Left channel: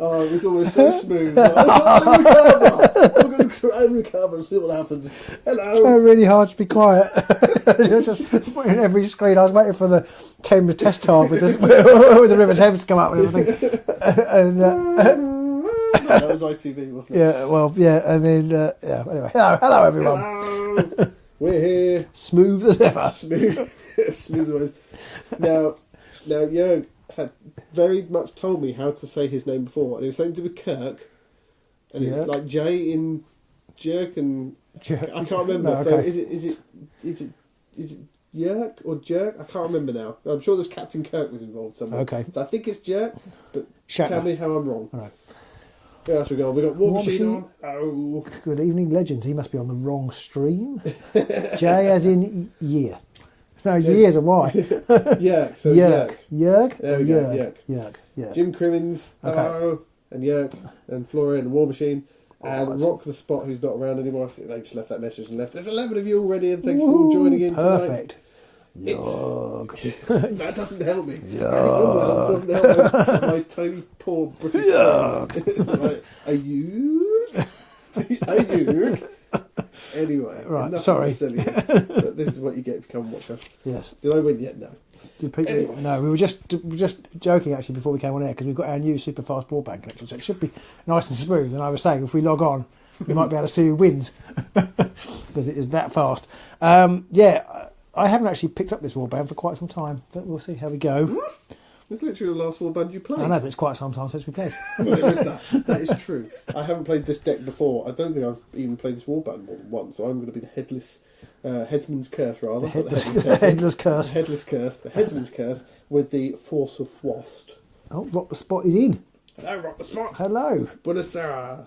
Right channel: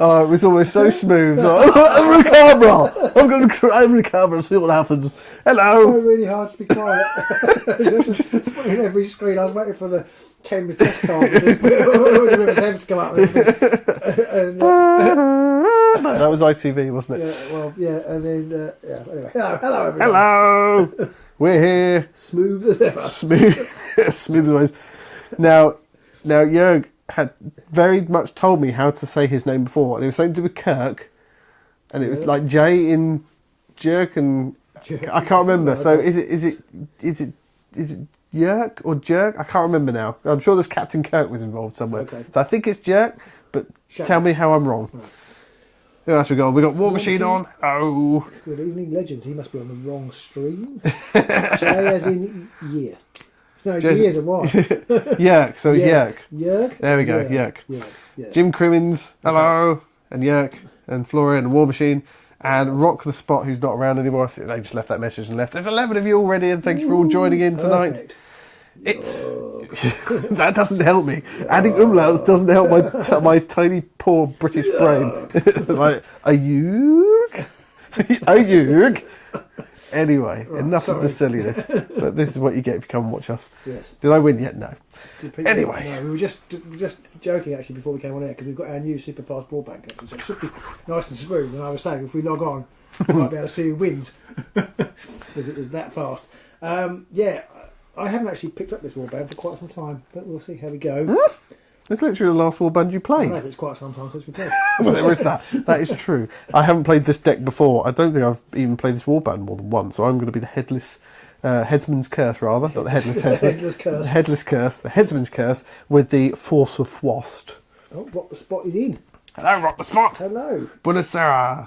Oh, it was always so smooth. I'm going to recover and see what happens. Hello. It's really hard to be quiet. Just every screen, I was waiting for the Thames test target with the River Thames to come out with everything. That was ITV, wasn't it? Yeah, well, yeah, and then, anyway. Hello, everyone. Hello. We're here. Smooth as ever. Smooth as always. Now, Jörg had very much told me how to say his name before, and it was something to do with Kirk, and it was like J in Jerk, and I can't remember. Okay. So is it Jörg or Jerk? I can't remember now. I'm sure there's Captain Kirk was involved somewhere. Okay. So I think it's Jerk, but Shut tell up. me how I'm wrong. Right. Who else we got? We got War War Machine Machine. on. Oh, Good evening, legends. He must be on the wrong stream. J as in year. No, years are Y. Jörg. So Jörg. Jörg? There we go. Jörg. Jörg. Jim Crimmins, hello, and Jörg, and Florian, and War Machine, and Rock the Spot, who's not around anymore. They just left that message and left. There's 11 of you already, and thank you for all joining in tonight. Perfect. It's that doesn't help me. Adding umlauts doesn't help my tiny poor British brain. Like a Jörg, a Jörg. Anyway, Right, enough of the silliness. But this is what you get if you come and watch us. Yes. Did I win yet? No. Anyway. No, we were just joking actually before we came on air because we've got our new super fast broadband connection, so it should be nice and smooth. And I was saying if we log on, we might be able to see who wins because it was that fast. I haven't actually picked up this warband for quite some time, but we'll see how we go. It's literally the last warband you I played. know, but it's quite some time since we played. Well, there is that. That is true. I haven't played this deck before. I don't think I've even played this warband more than once. So I'm going to be the headless headsman's curse, rather, not the headless headsman. Headless curse. The headless curse, the headsman's curse, with the force of Fwost. Oh, Rock the Spot is in. Hello, Rock the Spot. Hello. Buonasera.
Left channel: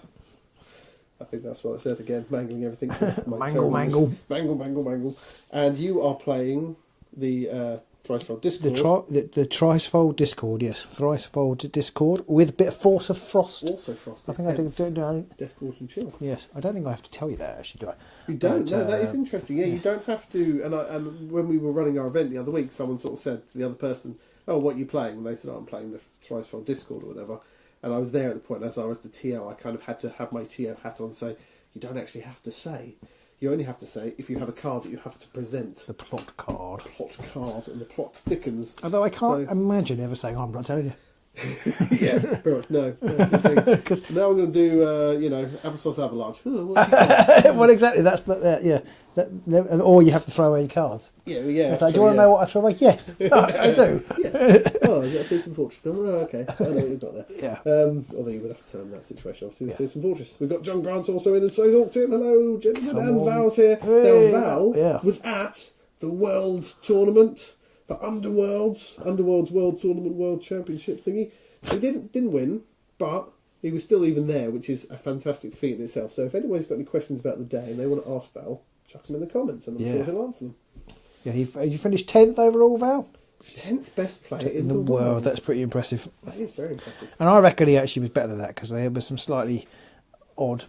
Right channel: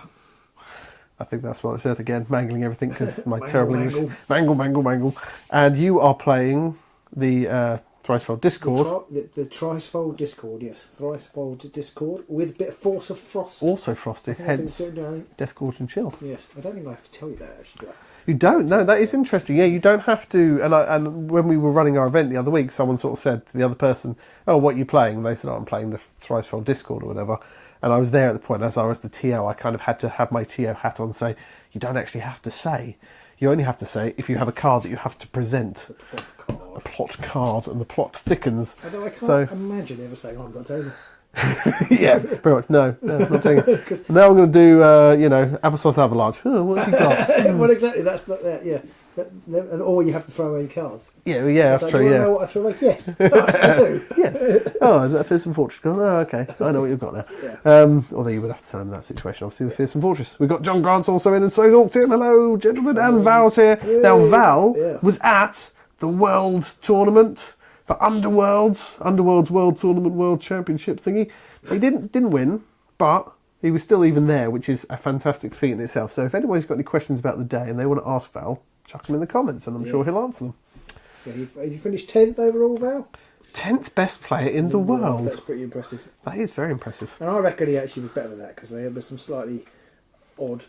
I think that's what I said again, mangling everything because my Mangle, terrible mangle. English. Mangle. And you are playing the Thricefold Discord. The Thricefold Discord, yes. Thricefold Discord with a bit of Force of Frost. Also frosted, hence Deathgorge. Deathgorge and Chill. Yes, I don't think I have to tell you that actually. You don't? No, that is interesting. Yeah, you don't have to. And when we were running our event the other week, someone sort of said to the other person, "Oh, what are you playing?" And they said, "Oh, I'm playing the Thricefold Discord or whatever." And I was there at the point, as I was the TO, I kind of had to have my TO hat on, say, you don't actually have to say. You only have to say if you have a card that you have to present. The plot card. A plot card, and the plot thickens. Although I can't imagine ever saying, I'm not telling you. Yeah, pretty much. No, not saying. Now I'm going to do, Applesauce Avalanche. Oh, what have you got? Well, exactly. That's not yeah. Or you have to throw away your cards. Yeah, Like, that's do you true. want to know what I throw away? Yes, I do. Yes. Oh, is that a Fearsome Fortress? Oh, okay. I know what you've got now. Yeah. Although you would have to tell him that situation, obviously, with Fearsome Fortress. We've got John Grant also in, and so is Tim. Hello, gentlemen. And Val's here. Hey. Now, Val Yeah. was at the World Tournament for Underworld's World Tournament World Championship thingy. He didn't win, but he was still even there, which is a fantastic feat in itself. So if anybody's got any questions about the day and they want to ask Val, chuck them in the comments, and I'm sure he'll answer them. Yeah, you finished 10th overall, Val? 10th best player in the world. That's pretty impressive. That is very impressive. And I reckon he actually was better than that because there was some slightly odd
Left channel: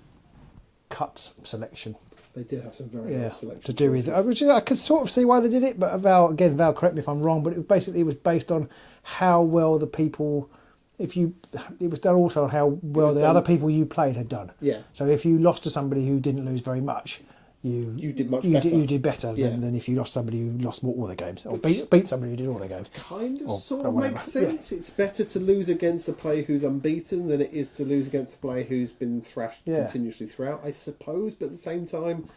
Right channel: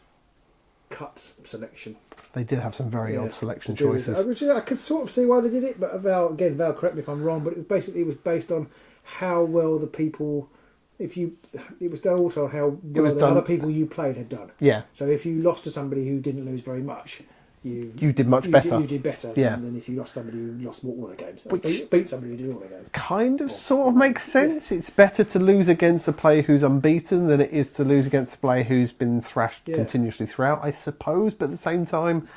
cut selection. They did have some very odd selection to do choices. with it, which I could sort of see why they did it, but Val, correct me if I'm wrong, but it was based on how well the people, it was done also on how well the other people you played had done. Yeah. So if you lost to somebody who didn't lose very much, you did much better. You did better than if you lost somebody who lost all the games. Or Which beat somebody who did all the games. Kind of, sort of makes sense. Yeah. It's better to lose against a player who's unbeaten than it is to lose against a player who's been thrashed continuously throughout, I suppose. But at the same time,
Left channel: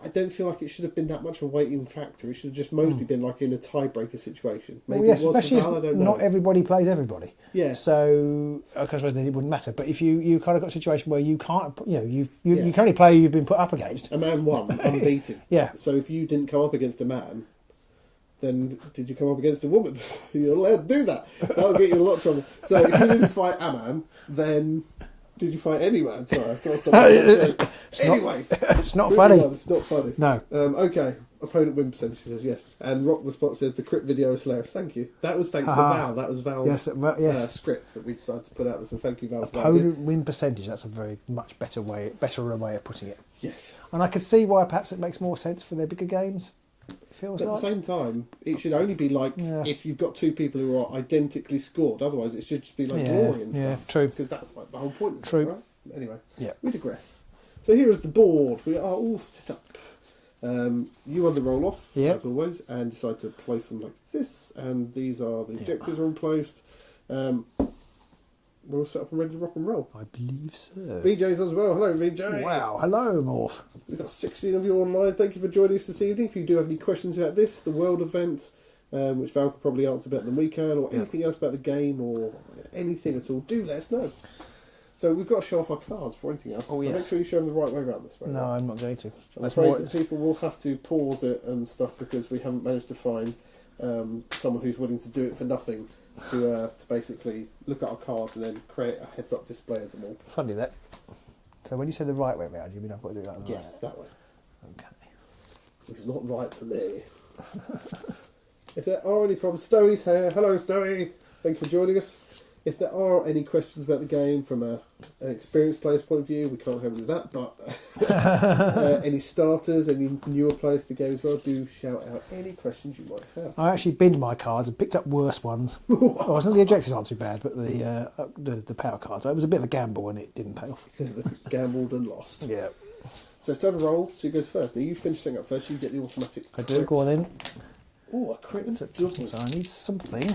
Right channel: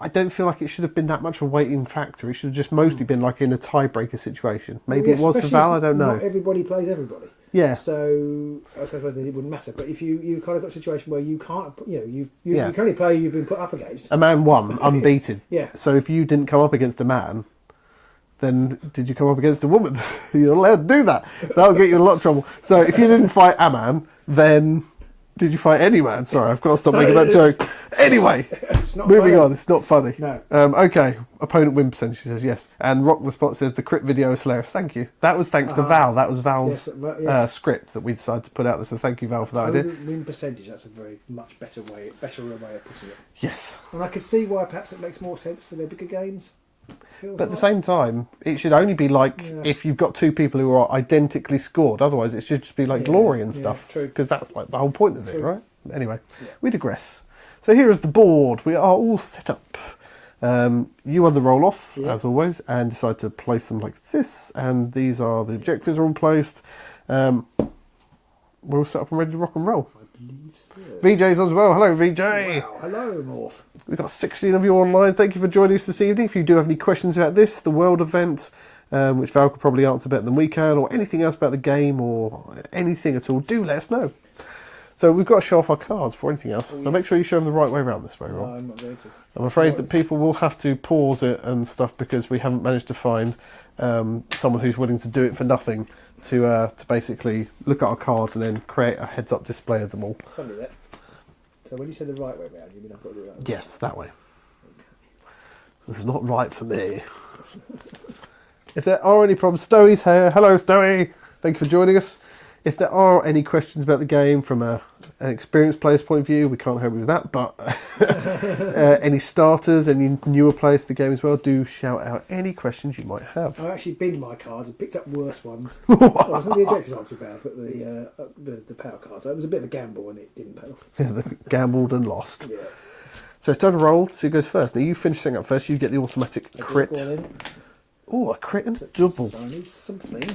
I don't feel like it should have been that much of a weighting factor. It should have just mostly been like in a tiebreaker situation. Maybe it was for Val, I don't know. Not everybody plays everybody. Yeah. So, I suppose it wouldn't matter. But if you kind of got a situation where you can't, you can only play who you've been put up against. A man won, unbeaten. Yeah. So if you didn't come up against a man, then did you come up against a woman? You're not allowed to do that. That'll get you in a lot of trouble. So if you didn't fight a man, then did you fight any man? Sorry, I've got to stop making that joke. Anyway, it's not moving funny. on. It's not funny. No. Okay. Opponent win percentage, she says yes. And Rock the Spot says the crit video is hilarious. Thank you. That was thanks to Val. That was Val's script that we decided to put out there. So thank you, Val, for that idea. Opponent win percentage. That's a very much better way of putting it. Yes. And I can see why perhaps it makes more sense for their bigger games. feels But at like. the same time, it should only be like if you've got two people who are identically scored. Otherwise, it should just be like glory and stuff. True. Because that's like the whole point of it, right? Anyway, we digress. So here is the board. We are all set up. You won the roll off, as always, and decide to place them like this. And these are the objectives are all placed. We're all set up and ready to rock and roll. I believe so. VJ's on as well. Hello, VJ. Wow. Hello, Morph. We've got 16 of you online. Thank you for joining us this evening. If you do have any questions about this, the world event, which Val could probably answer better than we can, or anything else about the game, or anything at all, do let us know. So we've got to show off our cards for anything else. So make sure you show them the right way around this way. No, right? I'm not going to. I'm afraid that people will have to pause it and stuff because we haven't managed to find someone who's willing to do it for nothing to basically look at our cards and then create a heads-up display of them all. Funny that. So when you say the right way round, you mean I've got to do that? Yes, that way. Okay. This is not right for me. If there are any problems, Stowey's here. Hello, Stowey. Thank you for joining us. If there are any questions about the game from an experienced player's point of view, we can't help you with that, but any starters, any newer players to the game as well, do shout out any questions you might have. I actually binned my cards and picked up worse ones. Well, the objectives aren't too bad, but the power cards, it was a bit of a gamble and it didn't pay off. Gambled and lost. Yeah. So it's time to roll. So who goes first? Now you finish setting up first. You get the automatic crit. Go on in. Oh, a crit and a double. So I need something.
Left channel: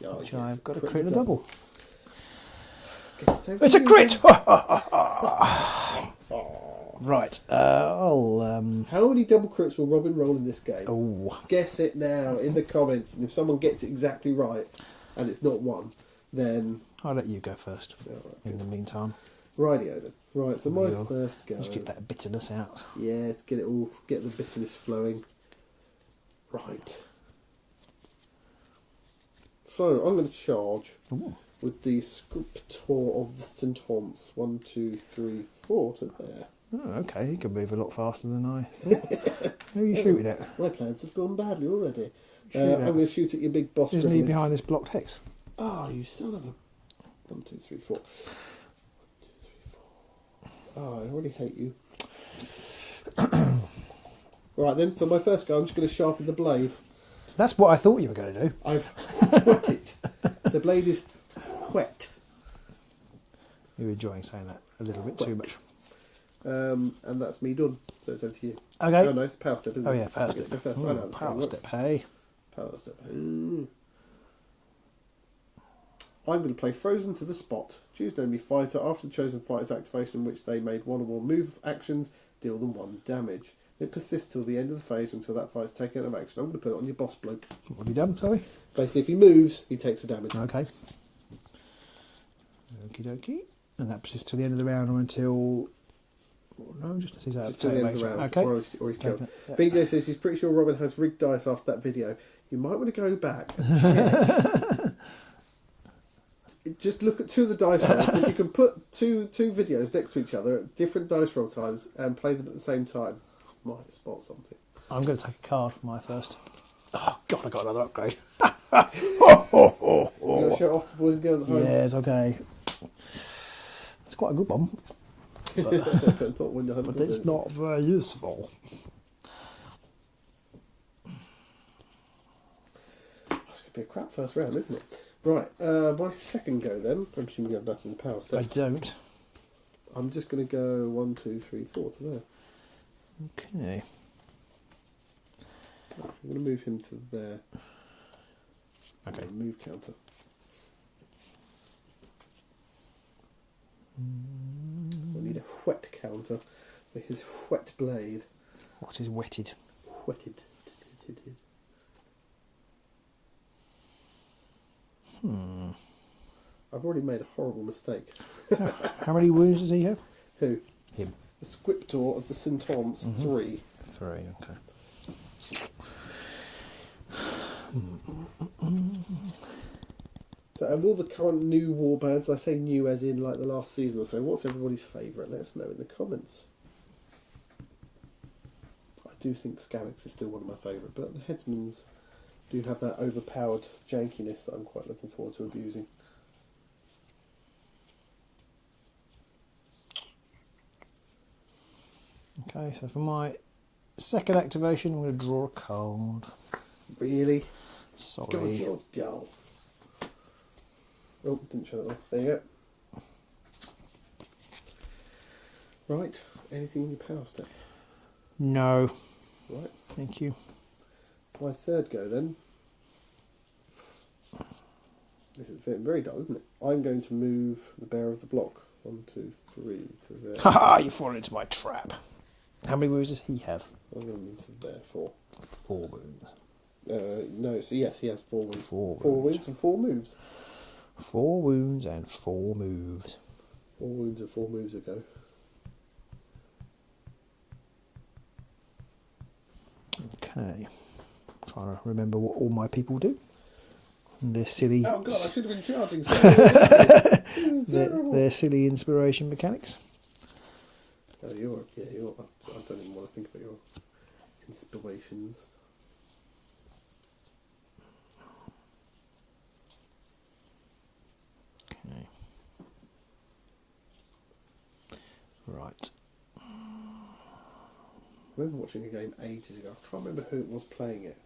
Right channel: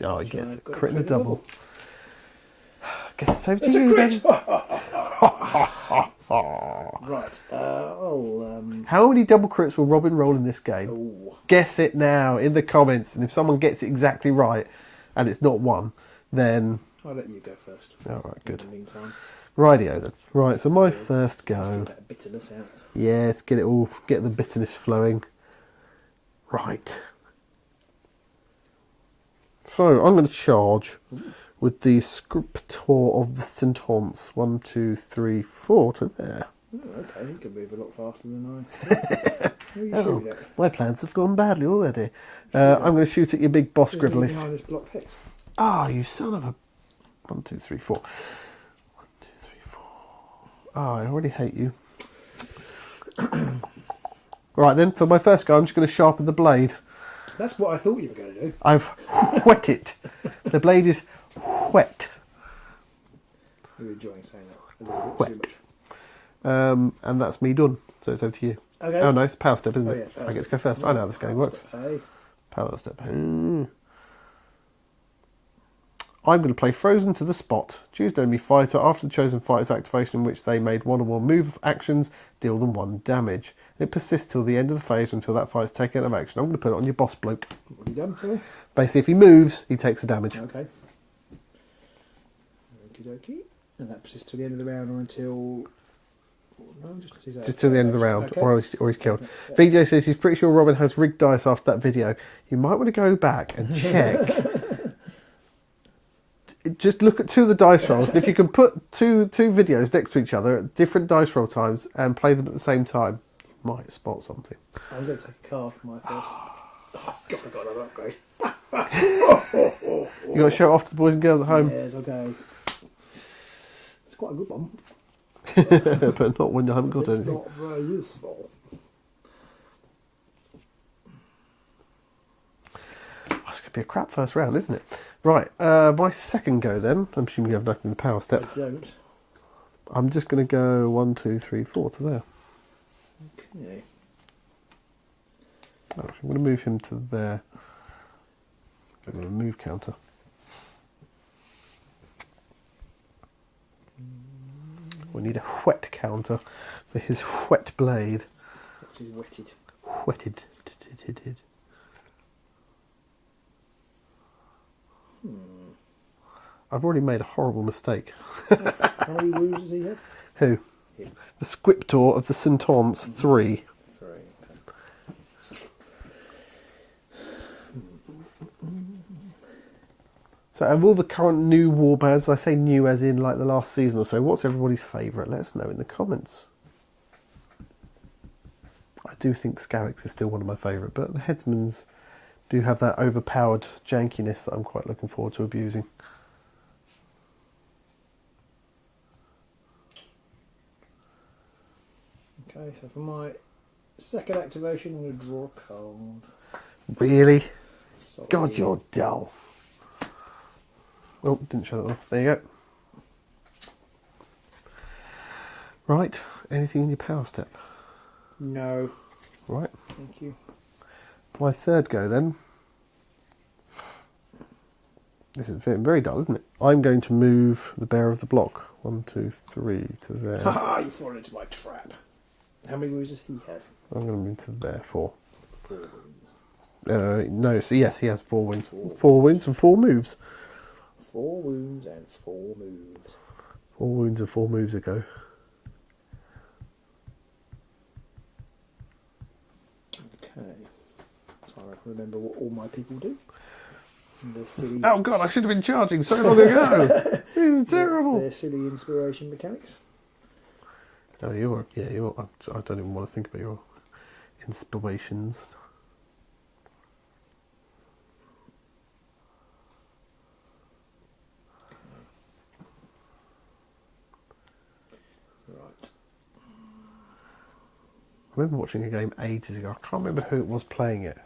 Oh, he gets a Got crit and a double. Guess it's over to It's you a crit! then. Right. I'll. How many double crits will Robin roll in this game? Oh. Guess it now in the comments. And if someone gets it exactly right and it's not one, then... I'll let you go first. All right, good. In the meantime. Rightio then. Right, so my first Let's go. get that bitterness out. Yeah, let's get it all, get the bitterness flowing. Right. So I'm going to charge with the Scriptor of the Sentence. 1, 2, 3, 4 to there. Oh, okay, he can move a lot faster than I. Who are you shooting at? My plans have gone badly already. I'm going to shoot at your big boss Isn't he Gribbly. behind this blocked hex? Ah, you son of a... 1, 2, 3, 4. 1, 2, 3, 4. Oh, I already hate you. Right then, for my first go, I'm just going to sharpen the blade. That's what I thought you were going to do. I've whet it. The blade is wet. You're enjoying saying that a little bit too much. And that's me done. So it's over to you. Okay. Oh no, it's power step, isn't it? Oh, yeah, power I get to step. go first. I know how this game works. Step, hey. Power step. I'm going to play Frozen to the Spot. Choose an enemy fighter after the chosen fighter's activation in which they made one or more move actions, deal them 1 damage. It persists till the end of the phase until that fighter's taken out of action. I'm going to put it on your boss bloke. What have you done, sorry? Basically, if he moves, he takes the damage. Okay. Okie dokie. And that persists till the end of the round or until... No, just till the end of the round, okay. or he's killed. Okay. VJ says he's pretty sure Robin has rigged dice after that video. You might want to go back and check. Just look at 2 of the dice rolls. If you can put two videos next to each other at different dice roll times and play them at the same time, you might spot something. I'm going to take a card for my first. Oh, God, I got another upgrade. You got to show it off to the boys and girls at home. Yes, okay. It's quite a good one. But not when you haven't got It's anything. not very useful. Oh, it's going to be a crap first round, isn't it? Right, my second go then. I'm assuming you have nothing in the power step. I don't. I'm just going to go 1, 2, 3, 4 to there. Okay. Actually, I'm going to move him to there. Okay, move counter. We need a whet counter for his whet blade. What is wetted? Whetted. I've already made a horrible mistake. How many wounds does he have? Who? Him. The Scriptor of the Sentence 3. 3, okay. So out of all the current new warbands, I say new as in like the last season or so, what's everybody's favourite? Let us know in the comments. I do think Scarix is still one of my favourite, but the Headsmans do have that overpowered jankiness that I'm quite looking forward to abusing. Okay, so for my second activation, I'm going to draw a card. Really? Sorry. God, you're dull. Oh, didn't show that off. There you go. Right. Anything in your power step? No. Right. Thank you. My third go then. This is very dull, isn't it? I'm going to move the bearer of the block. 1, 2, 3 to there. Haha, you fall into my trap. How many wounds does he have? I'm going to move to there. 4. 4 wounds. No, so yes, he has 4 wounds. 4 wounds and 4 moves. 4 wounds and 4 moves. 4 wounds and 4 moves ago. Okay. Trying to remember what all my people do. They're silly. Oh God, I should have been charging so long ago. It's terrible. They're silly inspiration mechanics. Oh, I don't even want to think about your inspirations. Okay. Right. I remember watching a game ages ago. I can't remember who it was playing it.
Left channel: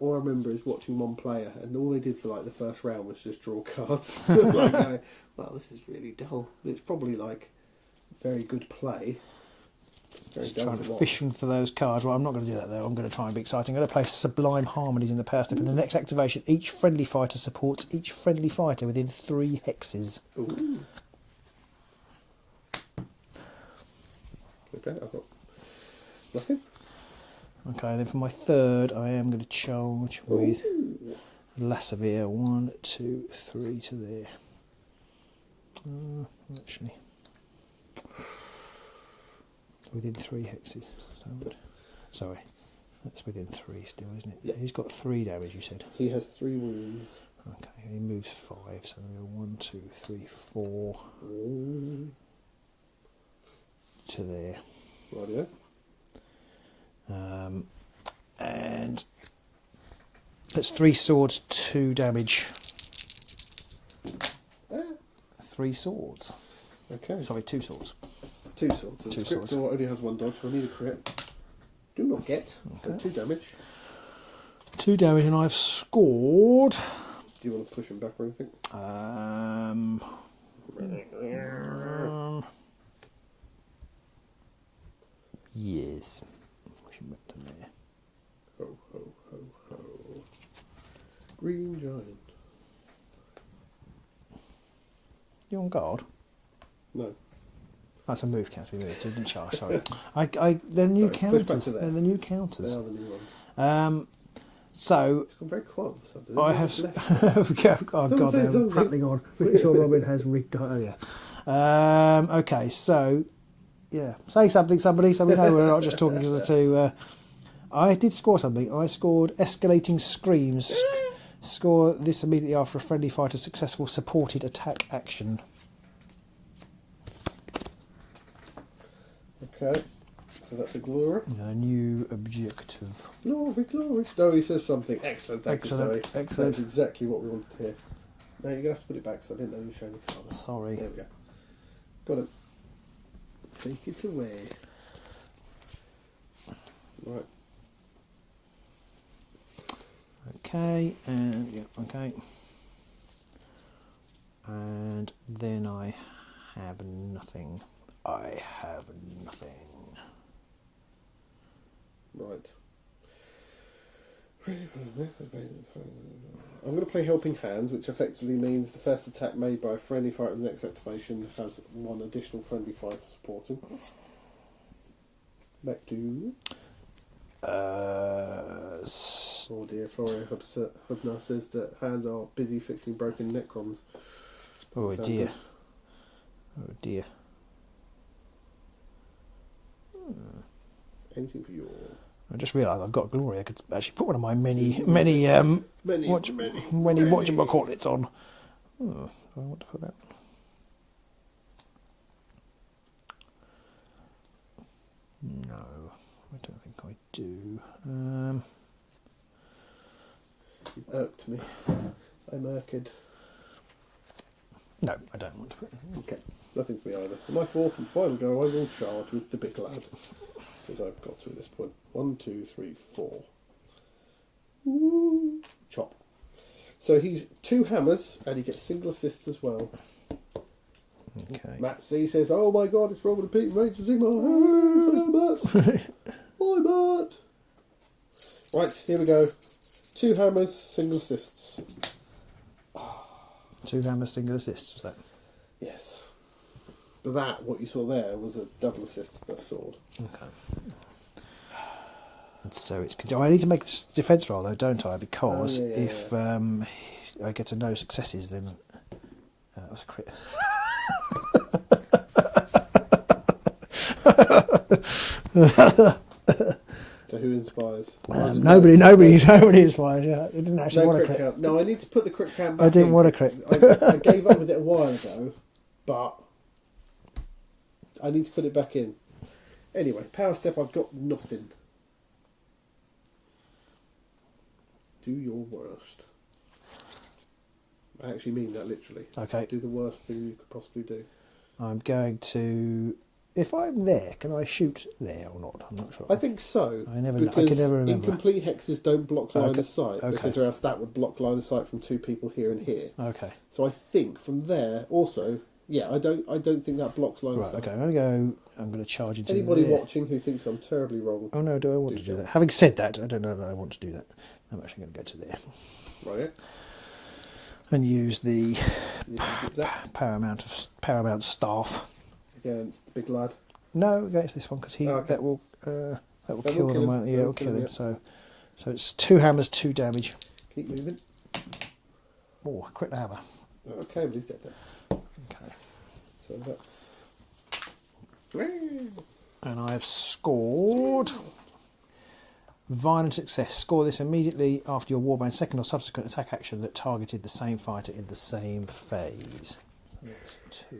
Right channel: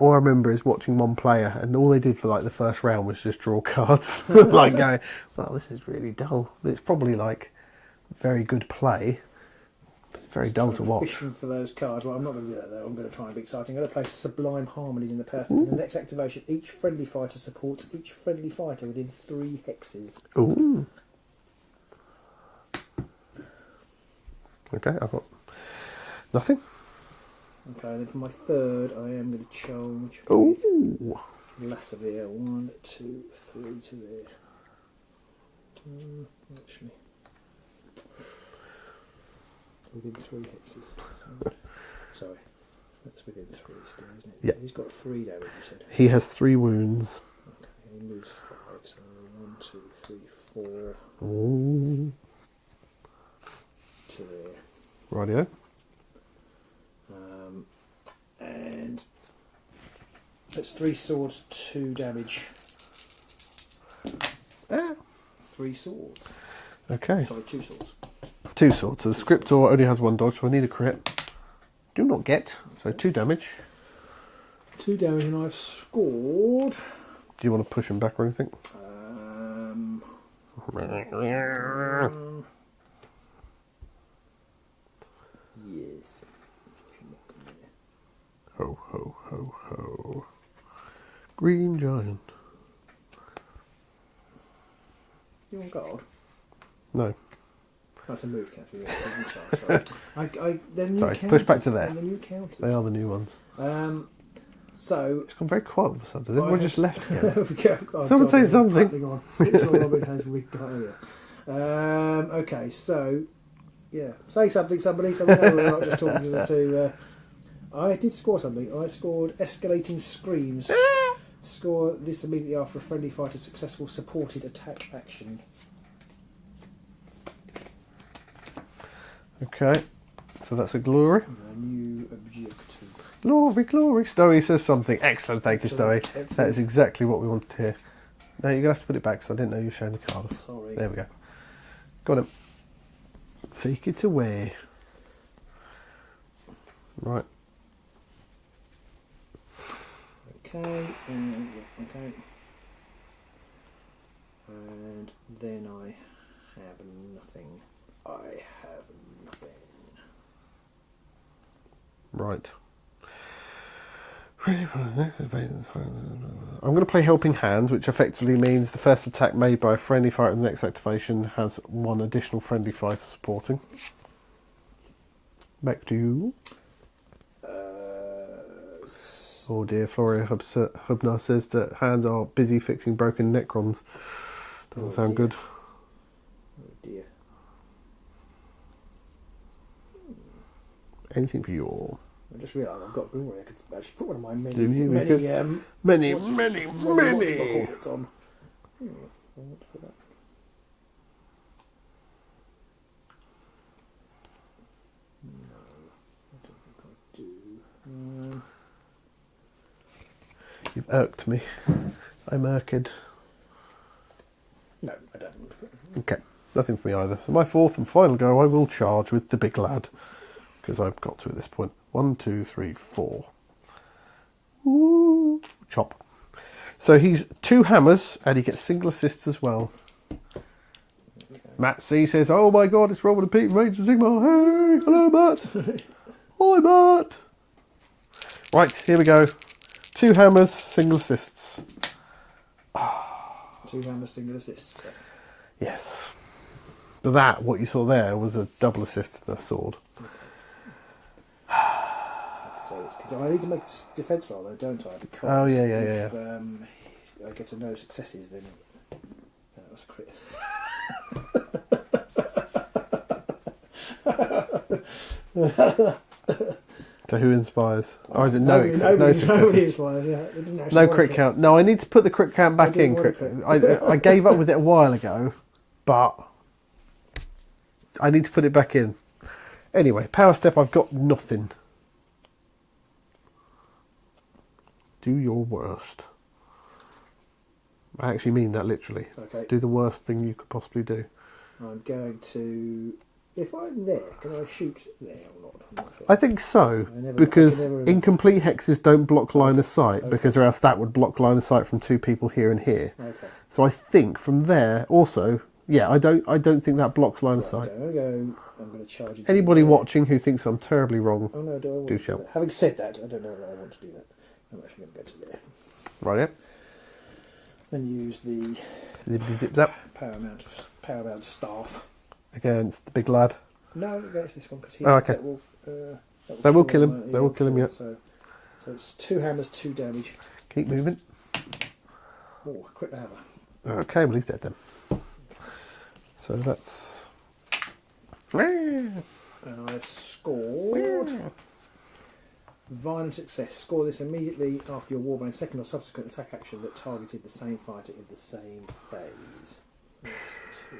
All I remember is watching one player, and all they did for like the first round was just draw cards. Like going, well, this is really dull. It's probably like very good play. It's very Just dull trying to watch. Fishing for those cards. Well, I'm not going to do that though. I'm going to try and be exciting. I'm going to play Sublime Harmonies in the power step. In the next activation, each friendly fighter supports each friendly fighter within 3 hexes. Ooh. Okay, I've got nothing. Okay, then for my third, I am going to charge with Ooh. Lasavir. 1, 2, 3 to there. Actually, within 3 hexes. Sorry, that's within 3 still, isn't it? Yeah. He's got 3 damage, you said. He has 3 wounds. Okay, he moves 5, so 1, 2, 3, 4 Ooh. to there. Rightio. And that's 3 swords, 2 damage. 3 swords. Okay. Sorry, 2 swords. 2 swords. So the 2 scriptor swords. only has 1 dodge, so I need a crit. Do not get. So Okay. 2 damage. 2 damage, and I've scored. Do you want to push him back or anything? Yes. Push him back to there. Ho, ho, ho, ho. Green giant. You on guard? No. That's a move counter. Yeah, so you can charge. Sorry. Then you Sorry, counters. push back to there. And then you counters. They are the new ones. So It's gone very quiet all of a sudden. Everyone just left. Someone say something. On. Pretty sure Robin has rigged earlier. Okay, so yeah, say something, somebody. So we know we're not just talking to. I did score something. I scored escalating screams. Score this immediately after a friendly fighter's successful supported attack action. Okay. So that's a glory. A new objective. Glory, glory. Stowy says something. Excellent. Thank you, Excellent, Stowy. That excellent. is exactly what we wanted to hear. Now you're going to have to put it back because I didn't know you were showing the card. Sorry. There we go. Got him. Take it away. Right. Okay, okay. And then I have nothing. I have nothing. Right. I'm going to play Helping Hand, which effectively means the first attack made by a friendly fighter in the next activation has 1 additional friendly fighter supporting. Back to you. Oh dear, Florio Hubner says that hands are busy fixing broken Necrons. Doesn't sound dear. good. Oh dear. Anything for you. I just realised I've got Glory. I could actually put one of my Many. whatchamacallits on. I want to put that. No, I don't think I do. You've irked me. I'm irked. No, I don't want to put it. Okay, nothing for me either. So my 4th and final go, I will charge with the big lad. because I've got to at this point. 1, 2, 3, 4. Ooh, chop. So he's 2 hammers, and he gets single assists as well. Okay. Matt C says, "Oh my God, it's Robert and Pete from Age of Sigmar. Hey, hello, Matt. Hi, Matt." Right, here we go. 2 hammers, single assists. 2 hammers, single assists. So. Yes. But that, what you saw there, was a double assist and a sword. Okay. So it's. I need to make a defence roll though, don't I? Because if I get to no successes, then that was a crit. So who inspires? Or is it nobody inspires. Yeah, it didn't actually. No crit count. No, I need to put the crit count back in. I didn't want a crit. I gave up with it a while ago, but I need to put it back in. Anyway, power step. I've got nothing. Do your worst. I actually mean that literally. Okay. Do the worst thing you could possibly do. I'm going to. If I'm there, can I shoot there or not? I'm not sure. I think so, I because can never remember. incomplete hexes don't block line of sight, okay. because or else that would block line of sight from 2 people here and here. Okay. So I think from there, also, yeah, I don't think that blocks line of sight. Okay, I'm going to charge into Anybody there. watching who thinks I'm terribly wrong, Oh no, do I want to do that? Having said that, I don't know that I want to do that. I'm actually going to go to there. right? Yeah. And use the Zap paramount staff against the big lad. No, against this one because he okay. that will kill him. Yeah, They will kill him. Yeah. So it's 2 hammers, 2 damage. Keep moving. Oh, crit the hammer. Okay, well he's dead then. Okay. So that's. And I've scored violent success. Score this immediately after your warband's second or subsequent attack action that targeted the same fighter in the same phase. That's 2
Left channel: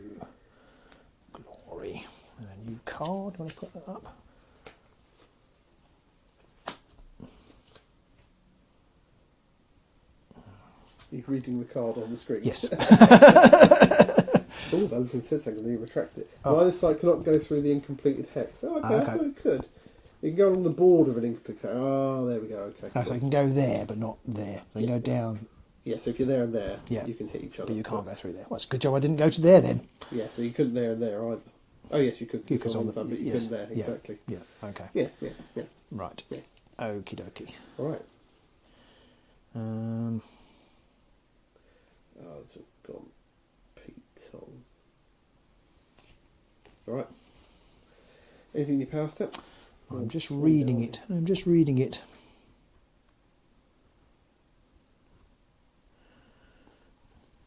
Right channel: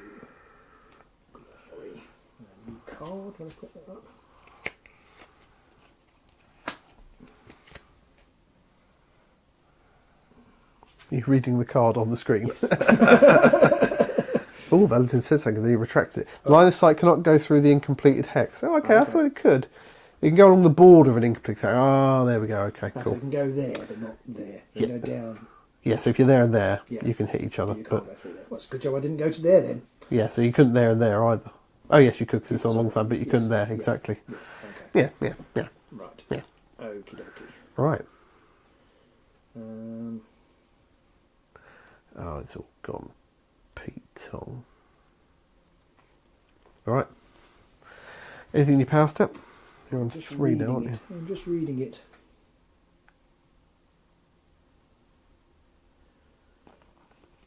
glory. And a new card. Want to put that up? You're reading the card on the screen. Yes. Oh, Valentin said something, then he retracts it. The line of sight cannot go through the incompleted hex. Oh, okay, I thought it could. You can go along the border of an incomplete hex. Ah, there we go. Okay, cool. So you can go there, but not there. You go down. Yeah, so if you're there and there, Yeah. you can hit each other. You can't go through there. Well, it's a good job I didn't go to there then. Yeah, so you couldn't there and there either. Oh, yes, you could because it's on one side, but you yes. couldn't there, Yeah. exactly. Yeah. Okay. Yeah. Right. Yeah. Okie dokie. Right. Oh, it's all gone Pete-tong. All right. Anything in your power step? You're on just 3 reading now, aren't it. you? I'm just reading it.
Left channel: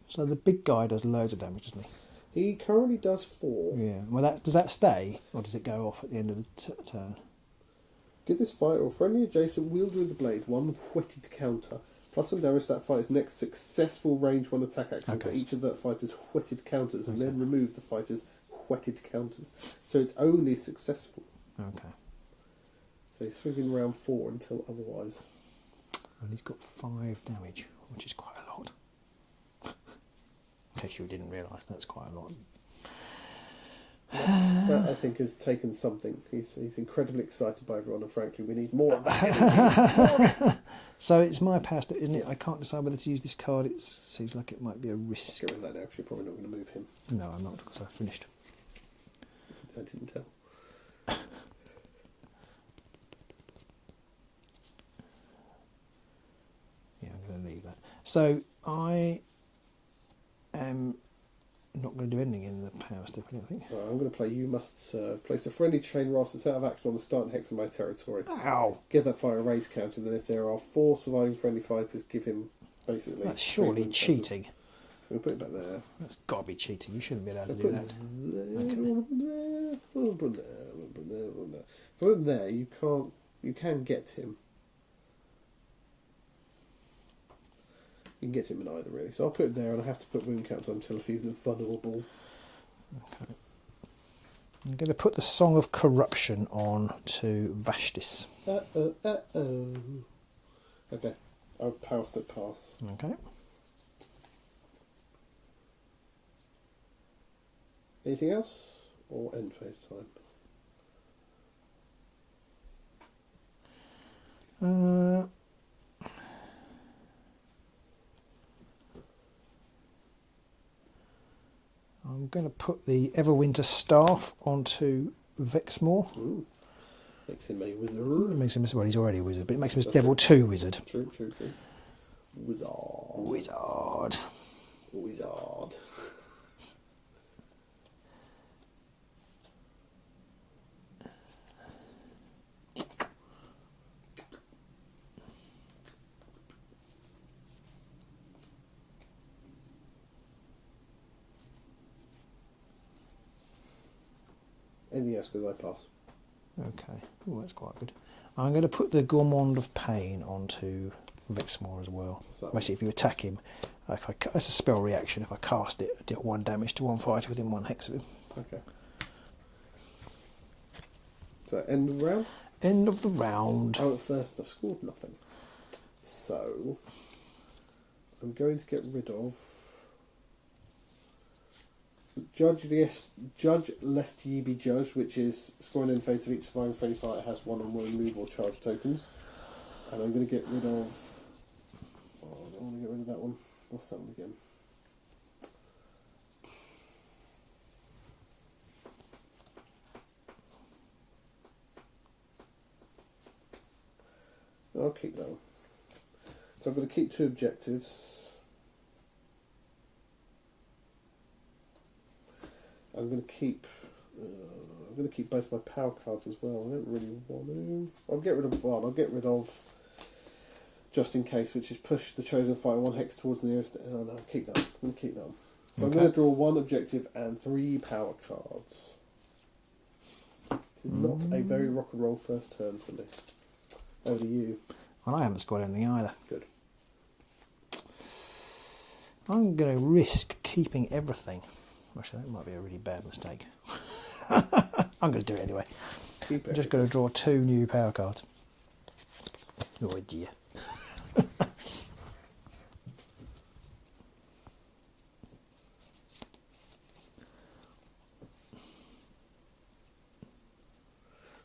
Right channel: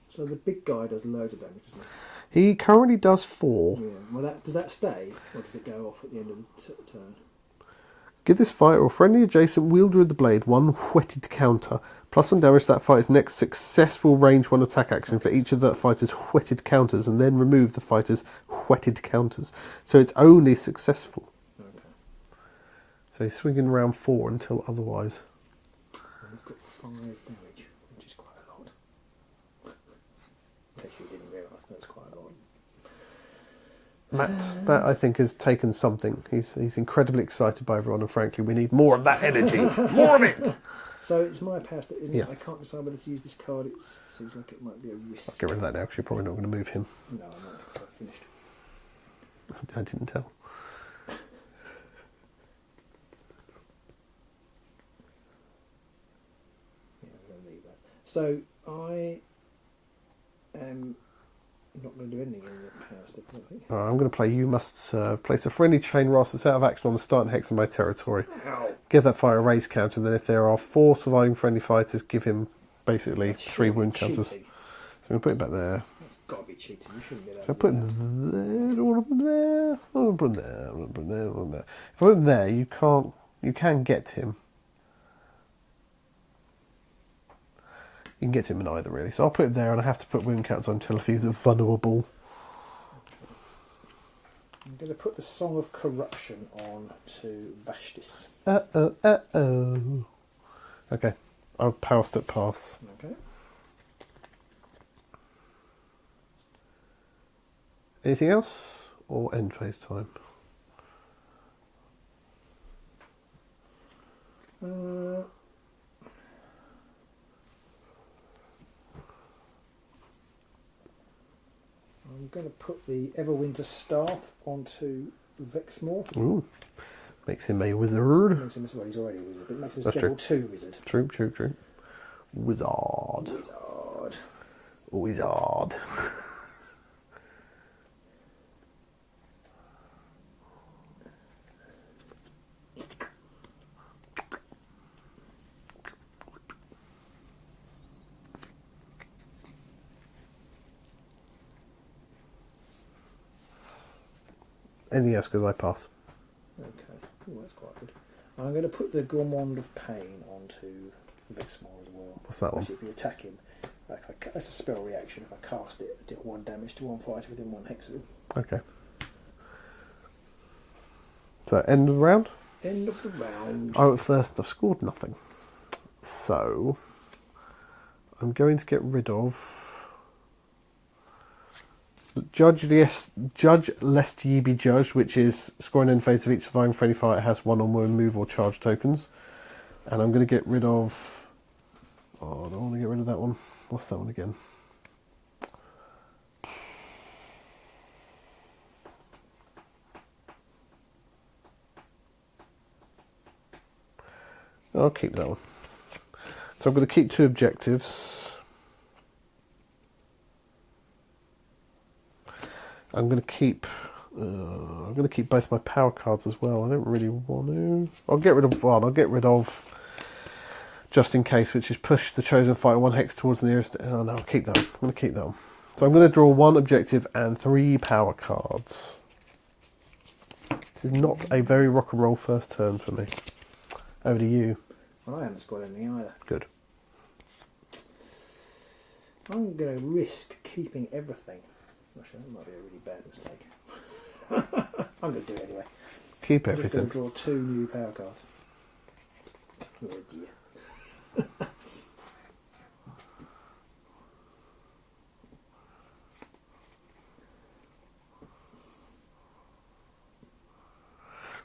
So the big guy does loads of damage, doesn't He currently does 4. he? Yeah. Well, does that stay, or does it go off at the end of the turn? Give this fighter or friendly adjacent wielder of the blade 1 whetted counter. +1 damage to that fighter's next successful range 1 attack action for each of that fighter's whetted counters, and then remove the fighter's whetted counters. So it's only successful. Okay. So he's swinging round 4 until otherwise. And he's got 5 damage, which is quite a lot. In case you didn't realise, that's quite a lot. Matt, I think, has taken something. He's incredibly excited by everyone, and frankly, we need more of that energy. More of it! So it's my power step, isn't Yes. it? I can't decide whether to use this card. It seems like it might be a risk. I'll get rid of that now because you're probably not going to move him. No, I'm not, because I've finished. I didn't tell. Yeah, I'm going to leave that. So I am not going to do anything in the power step, I don't think. Right, I'm going to play You Must Serve. Place a friendly chain Ross that's out of action on the starting hex of my territory. Ow! Give that fighter a raise counter, and then if there are 4 surviving friendly fighters, give him basically That's 3 surely wound counters. cheating. So I'm going to put it back there. That's got to be cheating. You shouldn't be allowed If I to put do him that. there, I don't want to put him there. I don't want to put him there. I don't want to put him there. I don't want him there. If I put him there, you can get him. You can get him in either, really. So I'll put it there, and I have to put wound counts on until he's vulnerable. Okay. I'm going to put the Song of Corruption on to Vashtis. Uh-oh. Okay. I'll power step pass. Okay. Anything else? Or end phase time? I'm going to put the Everwinter Staff onto Vexmore. Ooh. Makes him a wizard. Makes him, well, he's already a wizard, but it makes him a That's level true. 2 wizard. True, true, true. Wizard. Wizard. Wizard. Anything else? Because I pass. Okay. Oh, that's quite good. I'm going to put the Gourmand of Pain onto Vexmore as well. What's that one? Basically, if you attack him, that's a spell reaction. If I cast it, I deal 1 damage to one fighter within 1 hex of him. Okay. So, end of the round? End of the round. I went first. I've scored nothing. So, I'm going to get rid of Judge lest ye be judged, which is scoring in face of each surviving friendly fighter has 1 or more move or charge tokens. And I'm going to get rid of... Oh, I don't want to get rid of that one. What's that one again? I'll keep that one. So I'm going to keep 2 objectives. I'm going to keep both my power cards as well. I don't really want to. I'll get rid of one. I'll get rid of just in case, which is push the chosen fighter 1 hex towards the nearest. Oh no, I'll keep that one. I'm going to keep that one. So I'm going to draw 1 objective and 3 power cards. This is not a very rock and roll first turn for me. Over to you. Well, I haven't scored anything either. Good. I'm going to risk keeping everything. Actually, that might be a really bad mistake. I'm going to do it anyway. Keep I'm just going to draw 2 new power cards. Oh dear.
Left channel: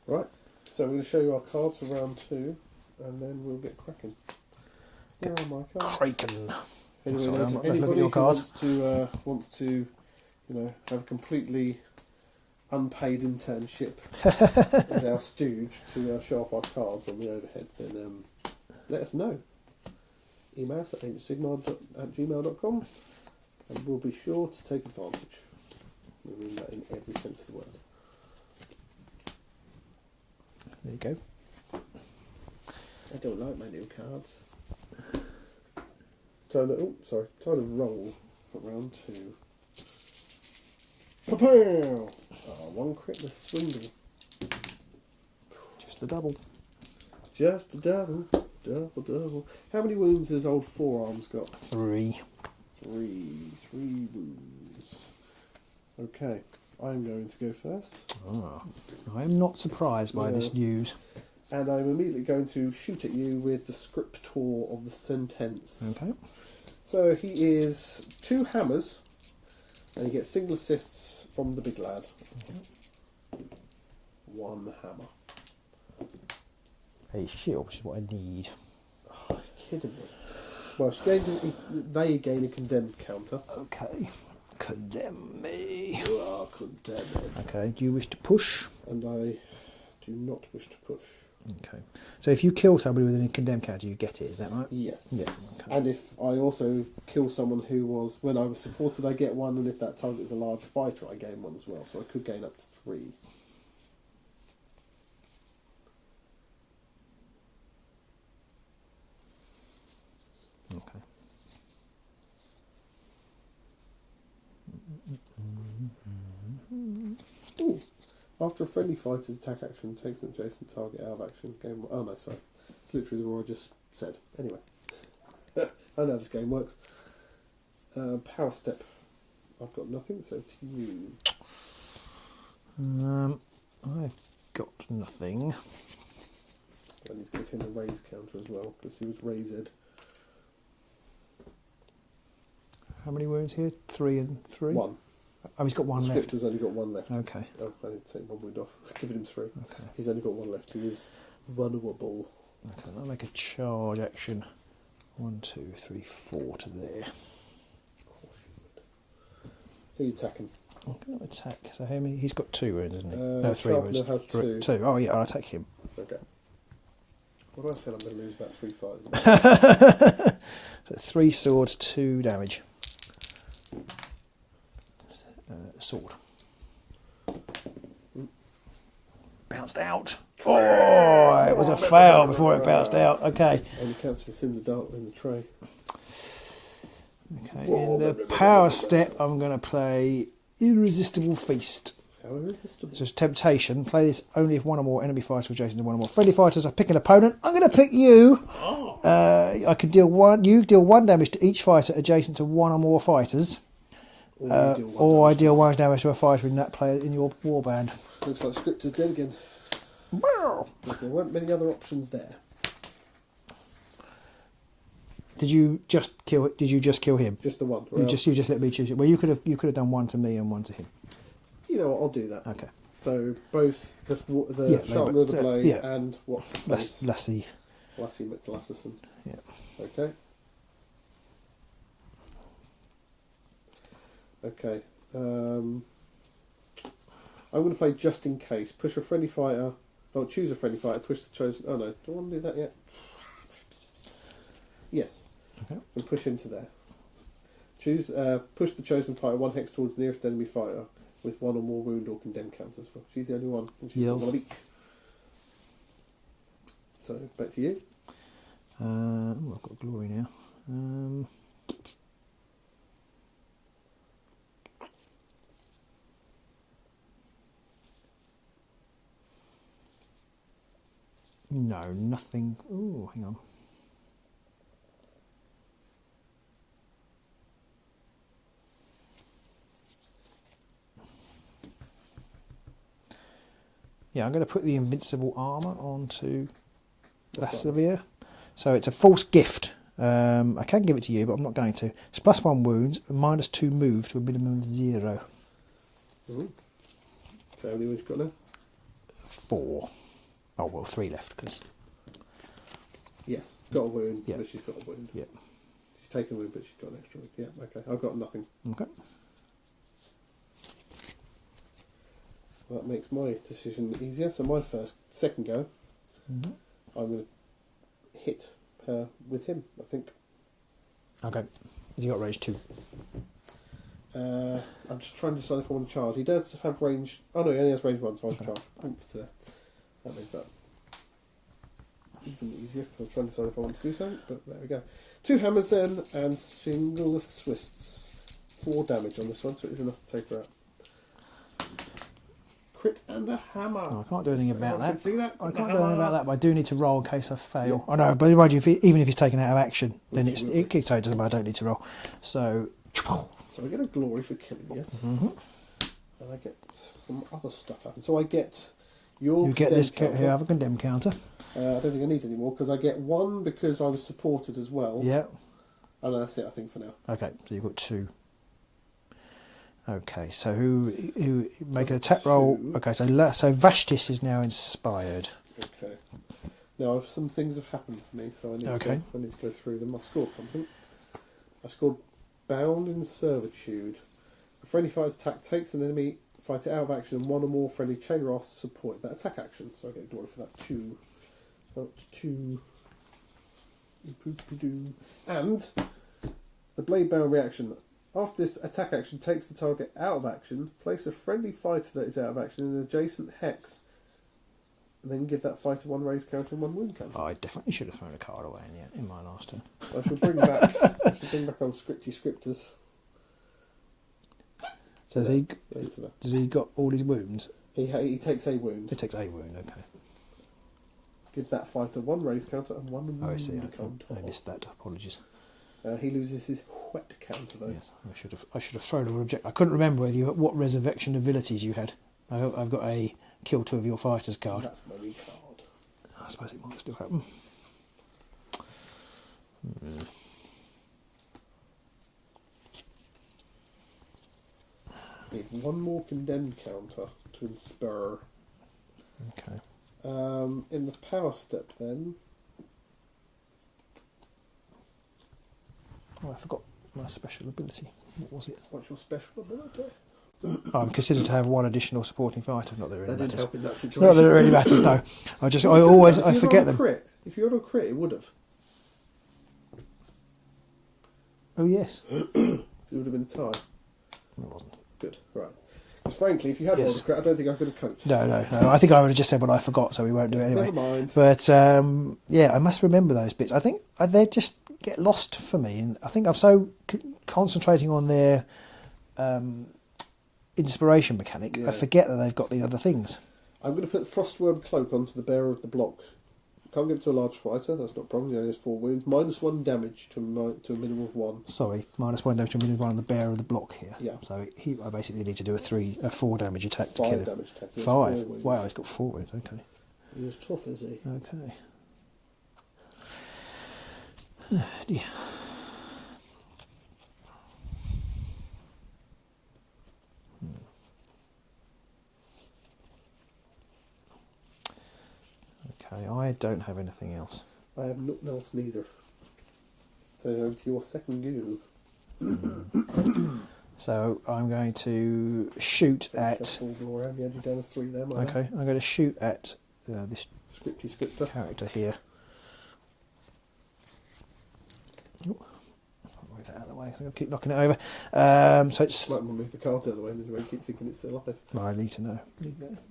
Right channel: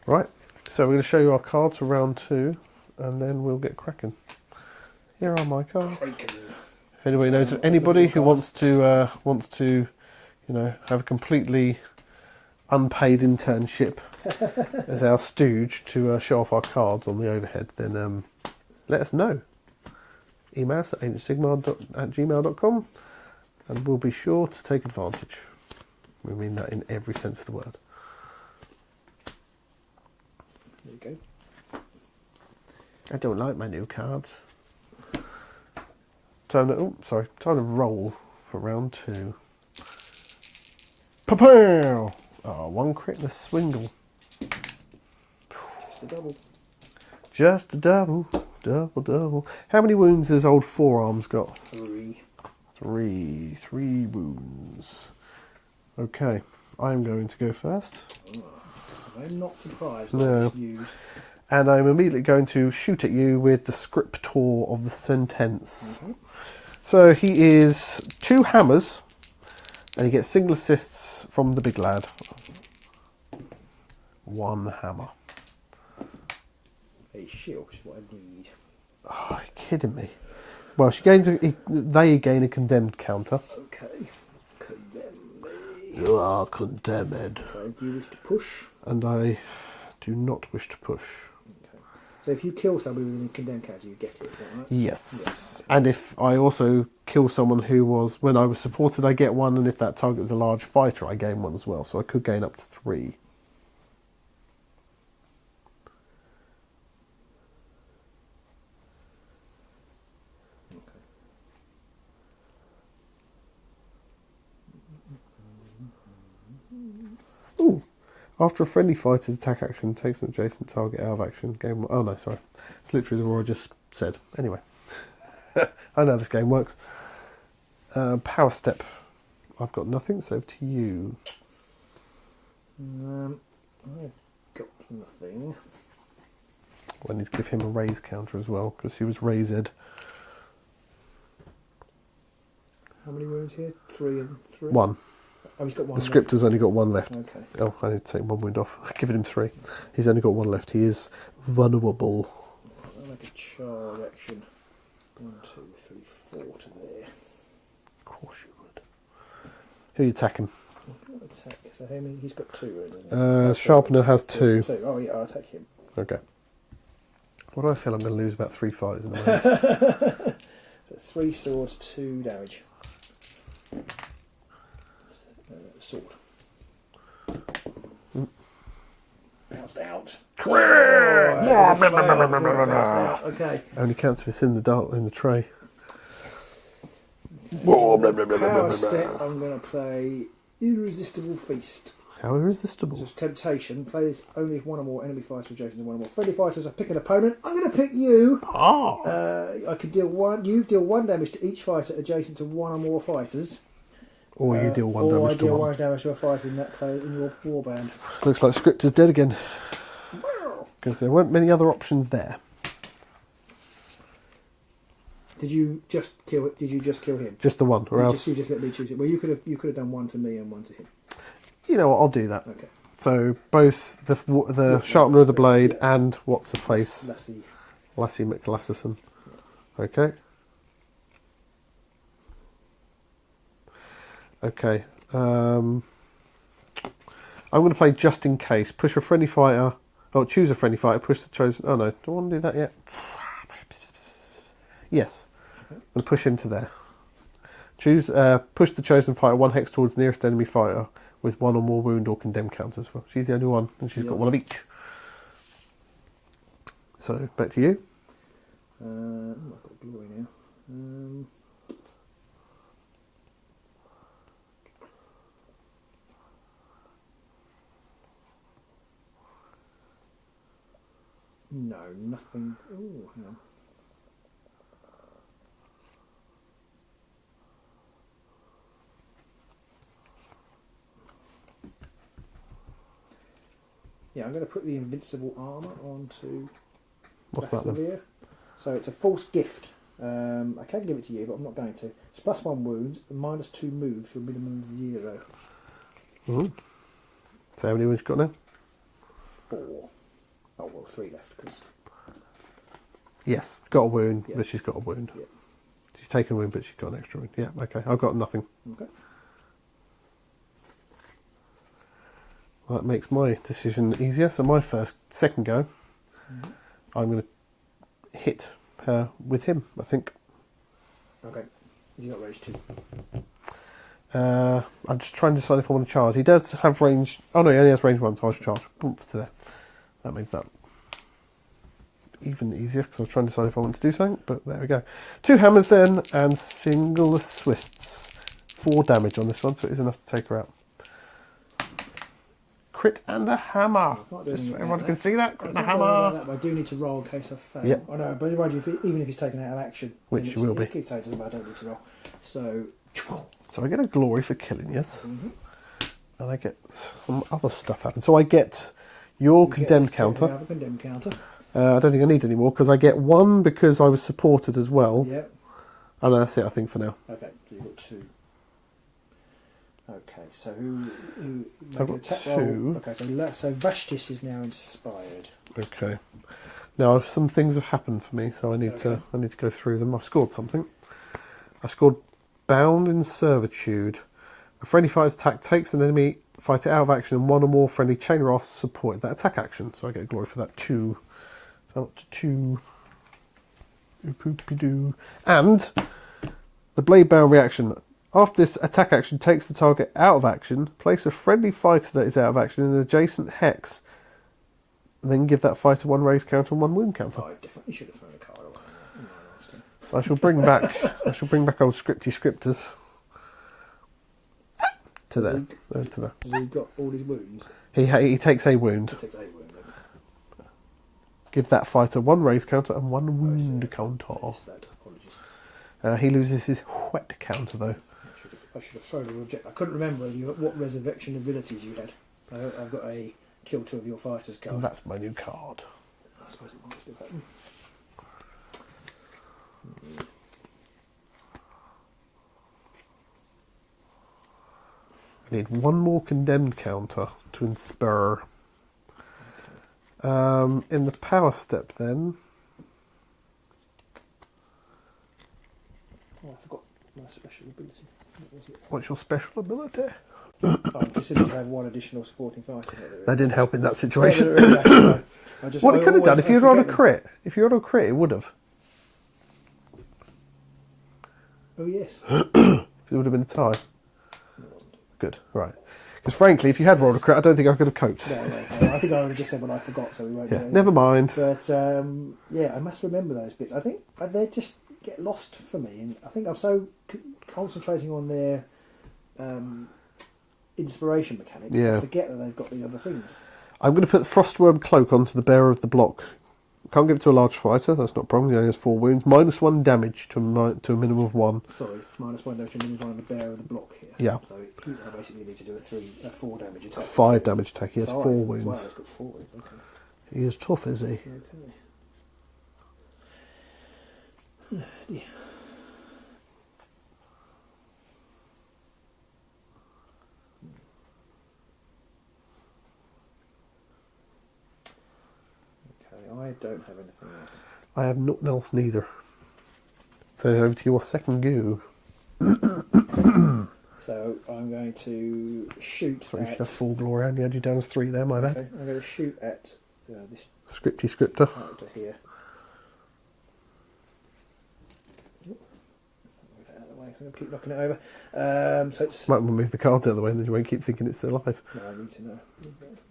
Right, so we're going to show you our cards for round 2, and then we'll get cracking. Here are my cards. Kraken. If anybody knows of I'm not anybody looking at who your wants to, you know, have a completely unpaid internship as our stooge to show off our cards on the overhead, then let us know. Email us at ancientsigmar@gmail.com, and we'll be sure to take advantage. We mean that in every sense of the word. There you go. I don't like my new cards. Time to roll for round 2. Pa-pow! Oh, 1 critless swingle. Just a double. Just a double. Double. How many wounds has old Forearms got? 3. 3 wounds. Okay, I'm going to go first. Oh, I'm not surprised by No. this news. And I'm immediately going to shoot at you with the Scriptor of the Sentence. Okay. So he is 2 hammers, and he gets single assists from the big lad. 1 hammer. A shield, which is what I need. Oh, are you kidding me? Well, they gain a condemned counter. Okay. Condemn me. You are condemned. Okay, do you wish to push? And I do not wish to push. Okay. So if you kill somebody with a condemned counter, you get it, is that right? Yes. Yeah, okay. And if I also kill someone who was, when I was supported, I get 1, and if that target was a large fighter, I gain 1 as well. So I could gain up to 3. Okay. Ooh. After a friendly fighter's attack action takes an adjacent target out of action, game... Oh, no, sorry. It's literally the rule I just said. Anyway. I know this game works. Power Step. I've got nothing, so to you. I've got nothing. I need to give him a raise counter as well, because he was raised. How many wounds here? 3 and 3? 1. Oh, he's got 1 The left. Scriptor's only got 1 left. Okay. Oh, I need to take 1 wound off. I've given him 3. He's only got 1 left. He is vulnerable. Okay, I'll make a charge action. 1, 2, 3, 4 to there. Of course you would. Who are you attacking? I'm going to attack. So how many? He's got 2 wounds, isn't he? Sharpener has 2. 2. Oh yeah, I'll attack him. Okay. What do I feel I'm going to lose about 3 fighters in a So 3 swords, 2 damage. Sword. Bounced out. Oh, it was a fail before it bounced out. Okay. Only counts if it's in the tray. Okay. In the power step, I'm going to play Irresistible Feast. How irresistible? So it's temptation. Play this only if one or more enemy fighters are adjacent to one or more friendly fighters. I pick an opponent. I'm going to pick you. Oh. I can deal 1. You deal 1 damage to each fighter adjacent to one or more fighters. Or you deal 1 or damage I deal to 1 damage to a fighter in that player in your warband. Looks like script is dead again. Wow. Because there weren't many other options there. Did you just kill him? Just the one. Or else, You just let me choose it. Well, you could have done 1 to me and 1 to him. You know what? I'll do that. Okay. So both the sharpener of the blade and what's the face? Lassie McLassison. Yeah. Okay. Okay. I'm going to play just in case. Push a friendly fighter. Oh, choose a friendly fighter. Push the chosen. Oh no, do I want to do that yet? Yes. Okay. I'm going to push into there. Choose. Push the chosen fighter 1 hex towards the nearest enemy fighter with 1 or more wound or condemned counters. Well, she's the only one, and she's got 1 of each. So back to you. I've got glory now. No, nothing. Oh, hang on. Yeah, I'm going to put the invincible armour onto Lasavia. So it's a false gift. I can give it to you, but I'm not going to. It's +1 wounds, -2 move to a minimum of 0. Ooh. So how many wounds you got now? 4. Oh, well, 3 left, because... Yes, got a wound, Yeah. but she's got a wound. Yeah. She's taken a wound, but she's got an extra wound. Yeah, okay. I've got nothing. Okay. Well, that makes my decision easier. So my second go, I'm going to hit her with him, I think. Okay. Has he got range 2? I'm just trying to decide if I want to charge. He does have range... Oh no, he only has range 1, so I should charge. Boom, to there. That makes that even easier, because I was trying to decide if I want to do something, but there we go. 2 hammers then, and single the swists. 4 damage on this one, so it is enough to take her out. Crit and a hammer. I can't do anything about Everyone that. can see that. Crit I and a can't do anything about hammer. that, but I do need to roll in case I fail. Yeah. I know, but mind you, even if he's taken out of action, Which then will be. it kicks out to them. I don't need to roll. So, So I get a glory for killing, yes. And I get some other stuff happen. So I get your you get condemned this counter. You have a condemned counter. I don't think I need any more, because I get 1 because I was supported as well. Yeah. And that's it, I think, for now. Okay, so you've got 2. Okay, so who make I've an got attack 2. roll? Okay, so Vashtis is now inspired. Okay. Now some things have happened for me, so I need to go through them. I've scored something. I scored Bound in Servitude. A friendly fighter's attack takes an enemy fighter out of action, and 1 or more friendly chain Ross support that attack action. So I get a glory for that too. So I'm up to 2. Oop-oop-de-doo. And the blade bound reaction. After this attack action takes the target out of action, place a friendly fighter that is out of action in an adjacent hex. Then give that fighter 1 raise counter and 1 wound counter. Oh, I definitely should have thrown a card away in my last turn. I shall bring back old scripty scripters to there. To there. Has he got all his wounds? He takes a wound. He takes a wound, okay. Give that fighter 1 raise counter and 1 I see. wound counter. I missed that, apologies. He loses his wet counter though. I should have thrown a reject. I couldn't remember what resurrection abilities you had. I've got a kill 2 of your fighters card. And that's my new card. I suppose it might still happen. Need 1 more condemned counter to inspire. Okay. In the power step then, Oh, I forgot my special ability. What was it? What's your special ability? I'm considered to have one additional supporting fighter. Not That didn't help in that Not situation. that it really matters, no. I just What I it could have always done, if I you'd on forget a them. crit, if you had a crit, it would have. Oh yes. It would have been a tie. It wasn't. Good, right. Because frankly, if you had rolled a Yes. crit, I don't think I could have coped. No. I think I would have just said what I forgot, so we won't do it anyway. Never mind. But yeah, I must remember those bits. I think they just get lost for me, and I think I'm so concentrating on their inspiration mechanic, Yeah. I forget that they've got the other things. I'm going to put the Frostworm Cloak onto the bearer of the block. Can't give it to a large fighter, that's not a problem. He only has 4 wounds. -1 damage to a minimum of 1. Sorry, -1 damage to a minimum of 1 on the bearer of the block here. Yeah. So I basically need to do a 4 damage attack. 5 damage attack. He has 4 5. wounds. Wow, he's got 4 wounds. Okay. He is tough, is he? Okay. Oh, dear. Okay, I don't have anything else. I have nothing else neither. So over to your second go. So I'm going to shoot Sorry, at. just full glory. I only had you down as 3 there, my bad. Okay, I'm going to shoot at this Scripty scripter. character here. Ooh, I'll move that out of the way. I'm going to keep knocking it over. So it's. Might want to move the cards out of the way, and then you won't keep thinking it's still alive. I need to know.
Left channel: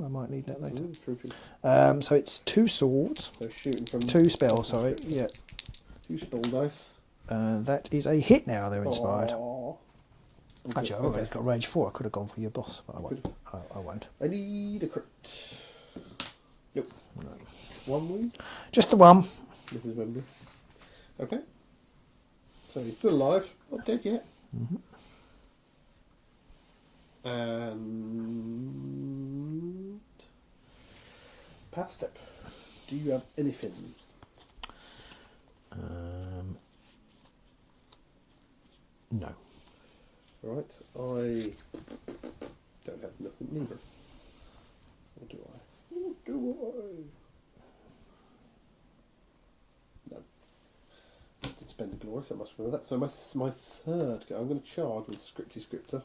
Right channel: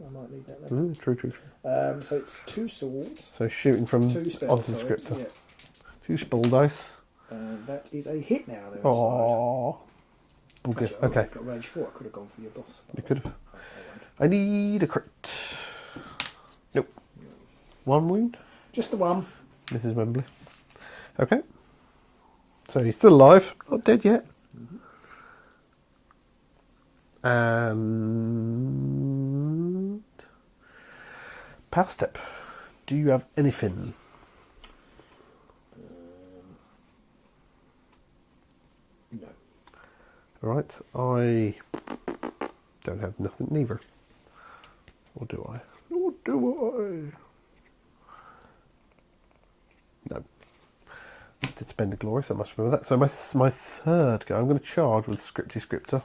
I might need that later. True. So it's 2 swords, So shooting from 2 spells. Often Sorry, scripter. yeah. 2 spell dice. That is a hit now. They're inspired. Aww. Actually, Okay. I've got range 4. I could have gone for your boss. But You I could won't. I won't. I need a crit. Nope. 1 wound. Just the one. Mrs. Wembley. Okay. So he's still alive. Not dead yet. And power step. Do you have anything? No. Right. I don't have nothing neither. Or do I? Or do I? No. I did spend a glory, so I must remember that. So my third go, I'm going to charge with Scripty Scripter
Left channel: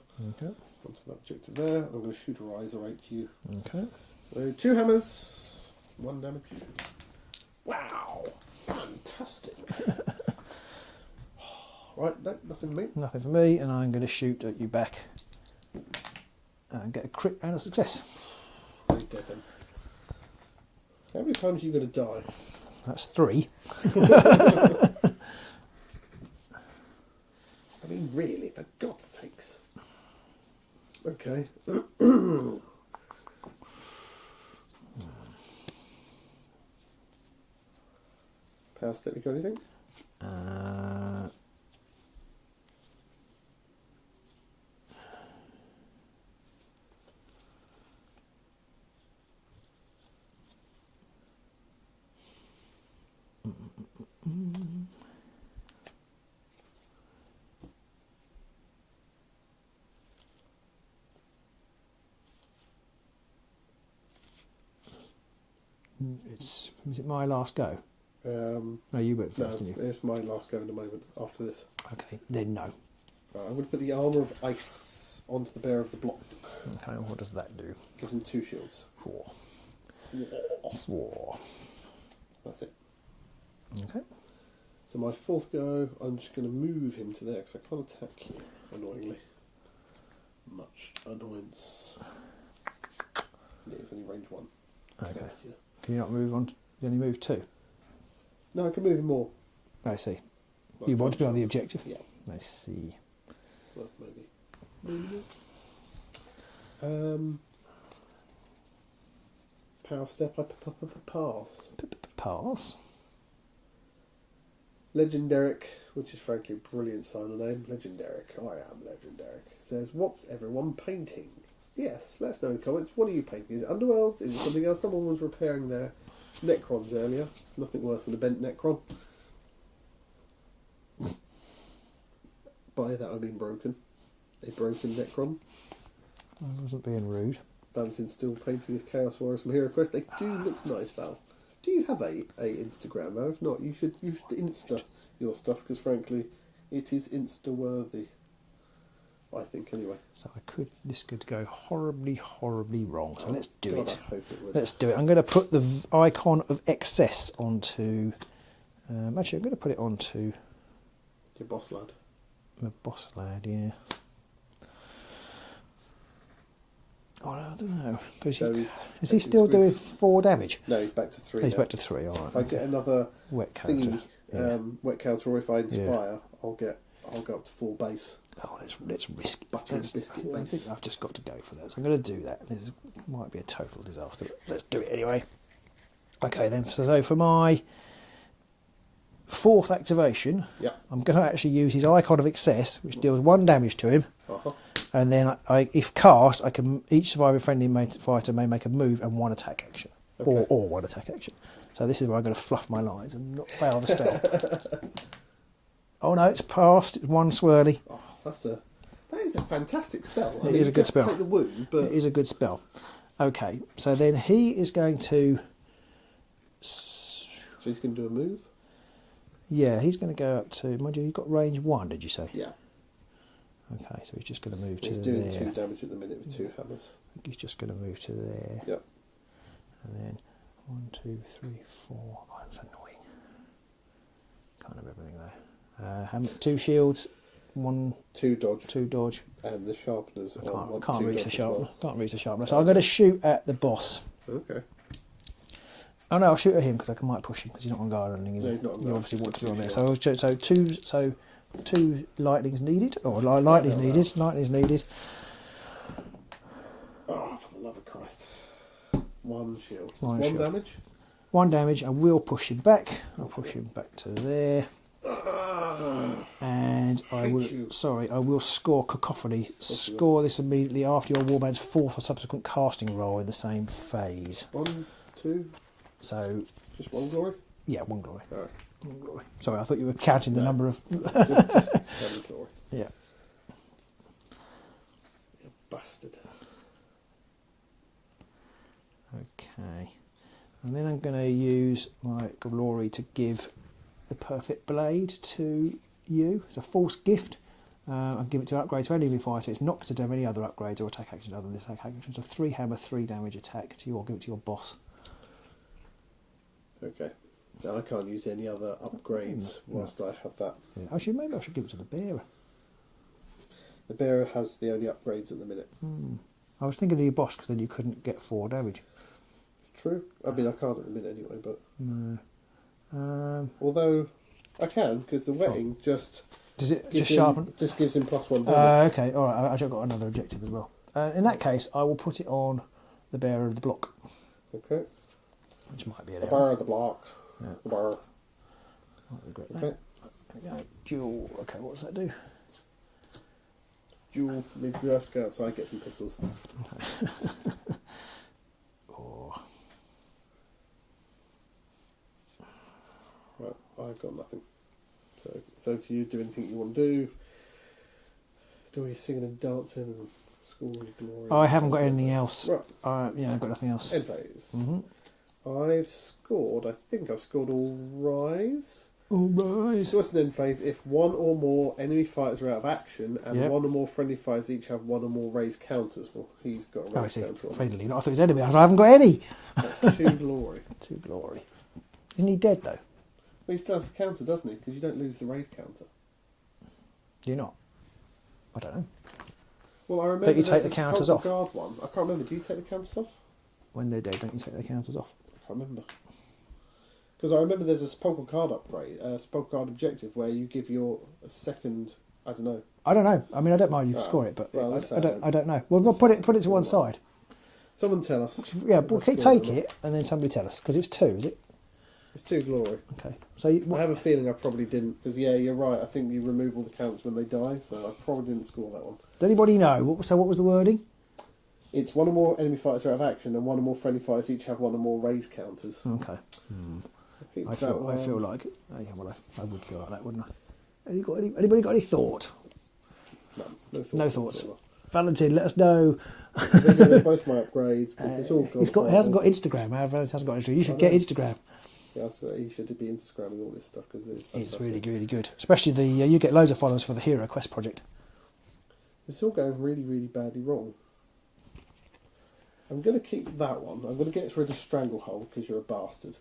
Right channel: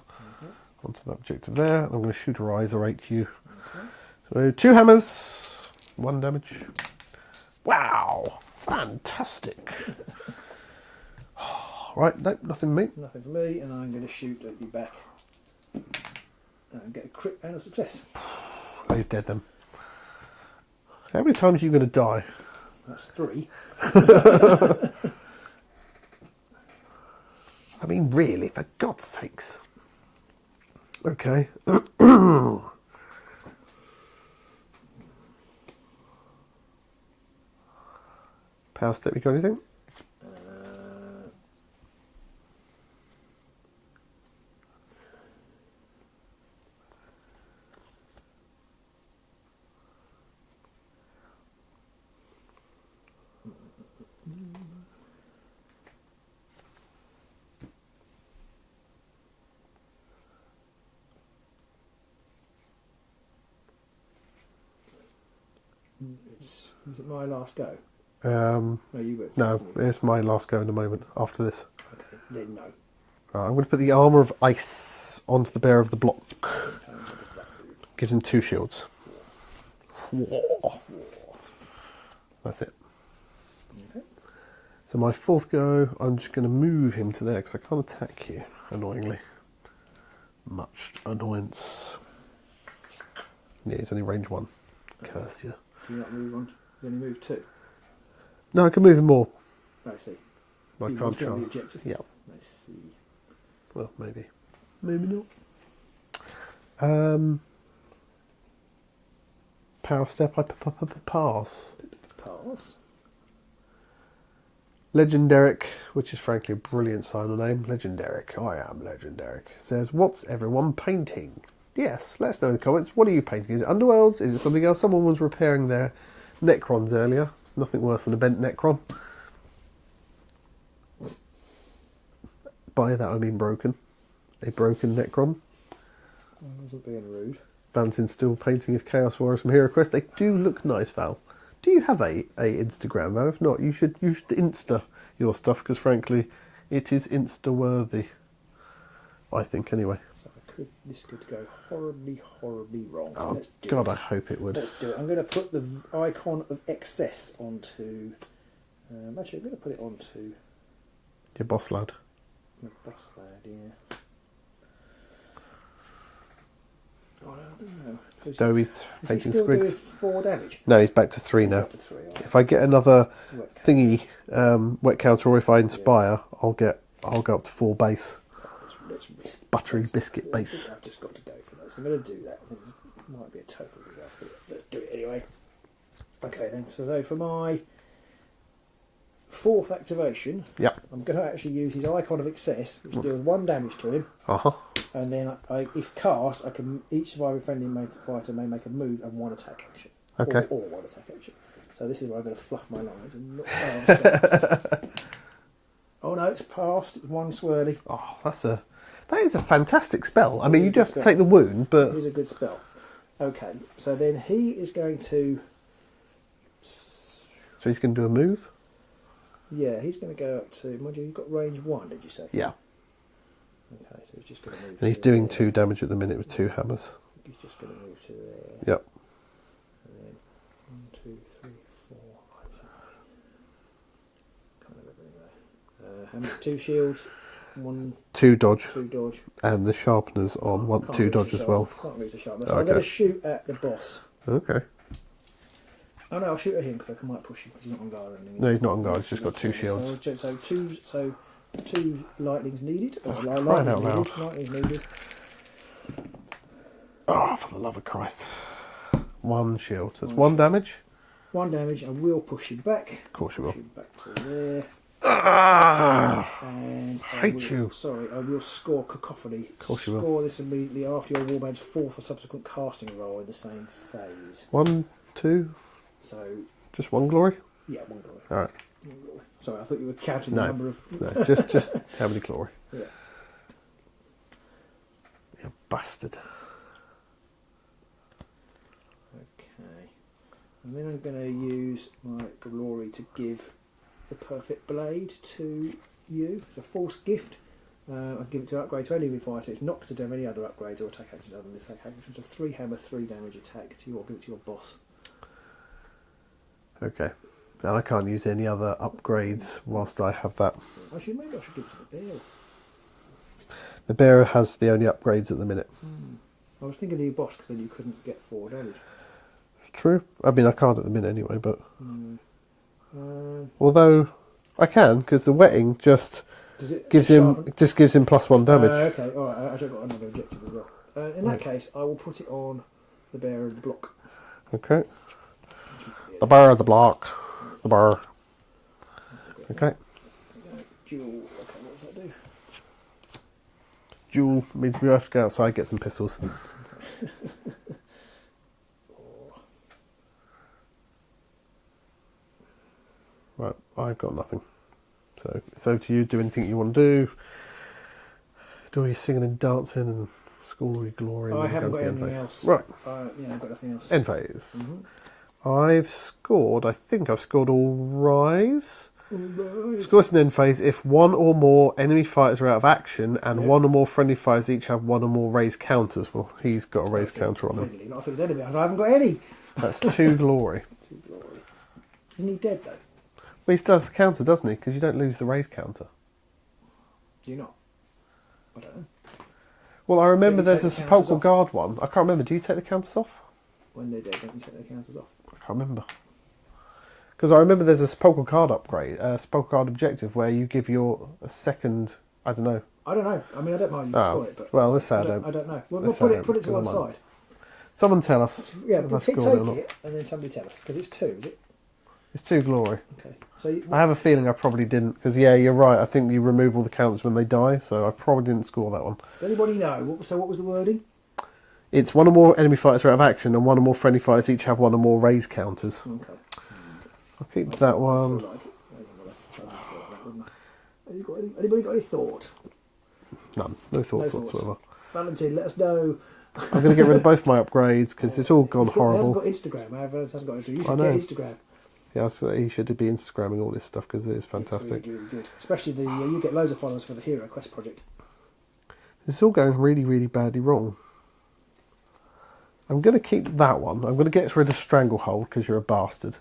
onto that objective there. I'm going to shoot a Riserate you. Okay. So 2 hammers, 1 damage. Wow, fantastic. Right, nope, nothing me. Nothing for me, and I'm going to shoot at you back and get a crit and a success. Oh, he's dead then. How many times are you going to die? That's 3. I mean, really, for God's sakes. Okay. Power step, you got anything? Is it my last go? No, you went No, first, didn't you? it's my last go in a moment after this. Okay, then no. Right, I'm going to put the armour of ice onto the bearer of the block. Okay, what does that do? Gives him 2 shields. 4. That's it. Okay. So my 4th go, I'm just going to move him to there because I can't attack you, annoyingly. Much annoyance. Yeah, he's only range 1. Curse you. Can you not move on? You only move 2. No, I can move him more. I see. I You can't want to be on the charge. objective? Yeah. I see. Well, maybe. Maybe not. Power step, I pass. Pass. Legendaric, which is frankly a brilliant sign name. Legendaric, I am Legendaric. Says, what's everyone painting? Yes, let us know in the comments. What are you painting? Is it Underworlds? Is it something else? Someone was repairing their Necrons earlier. Nothing worse than a bent Necron. By that I mean broken. A broken Necron. I wasn't being rude. Valentin's still painting his Chaos Warriors from Hero Quest. They do look nice, Val. Do you have a Instagram, Val? If not, you should Insta your stuff because frankly, It is insta-worthy. I think, anyway. So this could go horribly, horribly wrong. So let's do God, it. I hope it would. Let's do it. I'm going to put the icon of excess onto... actually, I'm going to put it onto... Your boss lad. The boss lad, yeah. Oh, I don't know. So is he still doing 4 damage? No, he's back to 3 now. Back to 3, all right. If I get another Wet thingy, wet counter, or if I inspire, I'll go up to 4 base. Oh, let's risk it. Buttery biscuit I base. think I've just got to go for that. So I'm going to do that. This might be a total disaster. Let's do it anyway. Okay, then. So for my 4th activation, Yep. I'm going to actually use his Icon of Excess, which deals 1 damage to him. And then, if cast, each surviving friendly fighter may make a move and 1 attack action. Okay. Or 1 attack action. So this is where I'm going to fluff my lines and not fail the start. Oh no, it's passed. It's 1 swirly. Oh, that is a fantastic spell. I mean, is you a do good have to spell. take the wound, but It is a good spell. Okay, so then he is going to... so he's going to do a move. Yeah, he's going to go up to... Mind you, you've got range 1, did you say? Yeah. Okay, so he's just going to move And he's to doing there. 2 damage at the minute with 2 hammers. He's just going to move to there. Yep. And then 1, 2, 3, 4. Oh, that's annoying. Can't have everything there. 2 shields, 1, 2 dodge, 2 dodge. and the sharpeners on Can't 2 reach the dodge as sharp- well. Can't reach the sharpness. So Okay. I'm going to shoot at the boss. Okay. Oh no, I'll shoot at him because I might push him because he's not on guard or anything. No, he's not on guard. He's just got 2 shields. So 2 lightnings needed, or Oh, lightning's crying out needed. Lightning's needed. Oh, for the love of Christ! 1 shield. That's 1 One shield. damage. 1 damage. I will push him back. Of course you Push will. him back to there. And I hate will, you. Sorry, I will score Cacophony. course you will. Score this immediately after your warband's 4th or subsequent casting roll in the same phase. 1, 2, So just 1 glory. yeah, 1 glory. All right. 1 glory. Sorry, I thought you were counting the No. number of. No, just how many glory? Yeah. You bastard. Okay. And then I'm going to use my glory to give the perfect blade to you. It's a false gift. I'll give it to upgrade to any living fighter. It's not to do any other upgrades or attack actions other than this attack action. It's a 3 hammer, 3 damage attack to give it to your boss. Okay. And I can't use any other upgrades whilst I have that. Actually, maybe I should give it to the bearer. The bearer has the only upgrades at the minute. I was thinking of your boss because then you couldn't get 4 damage. It's true. I mean, I can't at the minute anyway, but... Um, although I can, because the wetting just does it gives just him sharpen? gives him +1 damage. Okay, all right. Actually, I've got another objective as well. In that case, I will put it on the bearer of the block. Okay. Which might be The bearer of the block. The bearer. Okay. Dual. Okay, what does that do? Duel means we have to go outside, get some pistols. Oh. Right, I've got nothing. So it's over to you. Do anything you want to do. Do all your singing and dancing and school your glory. I and haven't got end anything phase. else. Right, Yeah, I've got nothing else. end phase. Mm-hmm. I think I've scored all rise. All right. So it's an end phase if 1 or more enemy fighters are out of action and Yeah. 1 or more friendly fighters each have 1 or more raised counters. Well, he's got a raised counter on him. Friendly. I thought it was enemy. I haven't got any. That's 2 glory. 2 glory. Isn't he dead though? Well, he still has the counter, doesn't he? Because you don't lose the raised counter. Do you not? I don't know. Well, I remember Don't you there's take a the counters sepulchral off? guard one. I can't remember. Do you take the counters off? When they're dead, don't you take their counters off? I can't remember. Because I remember there's a sepulchral card upgrade, a sepulchral card objective where you give a second. I don't know. I don't know. I mean, I don't mind you Oh, score it, but well, this I side don't know. Well, this put side it to don't, one because I'm side. Someone tell us. Yeah, if I but scored take or not. it and then somebody tell us because it's 2, is it? It's 2 glory. Okay. So I have a feeling I probably didn't. Because yeah, you're right. I think you remove all the counters when they die, so I probably didn't score that one. does anybody know? What was the wording? It's 1 or more enemy fighters are out of action, and 1 or more friendly fighters each have 1 or more raised counters. Okay. I'll keep I that feel one. like it. I would feel like that, wouldn't I? Anybody got any thought? None. No thoughts No thoughts. whatsoever. Valentin, let us know. I'm going to get rid of both my upgrades because it's all gone He hasn't horrible. got Instagram. He hasn't got Instagram. You I should get know. Instagram. Yeah, so he should be Instagramming all this stuff because it is fantastic. It's really good. Especially you get loads of followers for the Hero Quest project. It's all going really, really badly wrong. I'm going to keep that one. I'm going to get rid of Stranglehold because you're a bastard.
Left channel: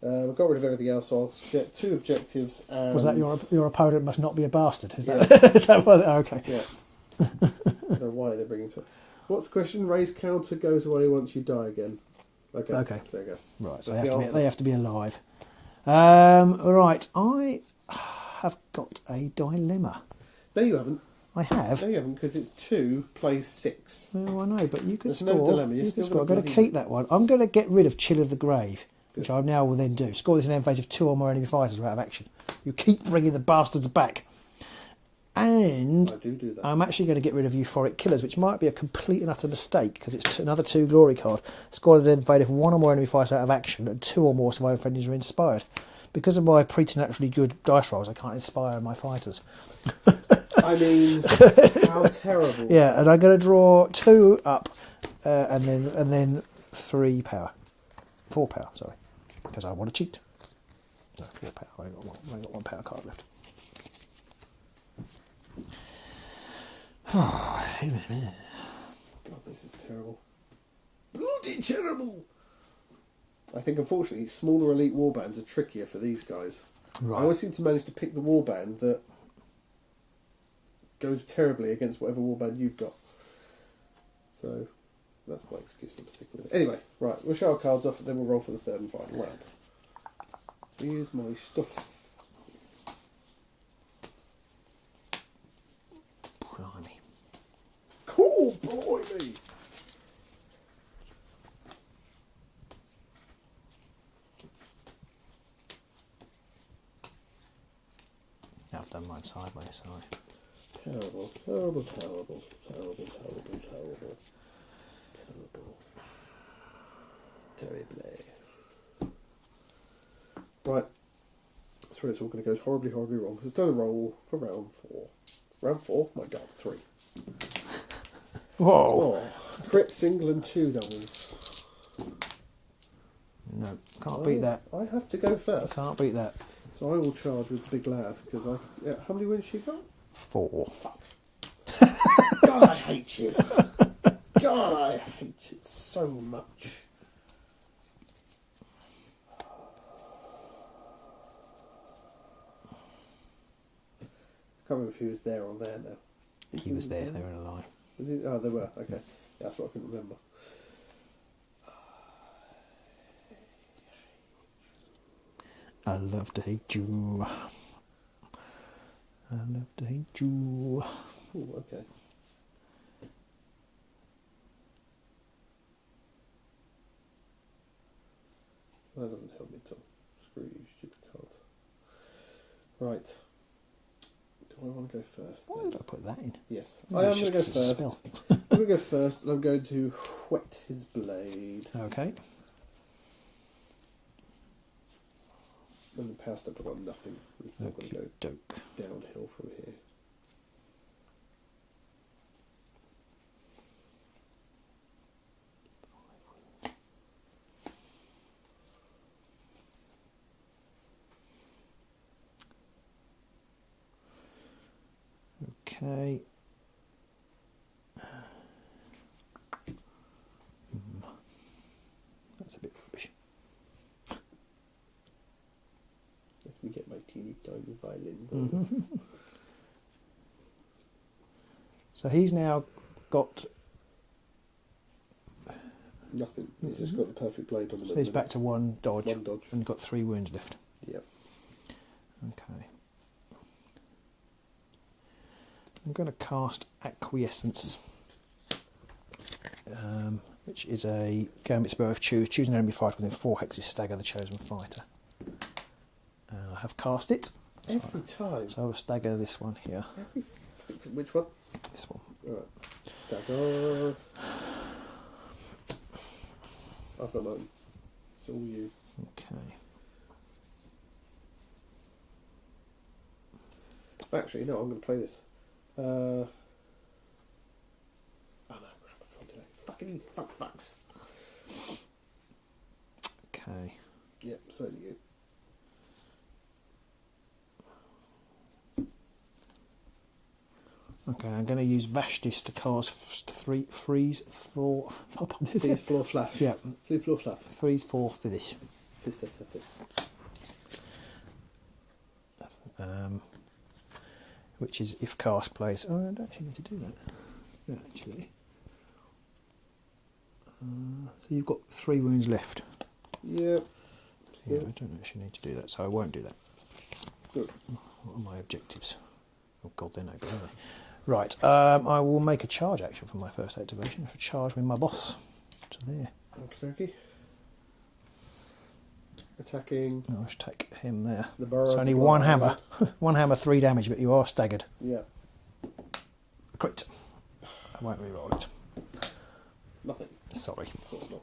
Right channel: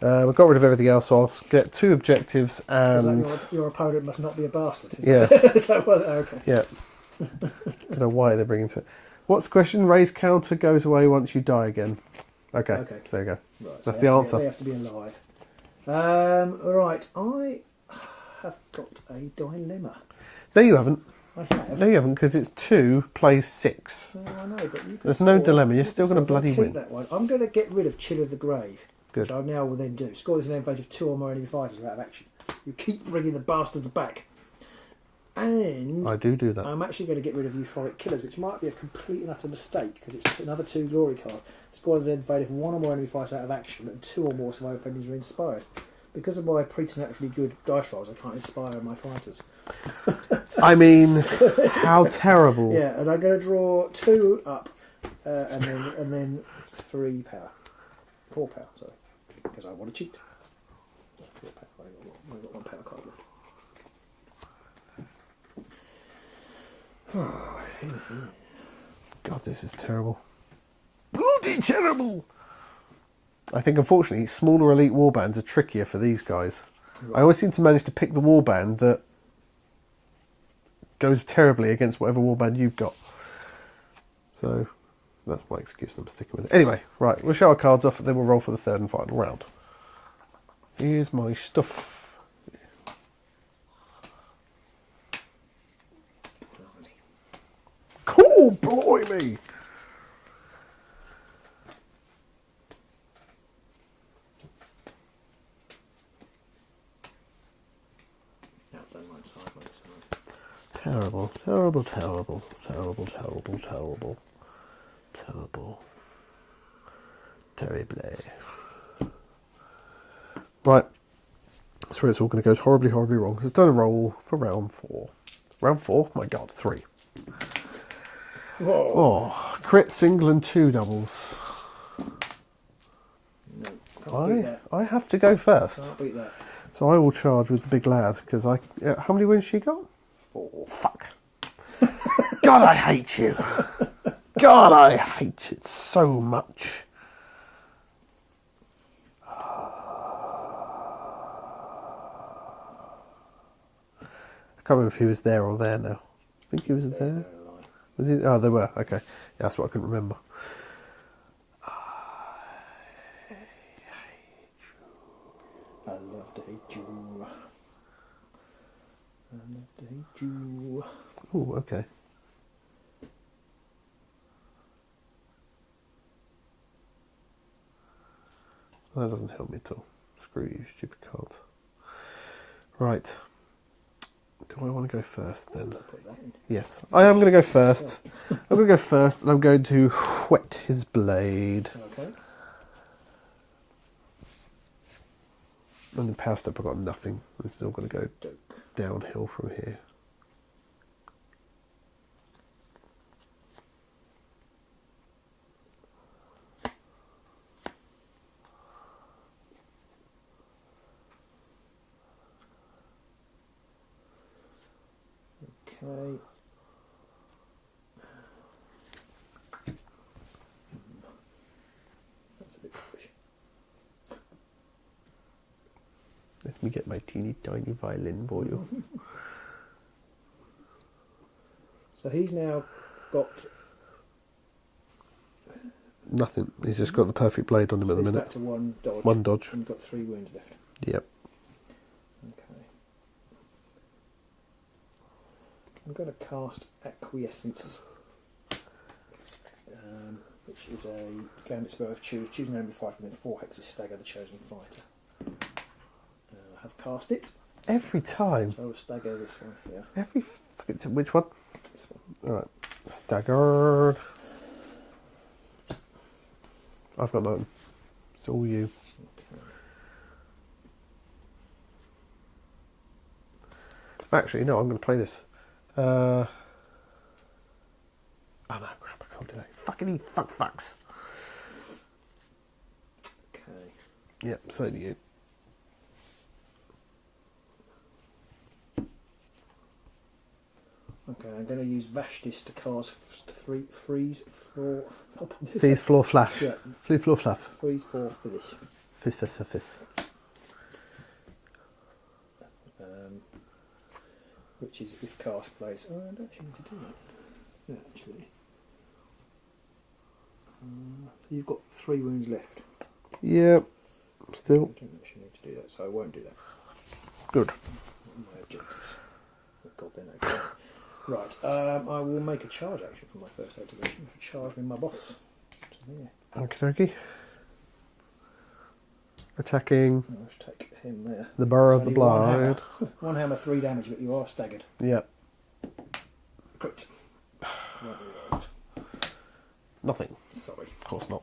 I've got rid of everything else, so I'll get 2 objectives and... Because your opponent must not be a bastard. Yeah. Is that what? Oh, okay. Yeah. I don't know why they're bringing to it. What's the question? Raise counter goes away once you die again. Okay. Okay. There you go. Right. That's the answer. They have to be alive. Right. I have got a dilemma. No, you haven't. I have. No, you haven't, because it's 2 plays 6. Oh, I know, but you can There's no dilemma. You're You still can going to score. bloody I'm gonna win. keep that one. I'm going to get rid of Chill of the Grave, Good. which I now will then do. Score this in an phase of 2 or more enemy fighters who are out of action. You keep bringing the bastards back. And I do that. I'm actually going to get rid of Euphoric Killers, which might be a complete and utter mistake because it's another 2 glory card. Score then invade if 1 or more enemy fighters out of action and 2 or more survivor friendlies are inspired. Because of my preternaturally good dice rolls, I can't inspire my fighters. I mean, how terrible. Yeah, and I'm going to draw 2 up and then 3 power. 4 power, sorry. Because I want to cheat. No, 4 power. I ain't got 1 power card left. God, this is terrible. Bloody terrible! I think, unfortunately, smaller elite warbands are trickier for these guys. Right. I always seem to manage to pick the warband that goes terribly against whatever warband you've got. So, that's my excuse, I'm sticking with it. Anyway, right, we'll show our cards off and then we'll roll for the 3rd and final round. Here's my stuff. Cool, blimey! Now I've done mine sideways, sorry. Terrible, terrible, terrible, terrible, terrible, terrible, terrible, terrible. Right, that's where it's all going to go horribly, horribly wrong. Because it's done a roll for round 4. Round 4? My God, 3. Whoa! Oh, crit, single, and 2 doubles. No, can't beat that. I have to go first. Can't beat that. So I will charge with the big lad because I. How many wins she got? 4. Fuck. God, I hate you. God, I hate it so much. I can't remember if he was there or there now. I think he was there. They're alive. Was he? Oh, they were. Okay, yeah, that's what I couldn't remember. I love to hate you. I love to hate you. Oh, okay. That doesn't help me at all. Screw you, stupid cards. Right. Do I want to go first then? I'll put that in. Yes, I am going to go first. I'm going to go first, and I'm going to whet his blade. Okay. And then power step, I've got nothing. This is all going to go Doke. downhill from here. Okay. That's a bit rubbish. Let me get my teeny tiny violin for you. So he's now got. Nothing. He's just got the perfect blade on him So at the he's minute. back to 1 dodge. 1 dodge. And got 3 wounds left. Yep. Okay. I'm going to cast Acquiescence, which is a gambit spell of choose. Choose an enemy fighter within 4 hexes, stagger the chosen fighter. I have cast it. Every time. So I will stagger this one here. Which one? This one. Alright. Stagger. I've got none. It's all you. Okay. Actually, no, I'm going to play this. Oh no, crap, I can't do that. Fucking fucks. Okay. Yep, so do you. Okay, I'm going to use Vashtis to cast freeze for. Freeze floor flash. Yeah. Freeze floor flash. Freeze for finish. Fizz. Which is if cast plays. Oh, I don't actually need to do that. Yeah, actually. So you've got 3 wounds left. Yep. Still. I don't actually need to do that, so I won't do that. Good. What are my objectives? Oh god, they're no good. Right, I will make a charge action for my first activation. I shall charge with my boss to there. Okie dokie. Attacking I'll just take him there. the burrow It's of the only blood. one hammer. One hammer, 3 damage, but you are staggered. Yep. Crit. I won't reroll it. Nothing. Sorry. Of course not.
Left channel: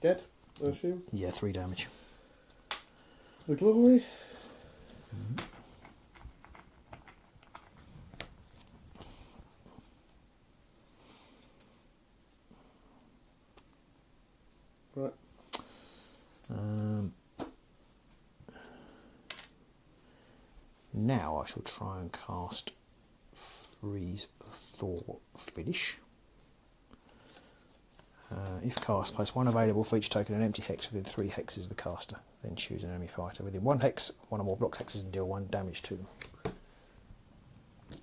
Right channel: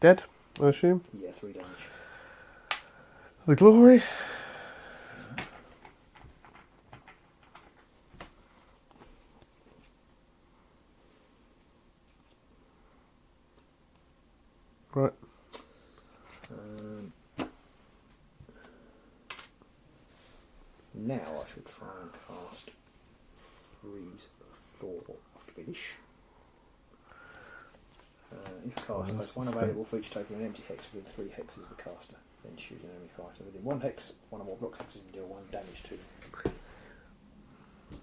Dead, I assume. Yeah, 3 damage. The glory. Right. Now I shall try and cast Freeze Thaw Finish. If cast, place 1 available for each token, an empty hex within 3 hexes of the caster. Then choose an enemy fighter within 1 hex, 1 or more blocks hexes, and deal 1 damage to them.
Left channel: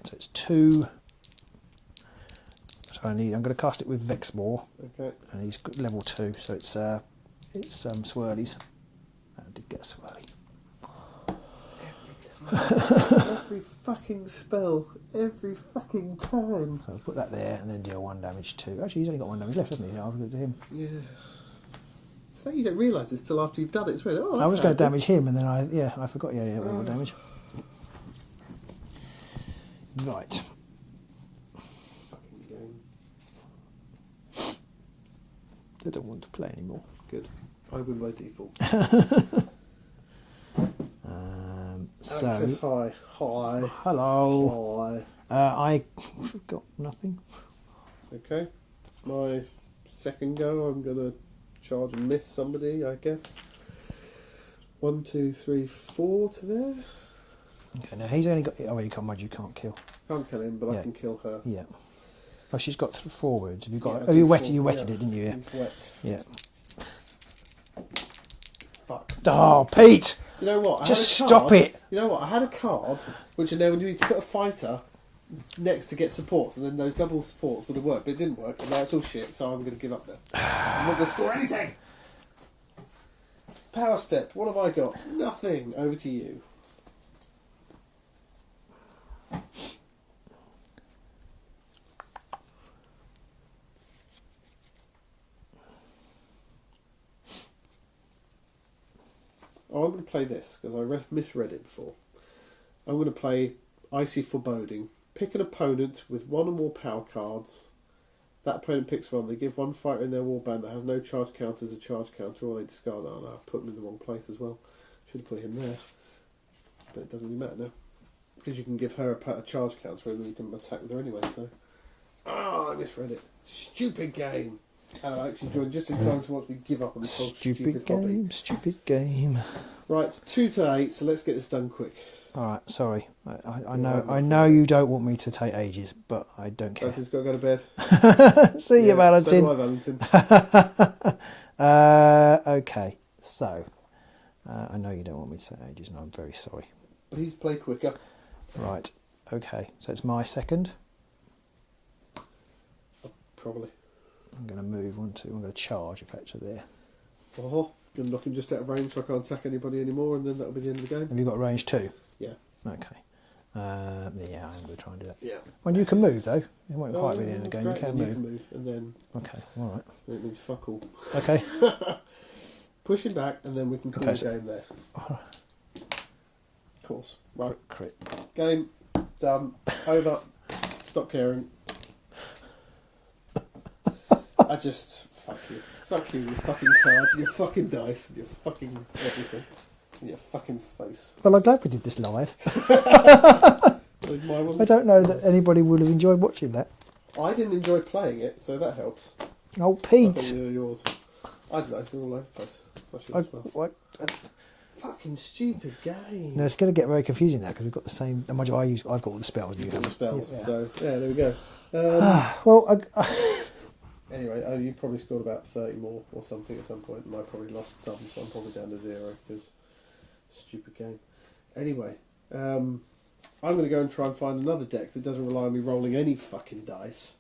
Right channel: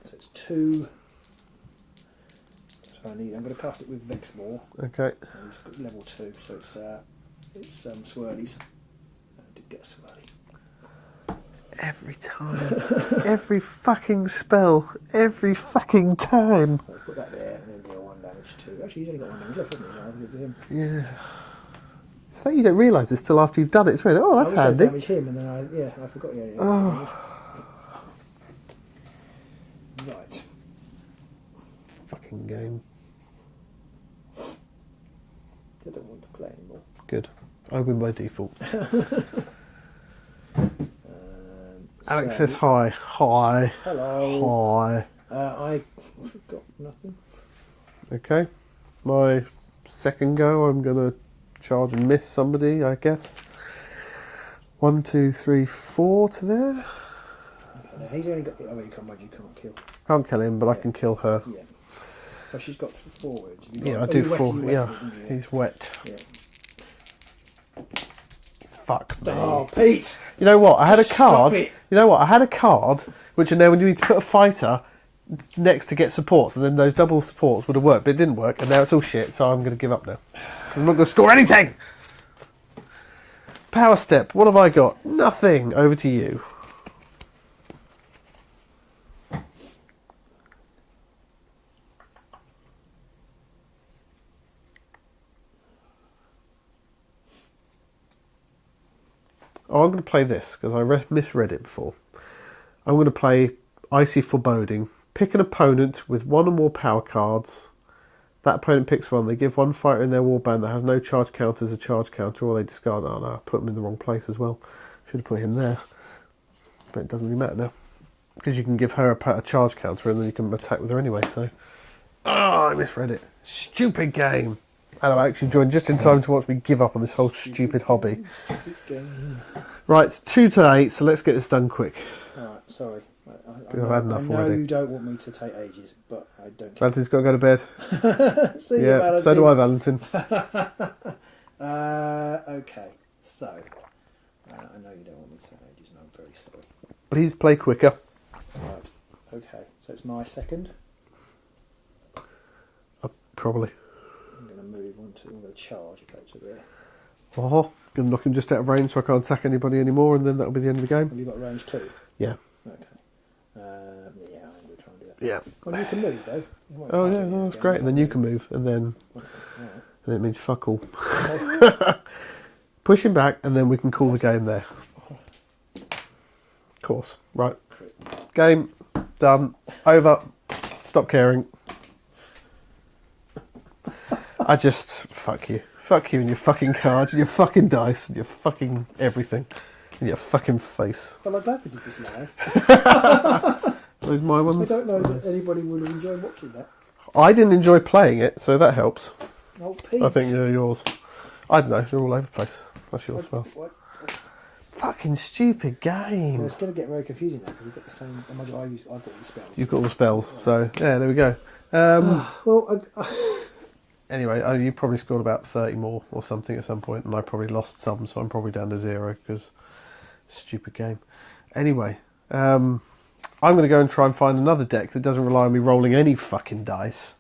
So it's 2. So I'm going to cast it with Vexmore. Okay. And he's got level 2, so it's swirlies. I did get a swirly. Every time. Every fucking spell. Every fucking time. So put that there and then deal 1 damage to. Actually, he's only got 1 damage left, hasn't he? I'll give it to him. Yeah. So you don't realise this till after you've done it. It's really, oh, I that's was going to handy. damage him, and then I forgot. Yeah, Oh. damage. Right. Fucking game. I don't want to play anymore. Good. I win by default. Alex So- says hi. Hi. Hello. Hi. I got nothing. Okay. My second go, I'm going to charge and miss somebody, I guess. 1, 2, 3, 4 to there. Okay, now he's only got. Oh, you can't kill. Can't kill him, but I Yeah. can kill her. Yeah. Well, she's got 4 wounds. Have you got? Yeah, I oh, do you wetted, 4. you wetted Yeah. it, didn't you? Yeah. He's wet. Yeah. Fuck. Oh, Pete! You know what? I had a Just card. stop it. You know what? I had a card which, you know, when you need to put a fighter next to get supports, and then those double supports would have worked, but it didn't work, and now it's all shit. So I'm going to give up now. I'm not going to score anything. Power step. What have I got? Nothing. Over to you. Oh, I'm going to play this because I misread it before. I'm going to play Icy Foreboding. Pick an opponent with 1 or more power cards. That opponent picks 1. They give 1 fighter in their warband that has no charge counter as a charge counter, or they discard. Oh no, I put him in the wrong place as well. Should have put him there. But it doesn't really matter now. Because you can give her a charge counter and then you can attack with her anyway, so... Oh, I misread it. Stupid game. And I actually joined just in time to watch me give up on this whole stupid hobby. Game, stupid game. Right, it's 2 to 8, so let's get this done quick. Alright, sorry. I've I had know enough you don't want me to take ages, but I don't care. Valentin's got to go to bed. See you, Valentin. So do I, Valentin. Okay, so I know you don't want me to take ages, and I'm very sorry. Please play quicker. Right, okay, so it's my second. Probably. I'm going to move on to. I'm going to charge effectively there. Oh, going to knock him just out of range so I can't attack anybody anymore, and then that'll be the end of the game. Have you got range 2? Yeah. Okay. Yeah, I'm going to try and do that. Yeah. Well, you can move though. It won't Oh quite yeah, be the end no, of that's the game, great. And then you can move. move, and then Okay, alright. and it means fuck all. Okay. Push him back, and then we can call Okay, the so- game there. Of course. Right. Crit. Game done. Over. Stop caring. I just fuck you. Fuck you and your fucking cards and your fucking dice and your fucking everything. And your fucking face. Well, I'm glad we did this live. Those my ones. I don't know that anybody would have enjoyed watching that. I didn't enjoy playing it, so that helps. Oh, Pete. I think they're yours. I don't know, they're all over the place. That's yours as well. What? Fucking stupid game. No, it's going to get very confusing now because we've got the same. I've got all the spells. You've got all the spells, so yeah, there we go. Well, Anyway, you probably scored about 30 more or something at some point, and I probably lost some, so I'm probably down to 0 because stupid game. Anyway, I'm going to go and try and find another deck that doesn't rely on me rolling any fucking dice,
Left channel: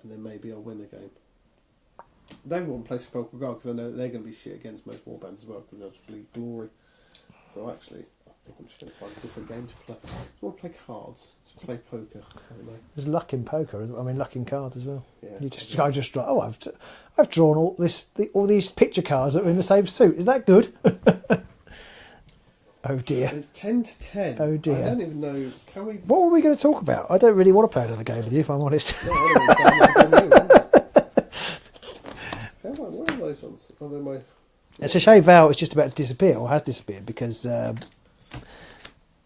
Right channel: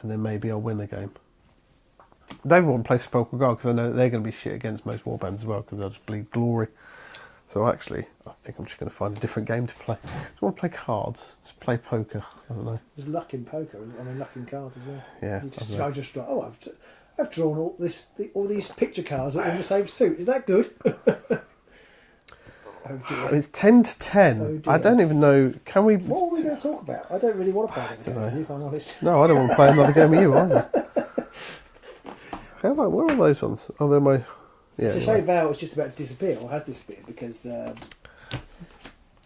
and then maybe I'll win the game. I don't want to play Sepulchral Guard because I know that they're going to be shit against most warbands as well because they'll just bleed glory. So actually, I think I'm just going to find a different game to play. Do you want to play cards? Just play poker. I don't know. there's luck in poker. I mean, luck in cards as well. Yeah. I just I've drawn all these picture cards that are in the same suit. Is that good? Oh dear. It's 10 to 10. Oh dear. I don't even know. Can we? What are we going to talk about? I don't really want to play another game with you, if I'm honest. No, I don't want to play another game with you either. Where are those ones? Oh, they're my. Yeah, It's a shame Val is just about to disappear, or has disappeared, because... where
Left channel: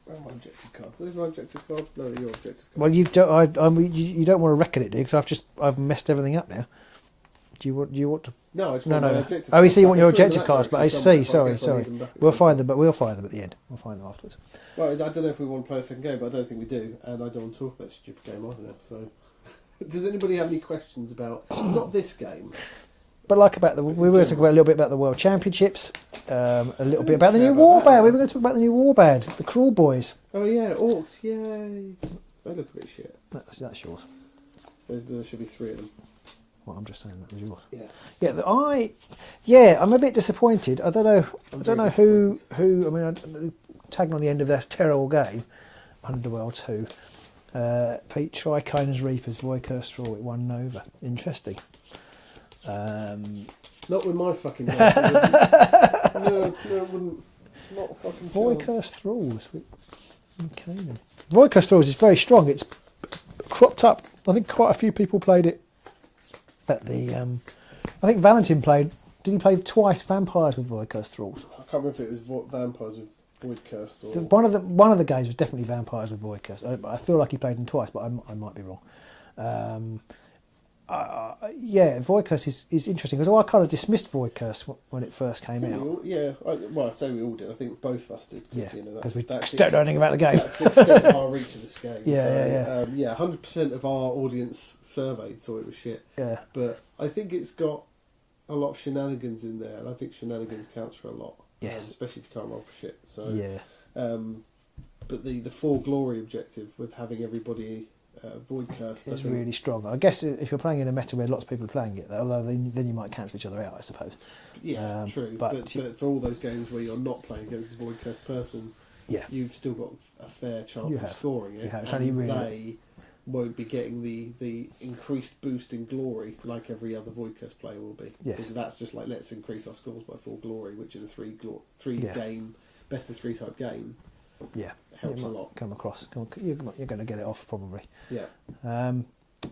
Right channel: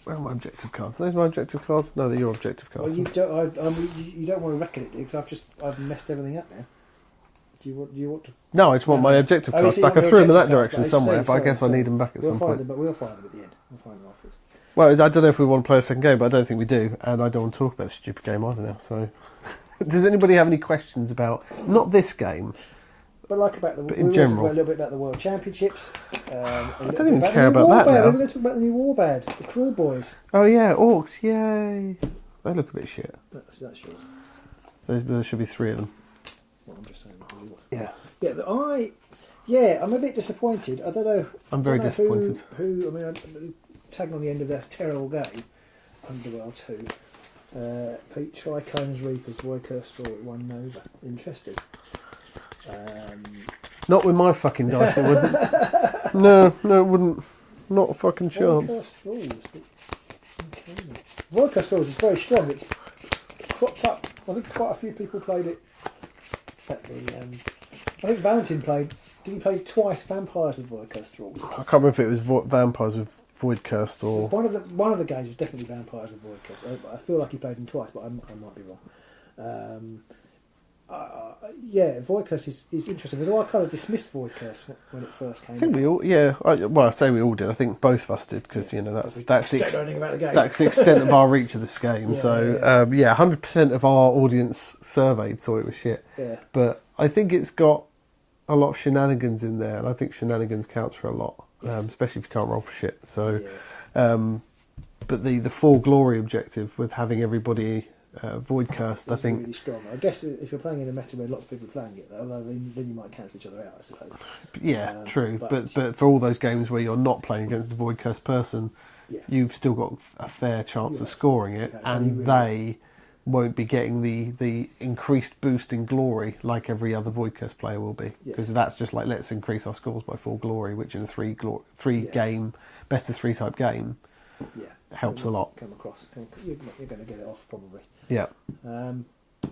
are my objective cards? Are those my objective cards? No, they're your objective cards. well, you don't. You don't want to reckon it, do you? Because I've messed everything up now. Do you want to? No, I just want my objective Oh, you cards see, back. what I your threw them in objective that cards, direction but I somewhere, see. but I guess sorry. I need them back at We'll some find point. them, but we'll find them at the end. We'll find them afterwards. Well, I don't know if we want to play a second game, but I don't think we do, and I don't want to talk about this stupid game either now. So, does anybody have any questions about not this game? But like about we were talking a little bit about the World Championships, a little bit about the new about Warband. that now. We're going to talk about the new Warband, the Cruel Boys. Oh yeah, Orcs, yay! They look a bit shit. That's yours. There should be 3 of them. Well, I'm just saying that was yours. Yeah. Yeah, I'm a bit disappointed. I don't know. I'm I very don't know disappointed. who. I mean, tagging on the end of that terrible game, Underworld 2. Pete Tricona's Reapers, Voycur Straw, it won Nova. Interesting. Not with my fucking dice, it wouldn't. No, it wouldn't. Not a fucking chance. Voycur Straws. Okay. Voycur Straws is very strong. It's cropped up. I think quite a few people played it at the. I think Valentin played. Did he play twice Vampires with Voycur Straws? I can't remember if it was Vampires with Void Cursed or... One of the games was definitely Vampires with Void Curse. I feel like he played them twice, but I might be wrong. Yeah, Void Curse is interesting because I kind of dismissed Void Curse when it first came out. I think we all, yeah. I say we all did. I think both of us did because that's we that's don't know anything about the game. That's the extent of our reach of this game. Yeah, So 100% of our audience surveyed thought it was shit. Yeah. But I think it's got a lot of shenanigans in there, and I think shenanigans counts for a lot, Yes. especially if you can't roll for shit. So, Yeah. but the full glory objective with having everybody void cursed, I It's think really strong. I guess if you're playing in a meta where lots of people are playing it, although then you might cancel each other out, I suppose. Yeah, true. but- But for all those games where you're not playing against a void cursed person, Yeah. you've still got a fair chance You of have. scoring it, Yeah, it's only and really- they won't be getting the increased boost in glory like every other void cursed player will be, Yeah. because that's just like, let's increase our scores by 4 glory, which in a three Yeah. game best of 3 type game Yeah. helps a lot. Come across. You're going to get it off probably. Yeah,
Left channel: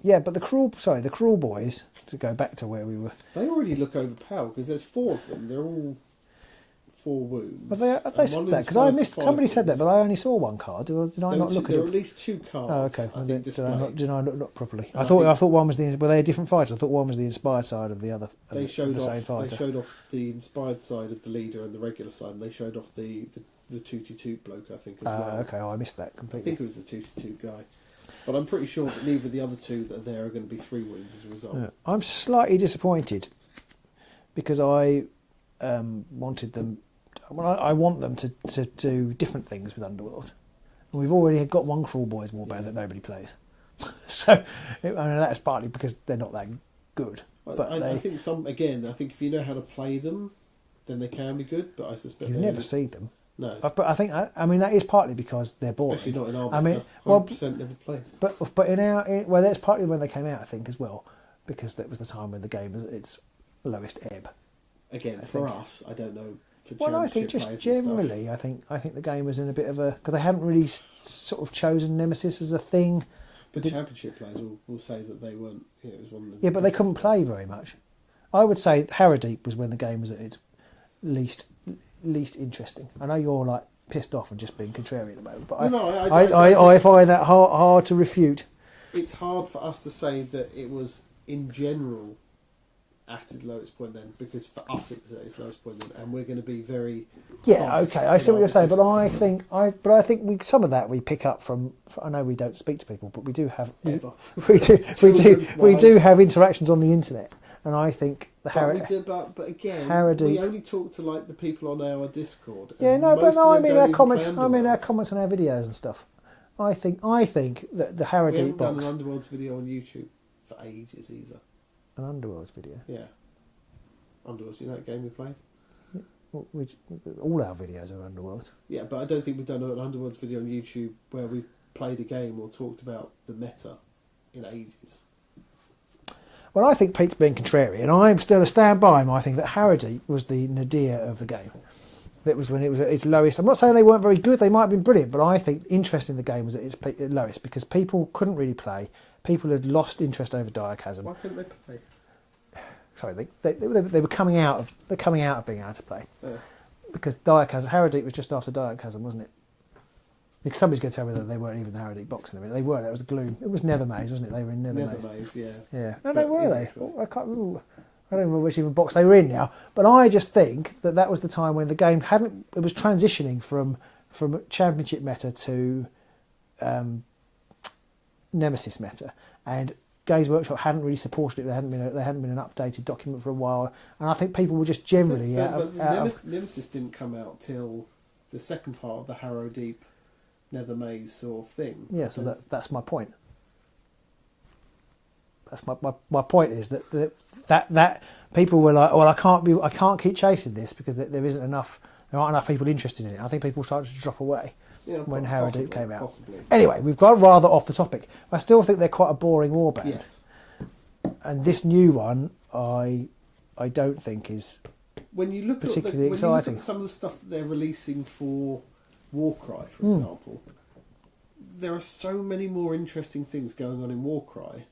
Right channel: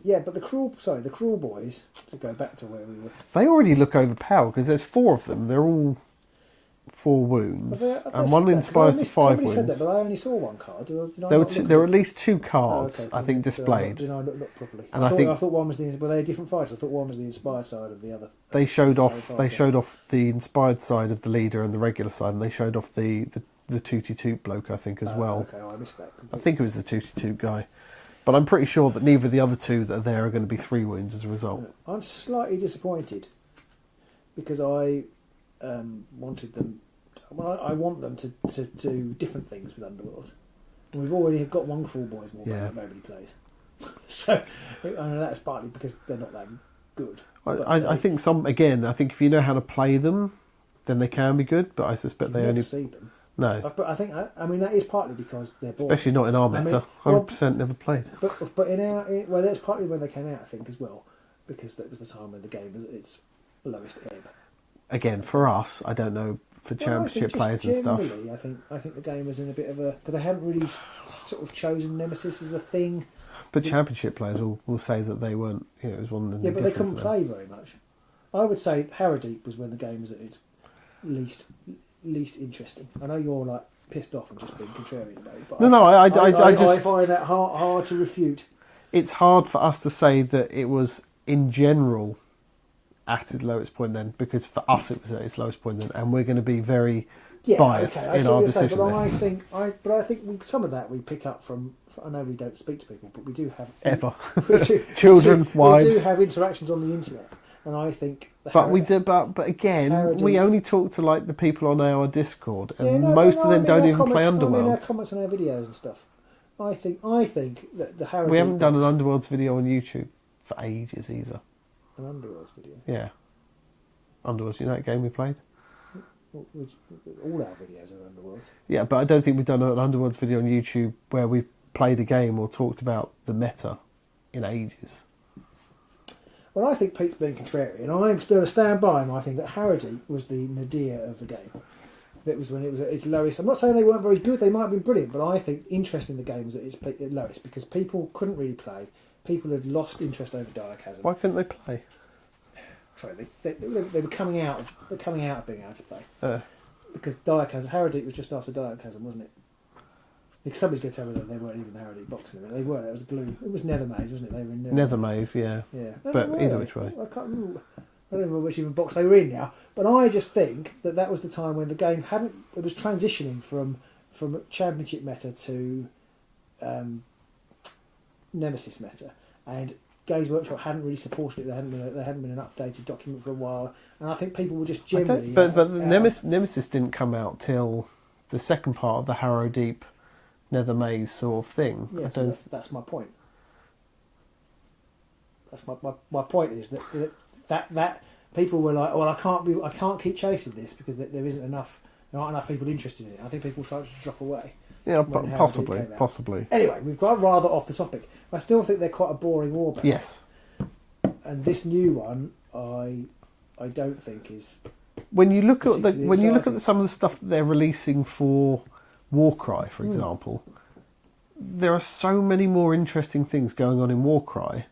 Yeah, but the Cruel Boys, to go back to where we were. they already look overpowered because there's 4 of them. They're all 4 wounds, and one inspires to 5 Somebody wounds. said that, but I only saw one card. Did I There not were, look there at were it? at least 2 cards, okay. I think, displayed. Did I not look properly? And I thought one was were they different fights? I thought one was the inspired side of the other. They showed the same off. fighter. They showed off the inspired side of the leader and the regular side, and they showed off the Tootie bloke, I think, as well. Okay, I missed that I completely. think it was the Tootie guy, but I'm pretty sure that neither of the other 2 that are there are going to be 3 wounds as a result. Yeah. I'm slightly disappointed because I wanted them. Well, I want them to do different things with Underworld. And we've already got one Cruel Boys warband that nobody plays. So that's partly because they're not that good. I think I think if you know how to play them, then they can be good. But I suspect You've they never only seen them. no, But I think that is partly because they're boring. especially not in our I mean, meta. well, 100% never played. But that's partly when they came out, I think, as well, because that was the time when the game was at its lowest ebb. Again, for us, I don't know for championship players and stuff. Generally, I think the game was in a bit of a because they haven't really sort of chosen Nemesis as a thing. But championship players will say that they weren't. It was one of the Yeah, but they different couldn't play very much. I would say Harrowdeep was when the game was at its least interesting. I know you're like pissed off and just being contrarian about it, but I find that hard to refute. It's hard for us to say that it was in general at its lowest point then, because for us it was at its lowest point then, and we're going to be very Yeah, bias okay, I in see our what you're saying, decision but I think some of that we pick up from. I know we don't speak to people, but we do have ever. children, wives. we do have interactions on the internet, and I think. But we do, but again, Harrody. we only talk to like the people on our Discord, and Yeah, most of them I don't mean even play I mean our Underworlds. comments on our videos and stuff. I think that the Harrody We haven't done an box- Underworlds video on YouTube for ages either. an Underworlds video. Yeah, Underworlds. You know that game we played? All our videos are Underworlds. Yeah, but I don't think we've done an Underworlds video on YouTube where we've played a game or talked about the meta in ages. Well, I think Pete's being contrary, and I'm still a stand by him. I think that Harrody was the nadir of the game. That was when it was at its lowest. I'm not saying they weren't very good; they might have been brilliant, but I think interest in the game was at its lowest because people couldn't really play. People had lost interest over Chasm. Why couldn't they play? Sorry, they were coming out of being able to play because Chasm Harrody was just after Chasm, wasn't it? Because somebody's going to tell me that they weren't even the Harrody box in a minute. They weren't. It was Gloom. It was Nethermaze, wasn't it? They were in Nethermaze, yeah. Yeah. But No, either were which they? way. I can't remember. I don't remember which even box they were in now. But I just think that was the time when the game it was transitioning from Championship meta to Nemesis meta, and Games Workshop hadn't really supported it. There hadn't been an updated document for a while, and I think people were just generally. But Nemesis didn't come out till the second part of the Harrow Deep Nethermaze sort of thing. Yeah, so that's my point. That's my point is that people were like, well, I can't keep chasing this because there aren't enough people interested in it. I think people started to drop away. Yeah, when Harrow Deep came out. possibly. Anyway, we've got rather off the topic. I still think they're quite a boring warband. Yes. And this new one, I don't think is. When you look at exciting. some of the stuff that they're releasing for Warcry, for example, there are so many more interesting things going on in Warcry.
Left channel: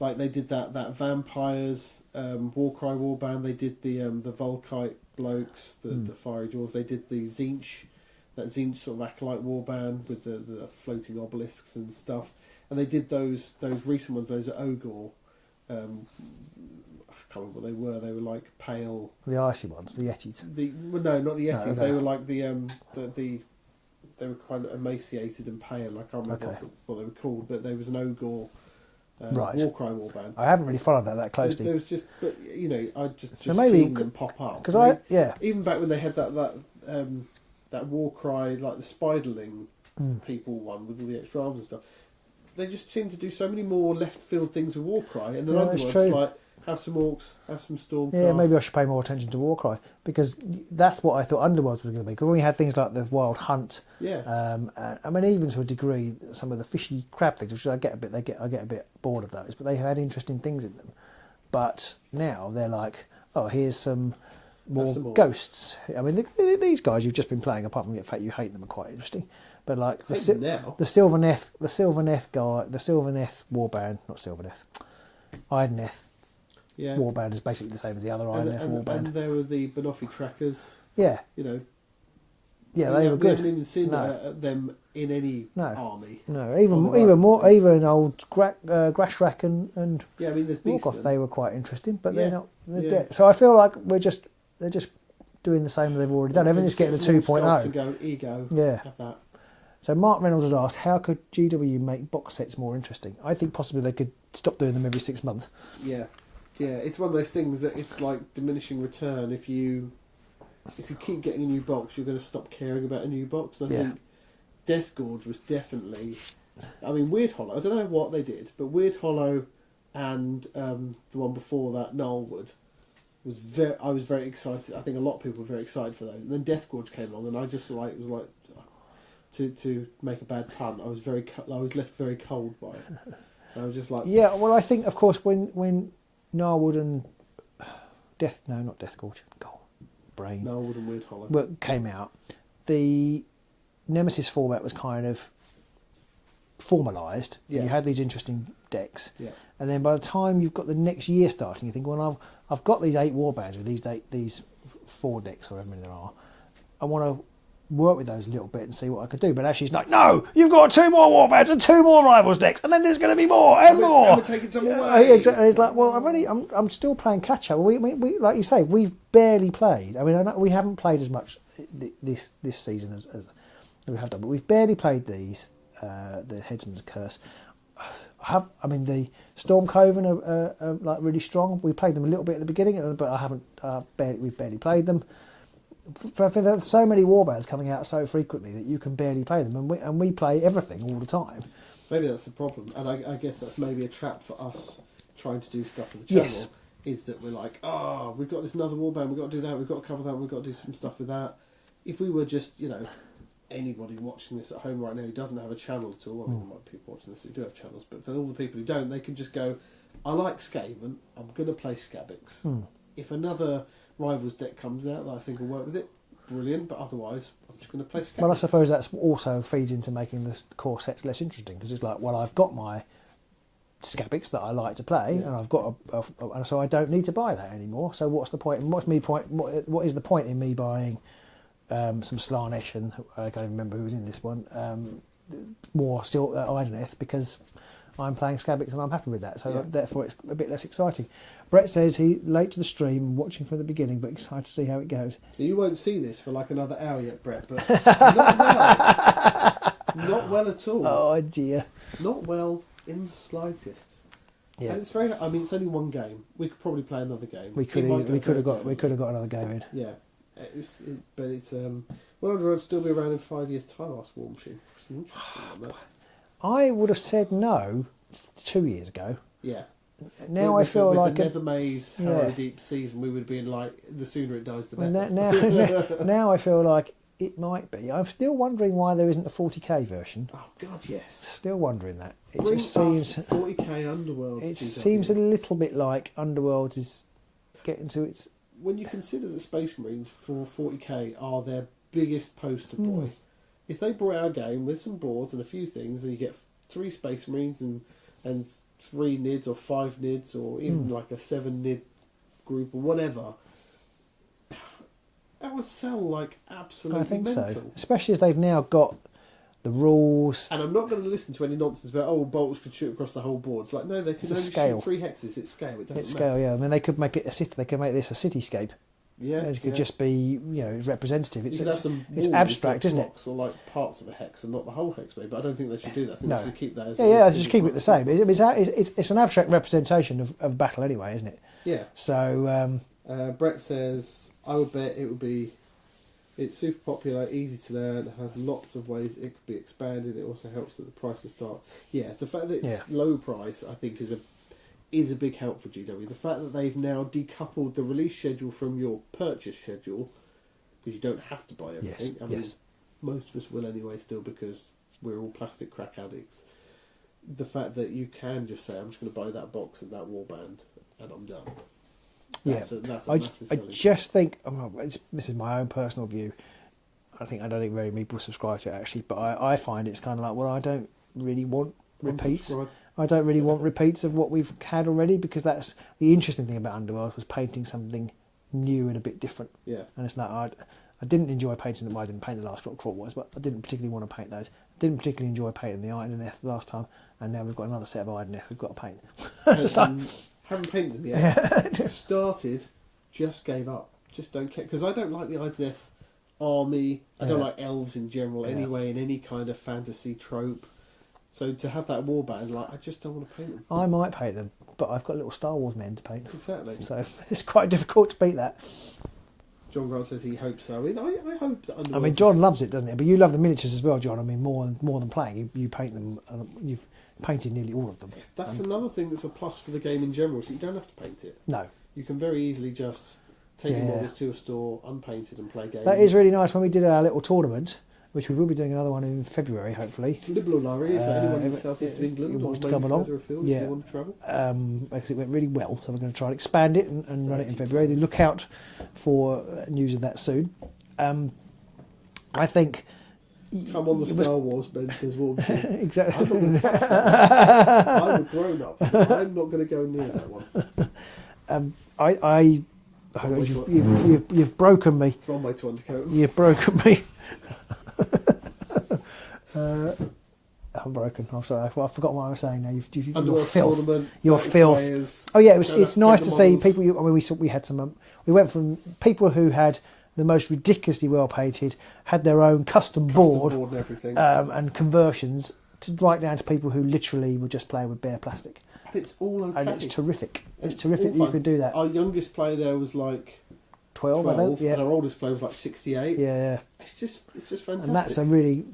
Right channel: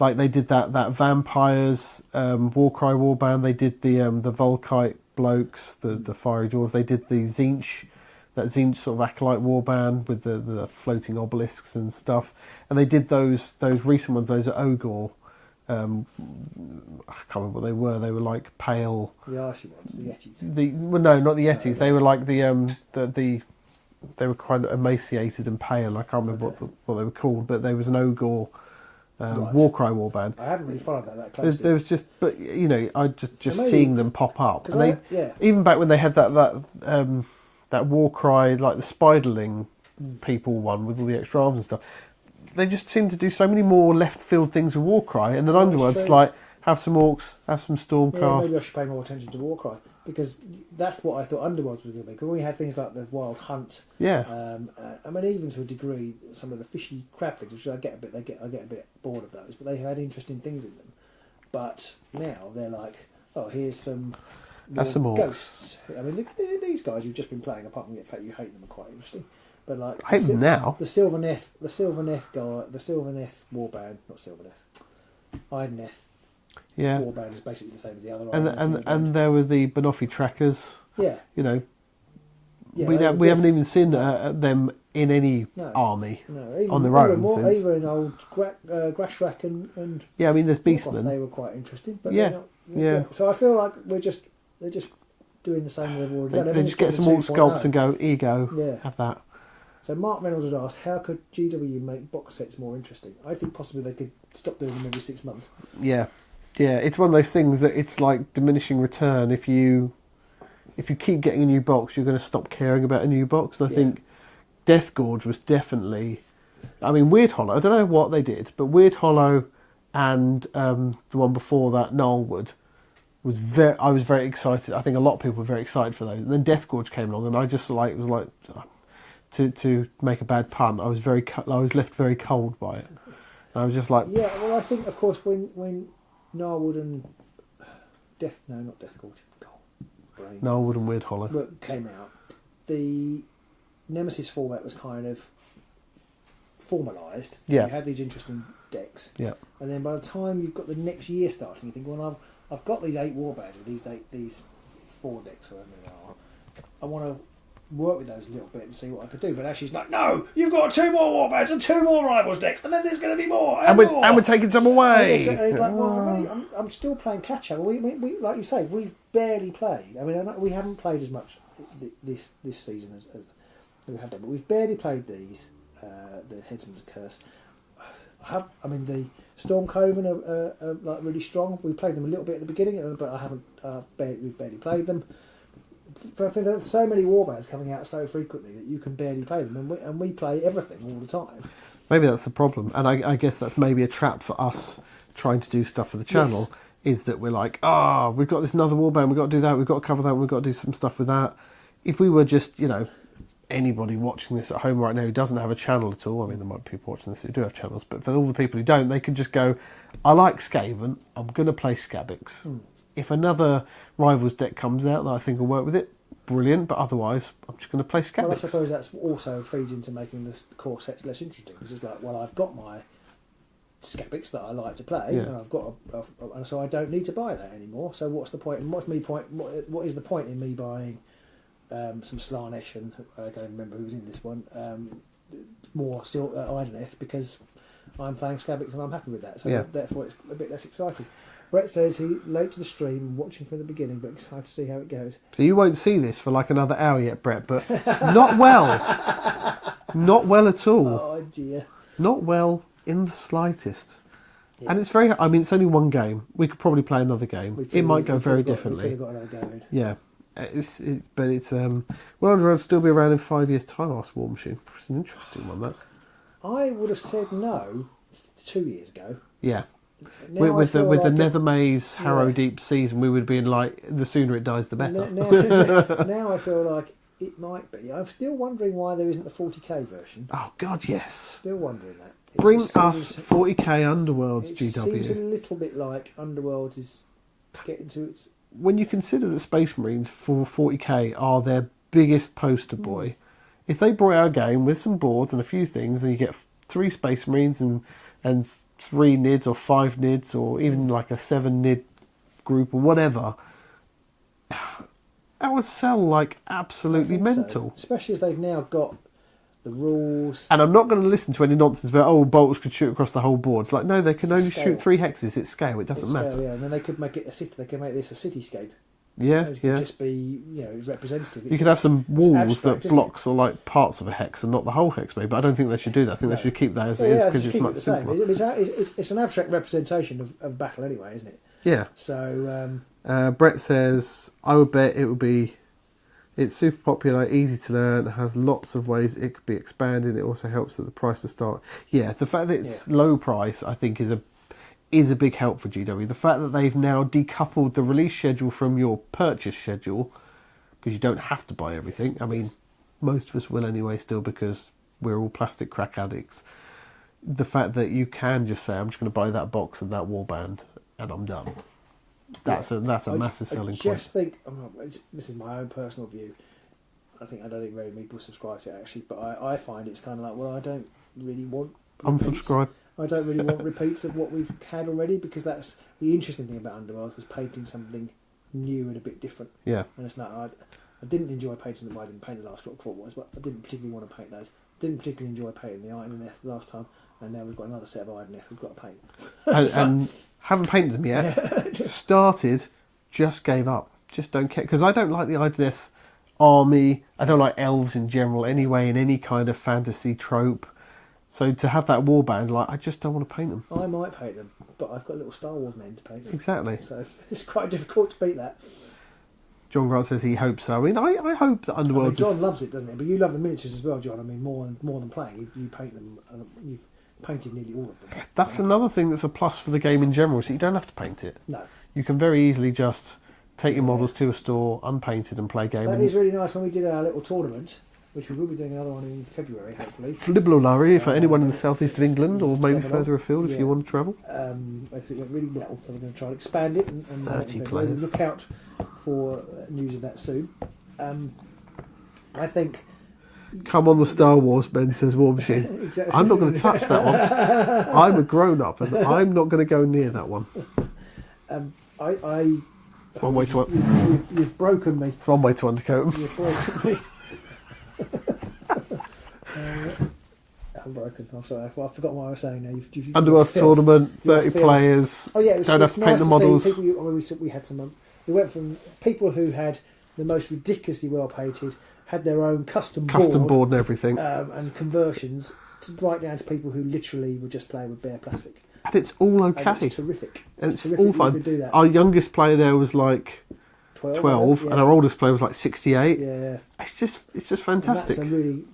Like they did that vampires Warcry warband. They did the Volkite blokes, the fiery dwarves. They did the that Tzeentch sort of acolyte warband with the floating obelisks and stuff. And they did those recent ones. Those at Ogre. I can't remember what they were. They were like pale. The icy ones, the Yetis. No, not the Yetis. No. They were like the they were kind of emaciated and pale. I can't remember what they were called, but there was an Ogre Warcry warband. I haven't really followed that closely. There was just, but you know, I just maybe- seeing them pop up. Because Even back when they had that Warcry, like the Spiderling people one with all the extra arms and stuff, they just seem to do so many more left field things with Warcry, and then Underworld's true. like have some orcs, have some Stormcast. Yeah, maybe I should pay more attention to Warcry because that's what I thought Underworld was going to be. Because when we had things like the Wild Hunt, I mean, even to a degree, some of the fishy crab things, which I get a bit bored of those, but they had interesting things in them. But now they're like, oh, here's some more ghosts. I mean, these guys you've just been playing, apart from the fact you hate them, are quite interesting. But like, I hate them now. The Sylvaneth guy, the Sylvaneth warband, not Sylvaneth, Idoneth. Yeah, warband is basically the same as the other. And there were the Banoffee trackers. Yeah, you know. Yeah, we haven't even seen them in any army. No, even old Grashrak and yeah, I mean there's Beastmen. They were quite interesting, but yeah, they're good. So I feel like they're just doing the same as they've already done. They just get some more sculpts and go, here you go, have that. So Mark Reynolds has asked, how could GW make box sets more interesting? I think possibly they could stop doing them every 6 months. Yeah, it's one of those things that it's like diminishing return. If you keep getting a new box, you're going to stop caring about a new box. And I think Deathgorge was definitely... I mean, Weird Hollow, I don't know what they did, but Weird Hollow and the one before that, Gnarlwood, I was very excited. I think a lot of people were very excited for those. And then Deathgorge came along, and I just was like, to make a bad pun, I was left very cold by it. And I was just like... Yeah, well, I think, of course, when Gnarlwood and... not Deathgorge. Brain. Gnarlwood and Weird Hollow. But came out, the Nemesis format was kind of formalised. Yeah. You had these interesting decks. Yeah. And then by the time you've got the next year starting, you think, well, I've got these 8 warbands with these 4 decks or however many there are. I want to work with those a little bit and see what I could do. But actually, it's like, no, you've got 2 more warbands and 2 more rivals decks, and then there's going to be more and more. And we're taking some away. And it's like, well, I'm still playing catch up. We like you say, we've barely played. I mean, I know we haven't played as much this season as we have done, but we've barely played these. The Headsman's Curse. The Storm Coven are like really strong. We played them a little bit at the beginning, but we've barely played them. For there's so many warbands coming out so frequently that you can barely play them, and we play everything all the time. Maybe that's the problem, and I guess that's maybe a trap for us trying to do stuff for the channel. Yes. Is that we're like, we've got this another warband, we've got to do that, we've got to cover that, we've got to do some stuff with that. If we were just, anybody watching this at home right now who doesn't have a channel at all, I mean, there might be people watching this who do have channels, but for all the people who don't, they could just go, I like Skaven, I'm going to play Skabbix. If another Rivals deck comes out that I think will work with it, brilliant, but otherwise, I'm just going to play Skabbix. Well, I suppose that's also feeds into making the core sets less interesting, because it's like, well, I've got my Skabbix that I like to play, and I've got and so I don't need to buy that anymore. So what's the point? What is the point in me buying some Slaanesh, and I can't even remember who was in this one, more still Ideneth, because I'm playing Skabbix and I'm happy with that, so therefore it's a bit less exciting. Brett says he late to the stream, watching from the beginning, but excited to see how it goes. So you won't see this for like another hour yet, Brett, but not well. Not well at all. Oh dear. Not well in the slightest. Yeah. And it's it's only one game. We could probably play another game. It might go very differently. We could have got another game in. Yeah. But it's whether it'll still be around in 5 years' time, I asked War Machine. It's an interesting one, that. I would have said no 2 years ago. Yeah. Now With the like Nether Maze Harrow Deep season, we would have been like, the sooner it dies, the better. Now I feel like it might be. I'm still wondering why there isn't a 40k version. Oh God, yes. Still wondering that. Bring us 40k Underworlds. It GW. seems a little bit like Underworld is getting to its. When you consider that Space Marines for 40k are their biggest poster boy, if they brought out a game with some boards and a few things, and you get 3 Space Marines and 3 NIDs or 5 NIDs or even like a 7 NID group or whatever, that would sell like absolutely mental. So. Especially as they've now got the rules. And I'm not going to listen to any nonsense about, bolts could shoot across the whole board. It's like, no, they can only scale. shoot 3 hexes. It's scale. It doesn't matter. Yeah, and then they could make it a city. They could make this a cityscape. Yeah, it could just be, representative. You could have some walls abstract, that blocks or like parts of a hex and not the whole hex, maybe. But I don't think they should do that. I think they should keep that as it is. Yeah, they should keep it the same. It's an abstract representation of battle anyway, isn't it? Yeah. So Brett says, I would bet it would be. It's super popular, easy to learn, has lots of ways it could be expanded. It also helps at the price to start. Yeah, the fact that it's low price, I think, is a big help for GW. The fact that they've now decoupled the release schedule from your purchase schedule, because you don't have to buy everything. Yes, I mean, most of us will anyway still, because we're all plastic crack addicts. The fact that you can just say, I'm just going to buy that box and that warband and I'm done. That's a massive selling point. I just think, this is my own personal view, I don't think very many people subscribe to it actually, but I find it's kind of like, well, I don't really want repeats. Unsubscribe. I don't really want repeats of what we've had already, because that's the interesting thing about Underworld, was painting something new and a bit different. Yeah. And it's like, I didn't enjoy painting them. I didn't paint the last Crop Wars, but I didn't particularly want to paint those. Didn't particularly enjoy painting the Ideneth last time, and now we've got another set of Ideneth we've got to paint. And haven't painted them yet. Started, just gave up. Just don't care, because I don't like the Ideneth army. I don't like elves in general anyway, in any kind of fantasy trope. So to have that warband, like, I just don't want to paint them. I might paint them, but I've got little Star Wars men to paint. Exactly. So it's quite difficult to beat that. John Grant says he hopes so. I mean, I hope that Underworld. John loves it, doesn't he? But you love the miniatures as well, John. I mean, more than playing. You paint them, and you've painted nearly all of them. That's another thing that's a plus for the game in general, so you don't have to paint it. No. You can very easily just take your models to a store, unpainted, and play a game. That is really nice. When we did our little tournament, which we will be doing another one in February, hopefully. Fliblolary for anyone in the southeast of England, or maybe Double further afield if you want to travel. Because it went really well, so we're going to try and expand it and run it in February. Look out for news of that soon. I think. Come on, the Star Wars, Ben says War Machine. Exactly. I'm not going to touch that one. I'm a grown up, and I'm not going to go near that one. You've broken me. It's one way to undercoat them. You've broken me. I'm broken. I'm sorry. I forgot what I was saying now. You've Underworld filth. tournament, You're 30 filth. players. Oh yeah, it's Don't have to nice paint to the see models. people. I mean, we had some. We went from people who had the most ridiculously well painted, had their own custom board and everything. and conversions, to right down to people who literally were just playing with bare plastic. And it's all okay. And it's terrific. And It's terrific. all fun. You could do that. Our youngest player there was like 12, yeah. and our oldest player was like 68. Yeah. It's just And fantastic. that's a really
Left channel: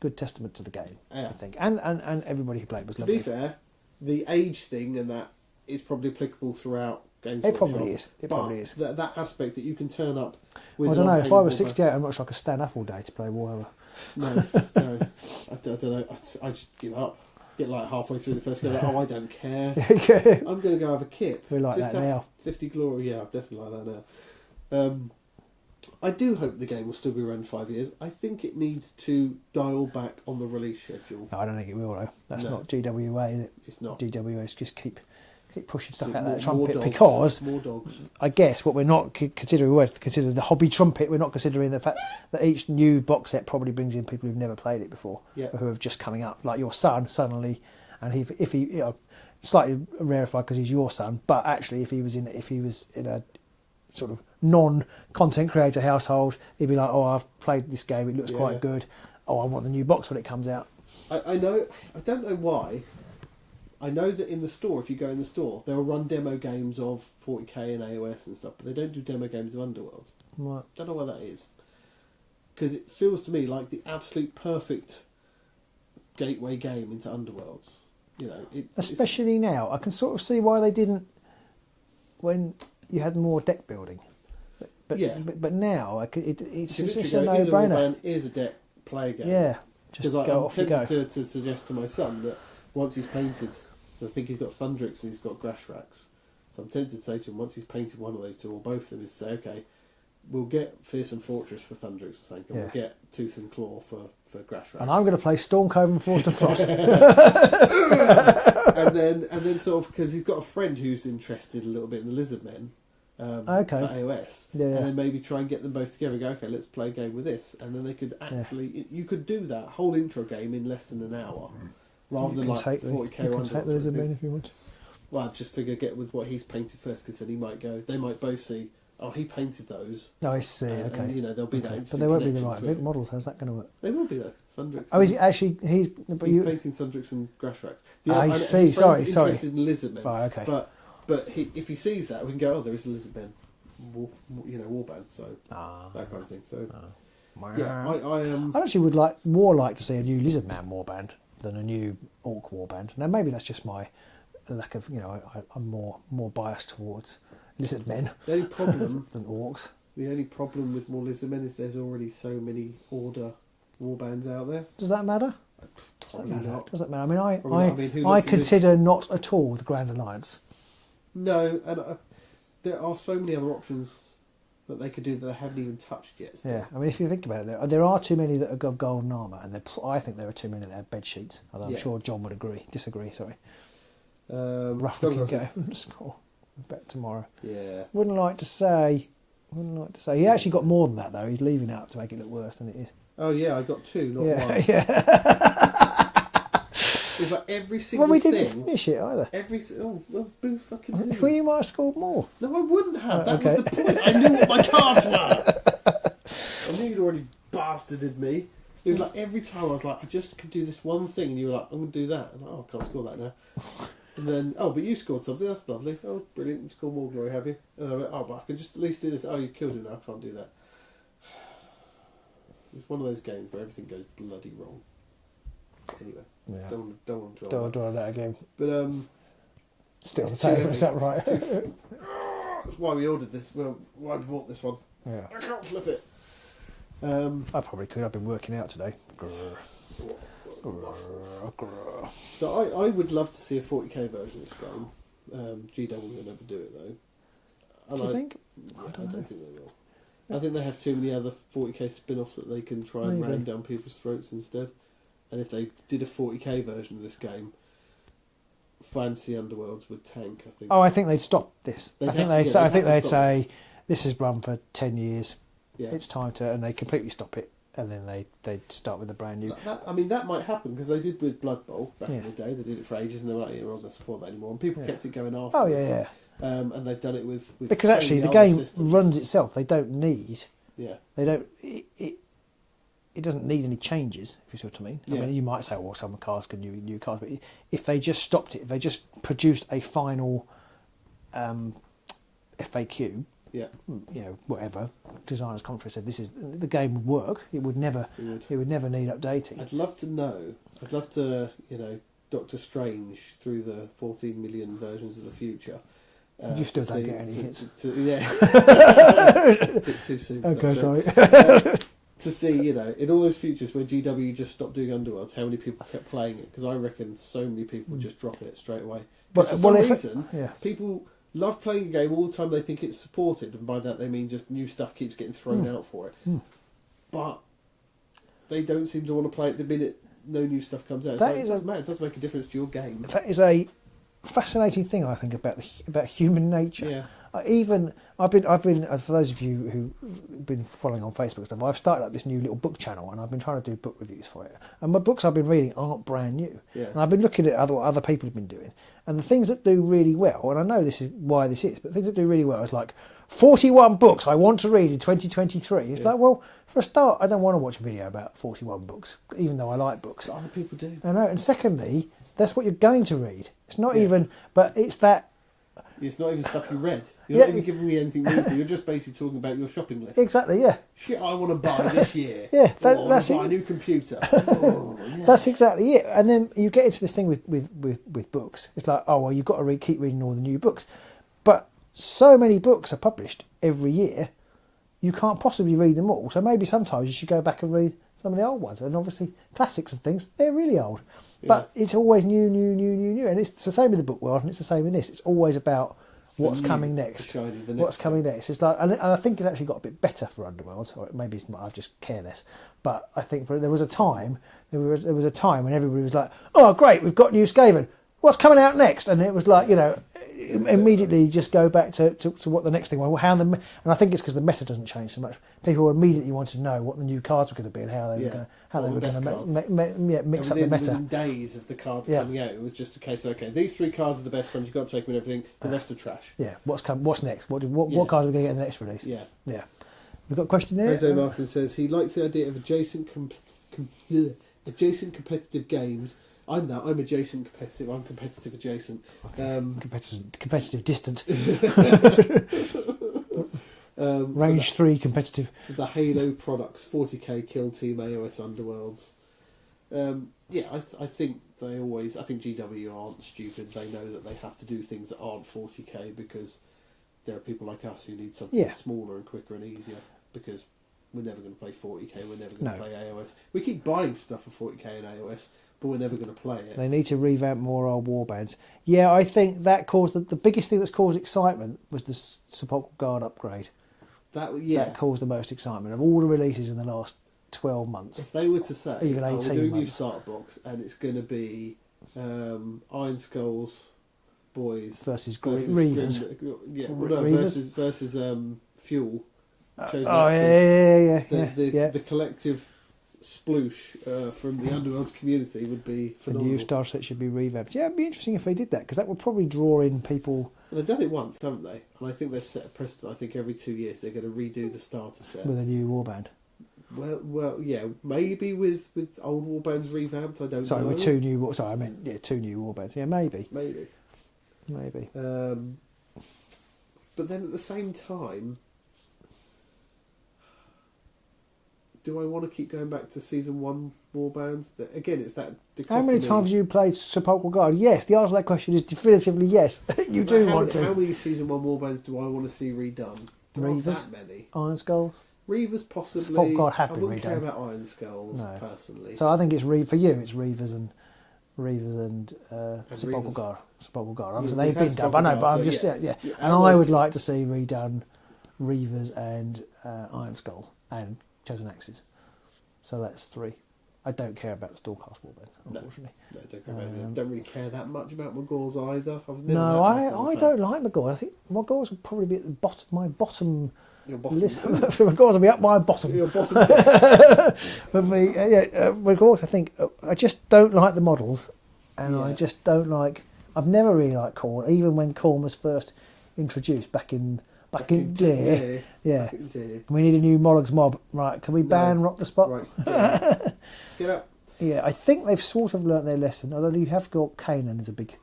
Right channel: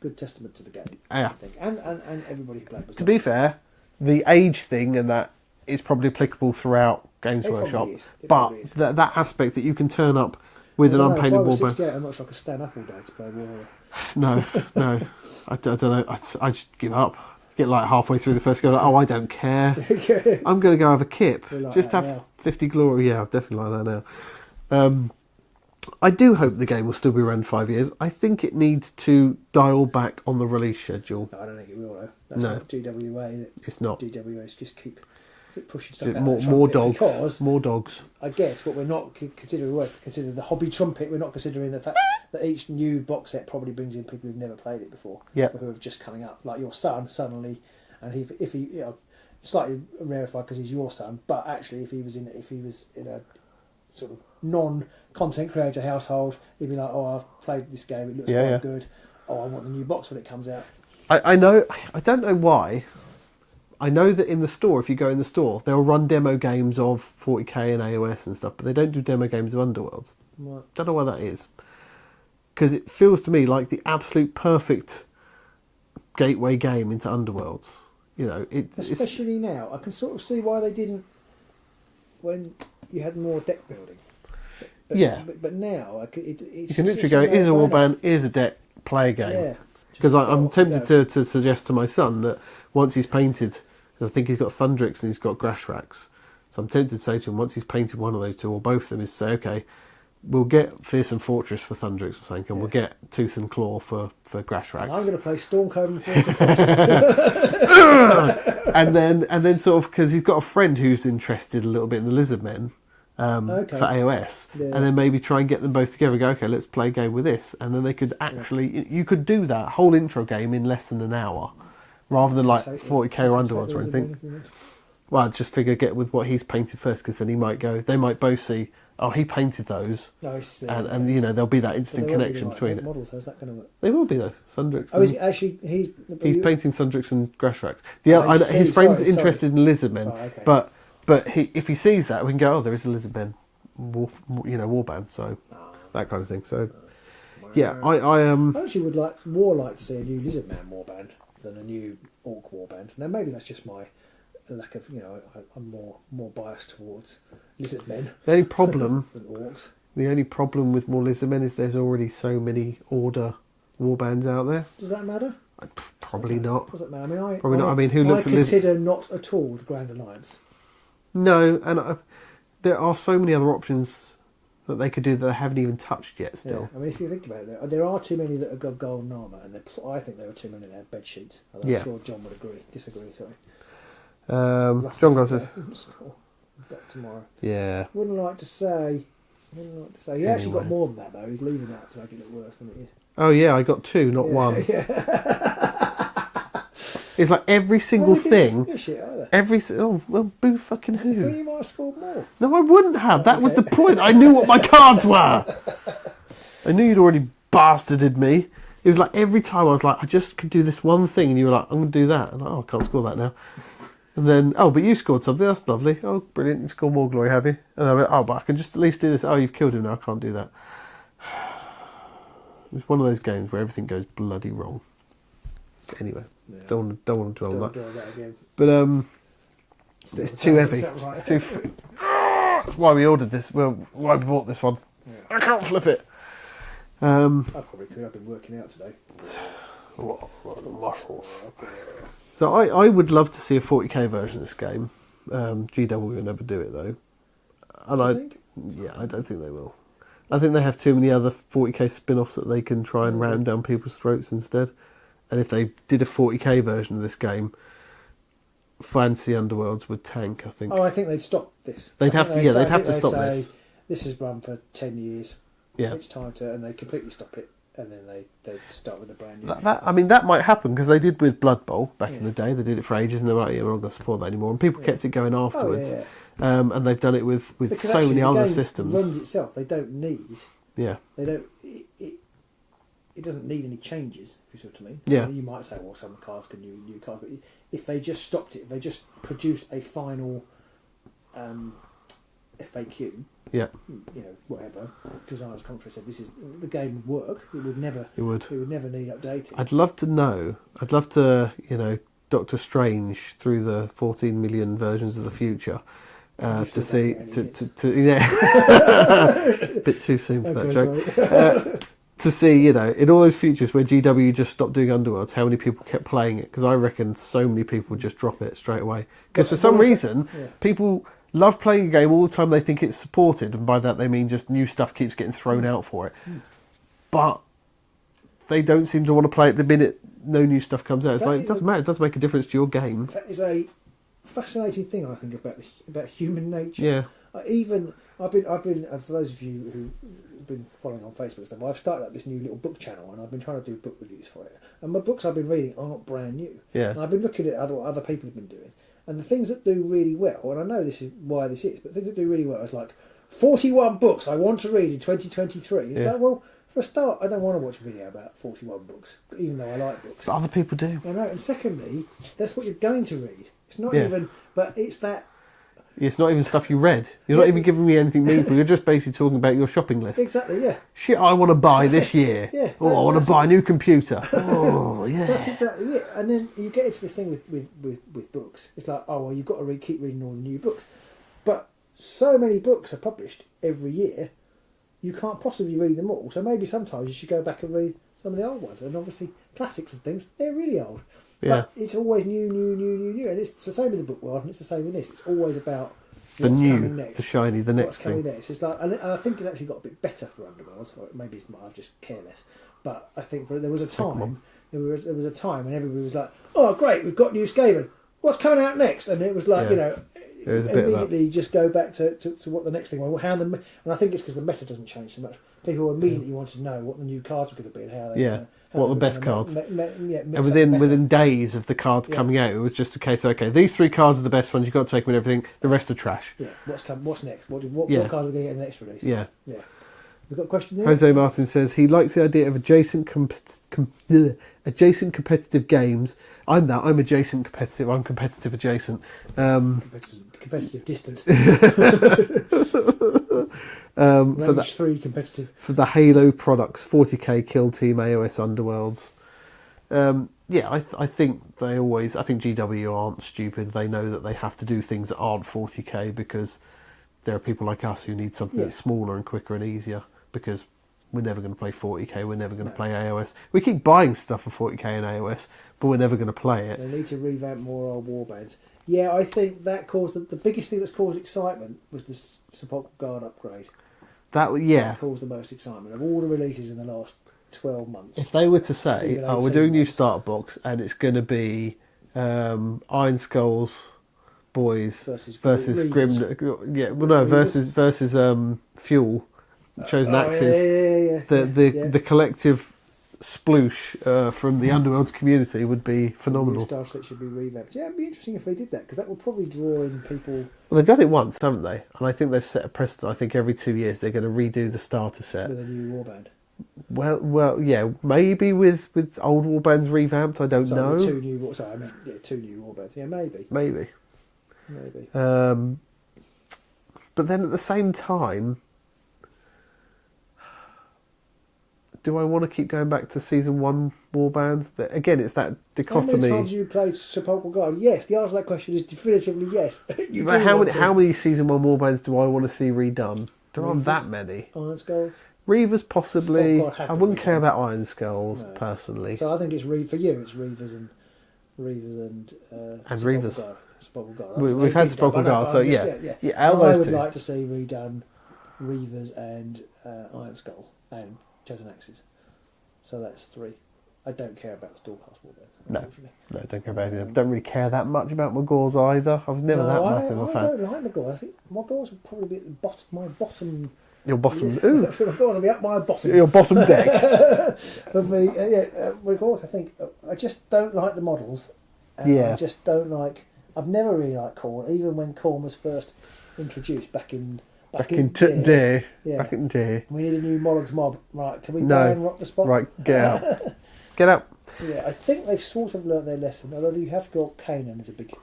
good testament to the game. Yeah. I think, and everybody who played was. To be fair, the age thing and that is probably applicable throughout Games It Workshop. probably is. It But probably is. that aspect that you can turn up with Well, an I don't know, unpainted if I was warband. 68, I'm not sure I could stand up all day to play Warrior. No. I don't know. I just give up. Get like halfway through the first go, like, oh, I don't care. I'm going to go have a kip. We're like Just that have now. 50 glory. Yeah, I'm definitely like that now. I do hope the game will still be around 5 years. I think it needs to dial back on the release schedule. No, I don't think it will though. That's No. not GWA, is it? It's not. GWA is just keep pushing stuff out. More, of that more trumpet, dogs. because More dogs. I guess what we're not considering, we're considering the hobby trumpet. We're not considering the fact that each new box set probably brings in people who've never played it before, Yeah. who have just coming up. Like your son suddenly, and if he slightly rarefied because he's your son, but actually if he was in a sort of non-content creator household, he'd be like, oh, I've played this game, it looks quite good. Oh, I want the new box when it comes out. I know. I don't know why. I know that in the store, if you go in the store, they'll run demo games of 40k and AOS and stuff, but they don't do demo games of Underworlds. Right. Don't know why that is. Because it feels to me like the absolute perfect gateway game into Underworlds. You know, Especially now, I can sort of see why they didn't when you had more deck building. But now it's you can literally go, here's a warband, here's a deck, play a game. Yeah. Because I'm tempted to suggest to my son that once he's painted, I think he's got Thundrix and he's got Grash Racks. So I'm tempted to say to him, once he's painted one of those two or both of them, is say, okay, we'll get Fearsome Fortress for Thundrix or something, and we'll get Tooth and Claw for Grash Racks. And I'm going to play Storm Cove and Force to Frost. and then sort of, because he's got a friend who's interested a little bit in the Lizardmen for AOS, and then maybe try and get them both together and go, okay, let's play a game with this. And then they could actually, you could do that whole intro game in less than an hour, rather than like 40k or Underworlds or anything. Well, I just figure get with what he's painted first, because then he might go, they might both see, oh, he painted those. Oh, I see. And you know, there'll be that instant connection between it. Models, how's that going to work? They will be though, Thundrix. Oh, is it actually, he's painting Thundrix and Grash Racks. His friend's interested in Lizardmen, but if he sees that, we can go, oh, there is a Lizardmen warband, so that kind of thing. So yeah, I actually would like to see a new Lizardman warband than a new Orc warband. Now maybe that's just my lack of, I'm more biased towards Lizardmen. The only problem than Orcs. The only problem with more Lizardmen is there's already so many Order warbands out there. Does that matter? Probably not. Does that matter? I mean, Probably not. I mean, who looks I consider not at all the Grand Alliance. No, and there are so many other options that they could do that they haven't even touched yet still. Yeah. I mean, if you think about it, there are too many that have got golden armour, and I think there are too many that have bed sheets. And I'm sure John would disagree, sorry. John Gosling. Back tomorrow. Yeah. Wouldn't like to say. He actually got more than that, though. He's leaving out to make it look worse than it is. Oh, yeah, I got 2, not 1. Yeah. It's like every single we thing. Didn't finish it either. Well, boo fucking who? I thought you might have scored more. No, I wouldn't have. That was the point. I knew what my cards were. I knew you'd already bastarded me. It was like every time I was like, I just could do this one thing, and you were like, I'm going to do that. And I can't score that now. And then, but you scored something. That's lovely. Oh, brilliant. You've scored more glory, have you? And I went, but I can just at least do this. Oh, you've killed him now. I can't do that. It's one of those games where everything goes bloody wrong. Anyway, don't want to dwell on that. That again. But it's too heavy. Right? It's too. That's why we ordered this. Well, why we bought this one. Yeah. I can't flip it. I probably could. I've been working out today. So I would love to see a 40k version of this game. GW will never do it though. And I don't think they will. I think they have too many other 40k spin-offs that they can try and ram down people's throats instead. And if they did a 40k version of this game, Fantasy Underworlds would tank, I think. Oh, I think they'd stop this. They'd have to stop say, this. this has run for 10 years. Yeah. It's time to, and they completely stop it. and then they start with a brand new. That might happen because they did with Blood Bowl back in Yeah. the day. They did it for ages, and they were like, "Yeah, we're not going to support that anymore." And people kept it going afterwards. Oh, yeah. And they've done it with Because so actually many the other game systems. runs itself. They don't need. Yeah. They don't. It doesn't need any changes. If you see what I mean. Yeah. I mean, you might say, well, some cars can new cars, but if they just stopped it, if they just produced a final FAQ. Yeah. You know, whatever designers contrary said, this is the game would work. It would never. It would. It would never need updating. I'd love to know. I'd love to, Doctor Strange through the 14 million versions of the future to see. It's a bit too soon for that joke. To see, in all those futures where GW just stopped doing Underworlds, how many people kept playing it? Because I reckon so many people would just drop it straight away. Because for some reason, people love playing a game all the time. They think it's supported, and by that they mean just new stuff keeps getting thrown out for it. But they don't seem to want to play it the minute no new stuff comes out. It's like, it doesn't matter. It doesn't make a difference to your game. That is a fascinating thing, I think, about human nature. Yeah. I've been for those of you who've been following on Facebook and stuff, I've started up this new little book channel, and I've been trying to do book reviews for it. And my books I've been reading aren't brand new. Yeah. And I've been looking at what other people have been doing, and the things that do really well, and I know this is why this is, but things that do really well is like 41 books I want to read in 2023. It's like, well, for a start, I don't want to watch a video about 41 books, even though I like books. But other people do. I know. And secondly, that's what you're going to read. It's not even, but it's that. It's not even stuff you read. You're not even giving me anything meaningful. You're just basically talking about your shopping list. Exactly, yeah. Shit I want to buy this year. Yeah. I want to buy a new computer. Oh, yeah. That's exactly it. And then you get into this thing with books. It's like, oh, well, you've got to keep reading all the new books. But so many books are published every year, you can't possibly read them all. So maybe sometimes you should go back and read some of the old ones. And obviously, classics and things, they're really old. Yeah. But it's always new. And it's the same with the book world, and it's the same with this. It's always about what's coming next. The shiny, the next what's coming next. It's like, and I think it's actually got a bit better for Underworlds, or maybe it's I've just careless. But I think there was a time when everybody was like, "Oh, great, we've got new Skaven. What's coming out next?" And it was like, immediately just go back to what the next thing was. And I think it's because the meta doesn't change so much. People immediately wanted to know what the new cards were going to be and how they what the best cards. Mix and within days of the cards coming out, it was just a case of, okay, these 3 cards are the best ones, you've got to take them and everything, the rest are trash. Yeah, what's next? What cards are we going to get in the next release? Yeah. We've got a question there? Jose Martin says he likes the idea of adjacent competitive games. I'm adjacent competitive. I'm competitive adjacent. Competitive distant. Range 3 competitive. For the Halo products, 40k, Kill Team, AOS, Underworlds. I think I think GW aren't stupid. They know that they have to do things that aren't 40k because there are people like us who need something that's smaller and quicker and easier, because we're never going to play 40k, we're never going to play AOS. We keep buying stuff for 40k and AOS, but we're never going to play it. They need to revamp more old warbands. Yeah, I think that caused the biggest thing that's caused excitement was the Sepulchral Guard upgrade. That caused the most excitement of all the releases in the last 12 months. If they were to say, we're doing new starter box and it's going to be Iron Skulls boys versus Grim, versus Fuel, Chosen Axes. The collective sploosh from the Underworld's community would be phenomenal. The new star set should be revamped. Yeah, it'd be interesting if they did that, because that would probably draw in people. Well, they've done it once, haven't they? And I think they've set a precedent. I think every 2 years they're going to redo the starter set with a new warband. Well, yeah, maybe with old warbands revamped. I don't know. With 2 new. Sorry, I mean 2 new warbands. Yeah, maybe. But then at the same time, do I want to keep going back to season 1 warbands? Again, it's that dichotomy. How many times have you played Sepulchral Guard? Yes, the answer to that question is definitively yes. How many season 1 warbands do I want to see redone? There aren't that many. Iron Skull? Reavers possibly. I wouldn't care about Iron Skulls personally. So I think it's for you. It's Reavers and Reavers. Sepulchral Guard. We've had Sepulchral Guard, so I would like to see redone Reavers and Iron Skulls and Chosen Axes. So that's 3. I don't care about the Stormcast warband, unfortunately. No, don't care about it. Don't really care that much about Magors either. I was never that massive a fan. I don't like Magors. I think Magors would probably be at the bottom. My bottom Your bottom. Regards to be up my bottom. Your bottom deck. Of me, regards, I think I just don't like the models, and I just don't like. I've never really liked Khorne, even when Khorne was first introduced back in day. Yeah. Back in day. We need a new Mollugs mob. Right, can we ban Rock the Spot? Right, get out. Get out. Yeah, I think they've sort of learnt their lesson. Although you have got Kanan as a big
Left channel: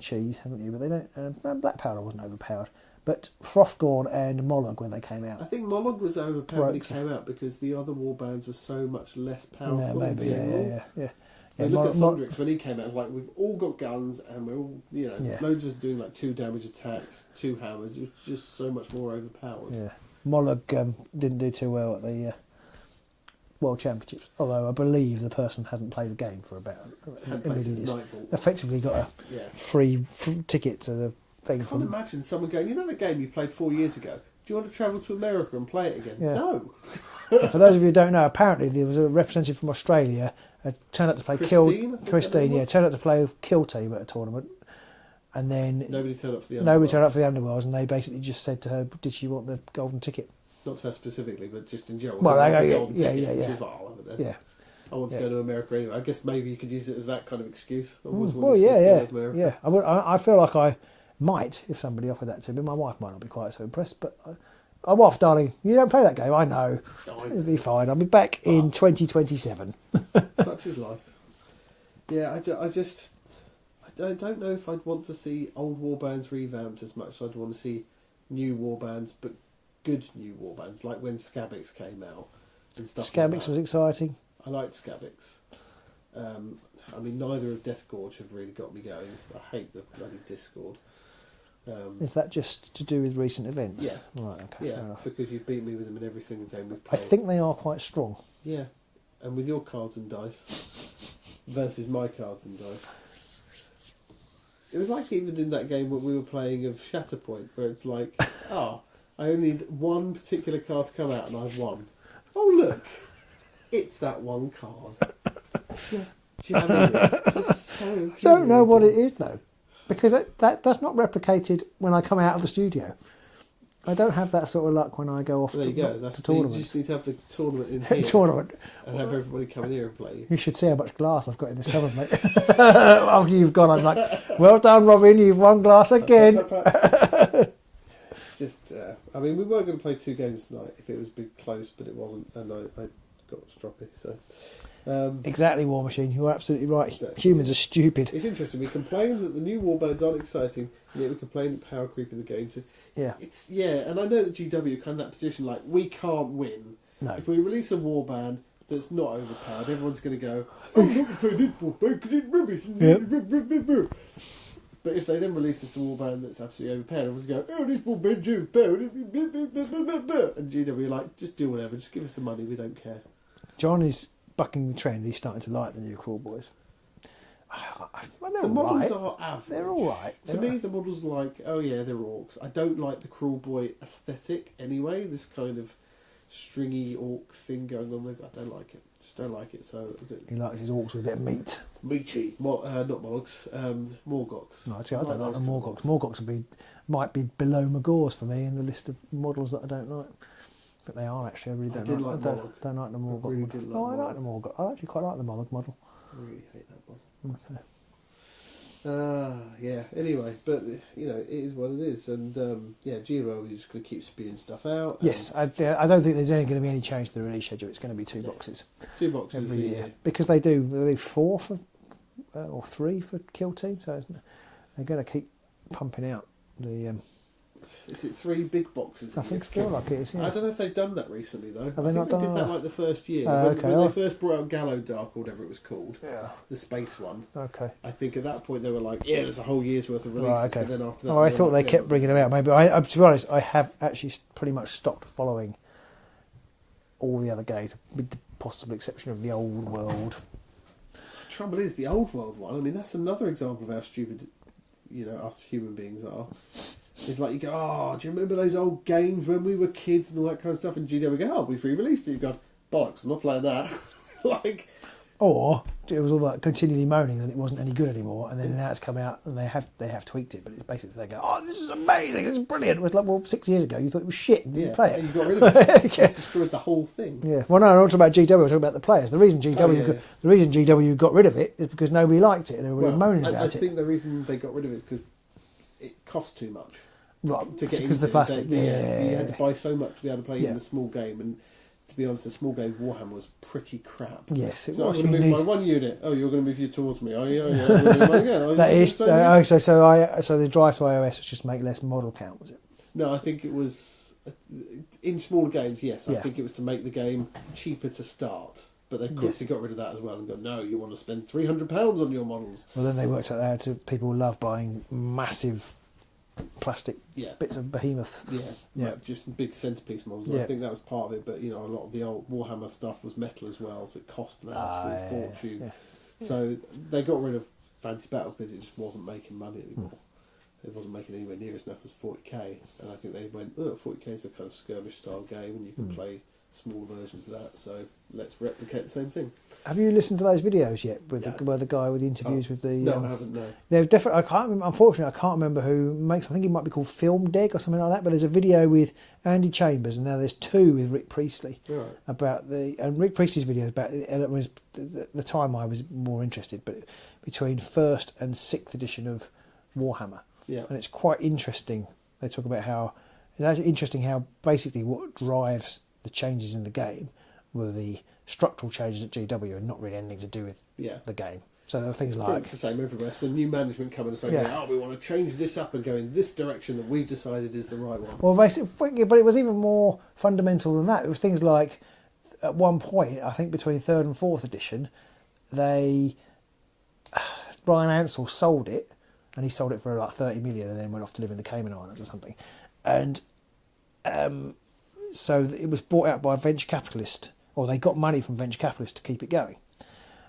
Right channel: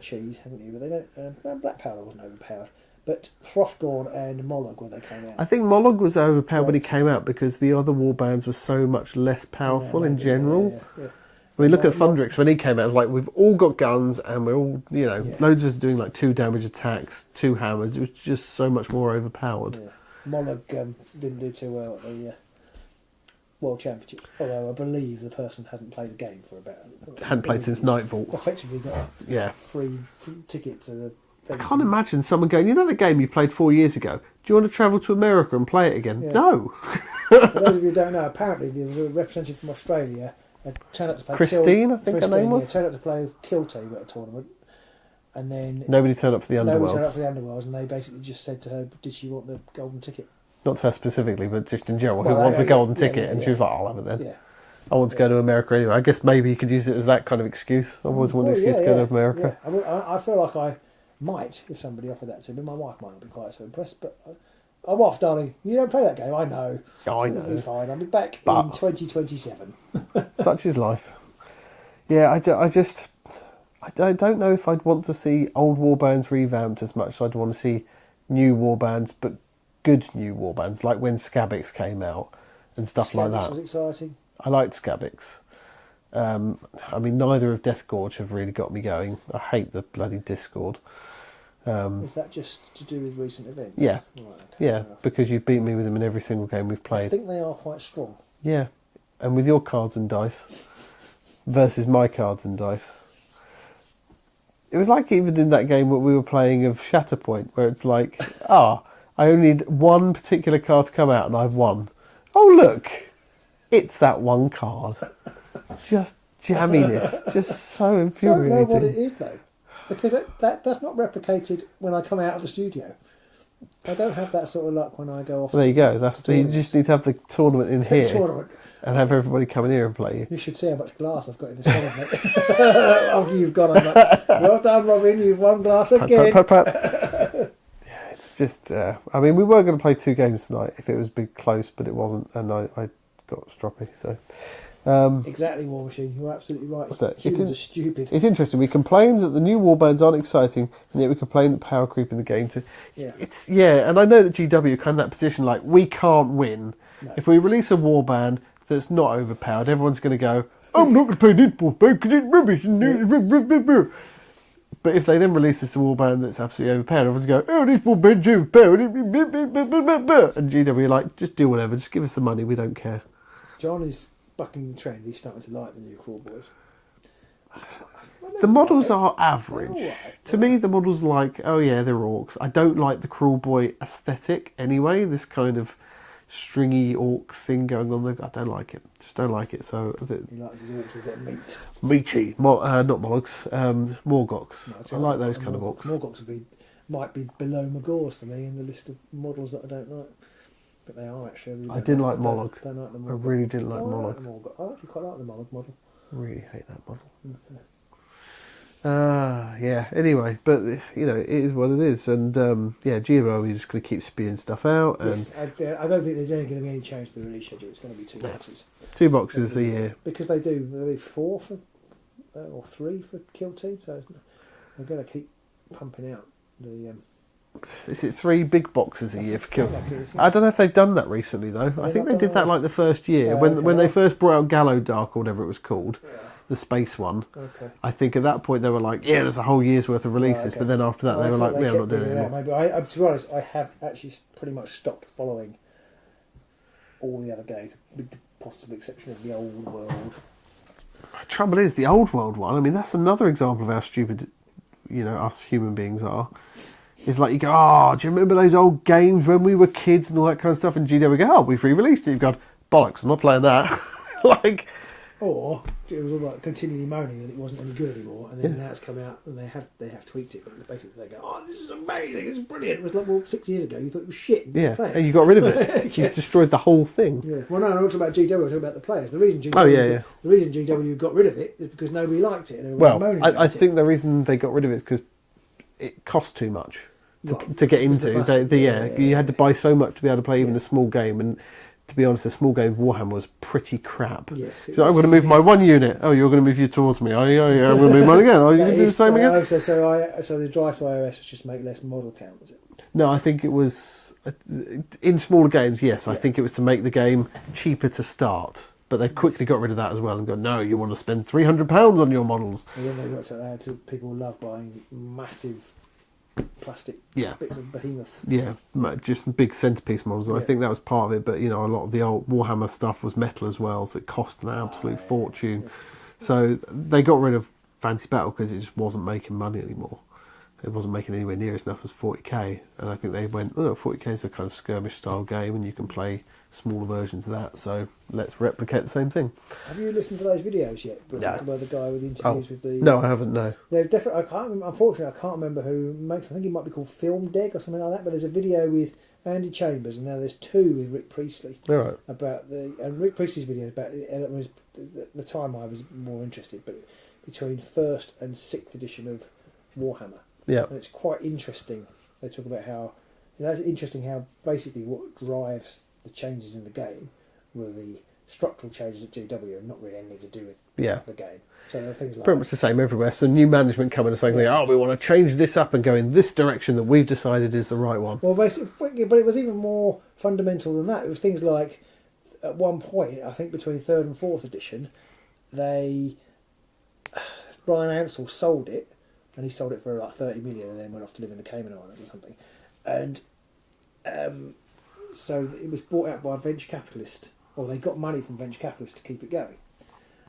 cheese, haven't you? But they don't. Black Powder wasn't overpowered. But Hrothgorn and Mollog when they came out. I think Mollog was overpowered when he came out because the other warbands were so much less powerful in general. Yeah. I mean, look at Thundrix when he came out. It was like, we've all got guns and we're all, loads of us doing like 2 damage attacks, 2 hammers. It was just so much more overpowered. Yeah. Mollog didn't do too well at the World Championships. Although I believe the person hadn't played the game for about... Hadn't played since Nightfall. Effectively got a free ticket to the... I can't imagine someone going, the game you played 4 years ago, do you want to travel to America and play it again? Yeah. No. For those of you who don't know, apparently there was a representative from Australia turned up to play Christine, I think her name was? turned up to play Kill Team at a tournament, and then nobody turned up for the Underworlds. Nobody turned up for the Underworlds, and they basically just said to her, "Did she want the golden ticket?" Not to her specifically, but just in general, who wants a golden ticket? And she was like, "I'll have it then." Yeah. I want to go to America anyway. I guess maybe you could use it as that kind of excuse. I always want an excuse to go to America. Yeah. I feel like I might, if somebody offered that to me. My wife might not be quite so impressed, but I'm off, darling. You don't play that game. I know. I know. It'll be fine. I'll be back in 2027. Such is life. Yeah, I don't know if I'd want to see old warbands revamped as much as I'd want to see new warbands, but good new warbands, like when Skabbix came out and stuff like that. Skabbix was exciting. I liked Skabbix. I mean, neither of Deathgorge have really got me going. I hate the bloody Discord. Is that just to do with recent events? Yeah. Right, okay, yeah, because you beat me with them in every single game we've played. I think they are quite strong. Yeah, and with your cards and dice versus my cards and dice. It was like even in that game what we were playing of Shatterpoint, where it's like, I only need one particular card to come out and I've won. Oh, look, it's that one card. Just jamminess, just so infuriating. I don't know what it is, though, because that's not replicated when I come out of the studio. I don't have that sort of luck when I go off. There you go. You just need to have the tournament in here. And have everybody come in here and play you. You should see how much glass I've got in this tournament. After you've gone, I'm like, well done, Robin, you've won glass again. Yeah, it's just, I mean, we were going to play 2 games tonight if it was big close, but it wasn't, and I got stroppy, so... exactly, War Machine, you're absolutely right. Humans are stupid. It's interesting, we complain that the new warbands aren't exciting, and yet we complain that power creep in the game too. Yeah. And I know that GW are kind of in that position, like, we can't win. No. If we release a warband that's not overpowered, everyone's going to go, I'm not going to play this warband because it's rubbish. But if they then release this warband that's absolutely overpowered, everyone's going to go, this warband's overpowered. And GW are like, just do whatever, just give us the money, we don't care. John is bucking the trend, he's starting to like the new Crawl Boys. The models are average. Right. To me, the models are like, they're orcs. I don't like the Crawl Boy aesthetic anyway, this kind of stringy orc thing going on there. I don't like it. Just don't like it. So he likes his orcs with a bit of meat. Meaty. not Mollugs. Morgoks. Right, I like those kind of orcs. Morgoks might be below Magors for me in the list of models that I don't like. But they are actually. I didn't like Mollog. Don't like the Morgok. I really didn't like Mollog. I like the Morgok. I actually quite like the Mollog model. I really hate that model. Okay. Anyway, but it is what it is, and GMO, we're just going to keep spewing stuff out. And yes, I don't think there's going to be any change to the release schedule. It's going to be 2 boxes. 2 boxes a year because they do 4 for or 3 for Kill Team, so they're going to keep pumping out the. Is it 3 big boxes a year for Kill Team? Like it is, I don't know if they've done that recently though. I think they did that like the first year when they first brought out Gallo Dark or whatever it was called. Yeah. The space one. Okay. I think at that point they were like, there's a whole year's worth of releases, but then after that, I thought they kept bringing them out. Maybe to be honest, I have actually pretty much stopped following all the other games, with the possible exception of the Old World. The trouble is, the Old World one. I mean, that's another example of how stupid, us human beings are. It's like you go, do you remember those old games when we were kids and all that kind of stuff? And GW go, we've re-released it. You've gone, bollocks, I'm not playing that. or it was all like continually moaning that it wasn't any good anymore, and then now it's come out and they have tweaked it, but basically they go, oh, this is amazing, it's brilliant. It was like, well, 6 years ago you thought it was shit, and you didn't play it. And you got rid of it. You destroyed the whole thing. Yeah. Well, no, I'm not talking about GW. I'm talking about the players. The reason GW got rid of it is because nobody liked it and they were moaning about it. I think the reason they got rid of it is because it cost too much to get into. You had to buy so much to be able to play even a small game, and to be honest, a small game of Warhammer was pretty crap. Yes. So I'm going to move my one unit. Oh, you're going to move you towards me. Oh, yeah, I'm going to move mine again. Oh, you're going to do the same again. So the drive to iOS was just to make less model count, was it? No, I think it was in smaller games. Yes, I think it was to make the game cheaper to start. But they quickly got rid of that as well and go, no, you want to spend £300 on your models. Well, then they worked out how people love buying massive plastic bits of behemoths. Yeah, just big centerpiece models. I think that was part of it. But, you know, a lot of the old Warhammer stuff was metal as well, so it cost an absolute fortune. Yeah. So they got rid of Fantasy Battle because it just wasn't making money anymore. It wasn't making anywhere near as enough as 40k. And I think they went, 40k is a kind of skirmish style game and you can play smaller versions of that, so let's replicate the same thing. Have you listened to those videos yet? Where the guy with the interviews with the... No, I haven't, no. They've definitely... Unfortunately, I can't remember who makes them. I think it might be called Film Dig or something like that, but there's a video with Andy Chambers, and now there's two with Rick Priestley. All right. And Rick Priestley's video about... It was the time I was more interested, but between 1st and 6th edition of Warhammer. Yeah. And it's quite interesting. They talk about how... It's actually interesting how basically what drives the changes in the game were the structural changes at GW and not really anything to do with the game. So there are things like... Pretty much the same everywhere. So new management come in and say, we want to change this up and go in this direction that we've decided is the right one. Well, basically, but it was even more fundamental than that. It was things like, at one point, I think between 3rd and 4th edition, Brian Ansell sold it, and he sold it for like 30 million and then went off to live in the Cayman Islands or something. And... so it was bought out by a venture capitalist, or they got money from venture capitalists to keep it going.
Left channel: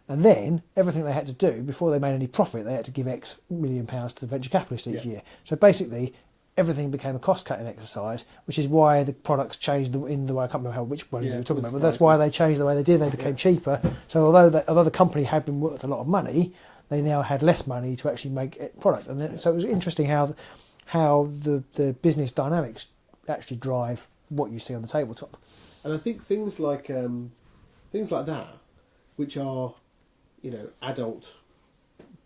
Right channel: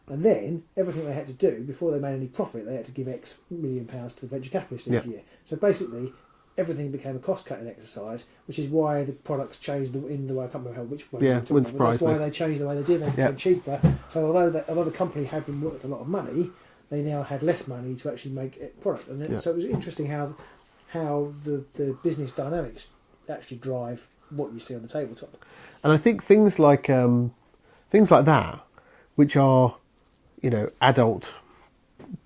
And then everything they had to do before they made any profit, they had to give X million pounds to the venture capitalist each year. So basically, everything became a cost-cutting exercise, which is why the products changed in the way. I can't remember which ones you were talking about, but that's why they changed the way they did. They became cheaper. So although the company had been worth a lot of money, they now had less money to actually make it product. And then, so it was interesting how the business dynamics actually drive what you see on the tabletop. And I think things like that, which are, you know, adult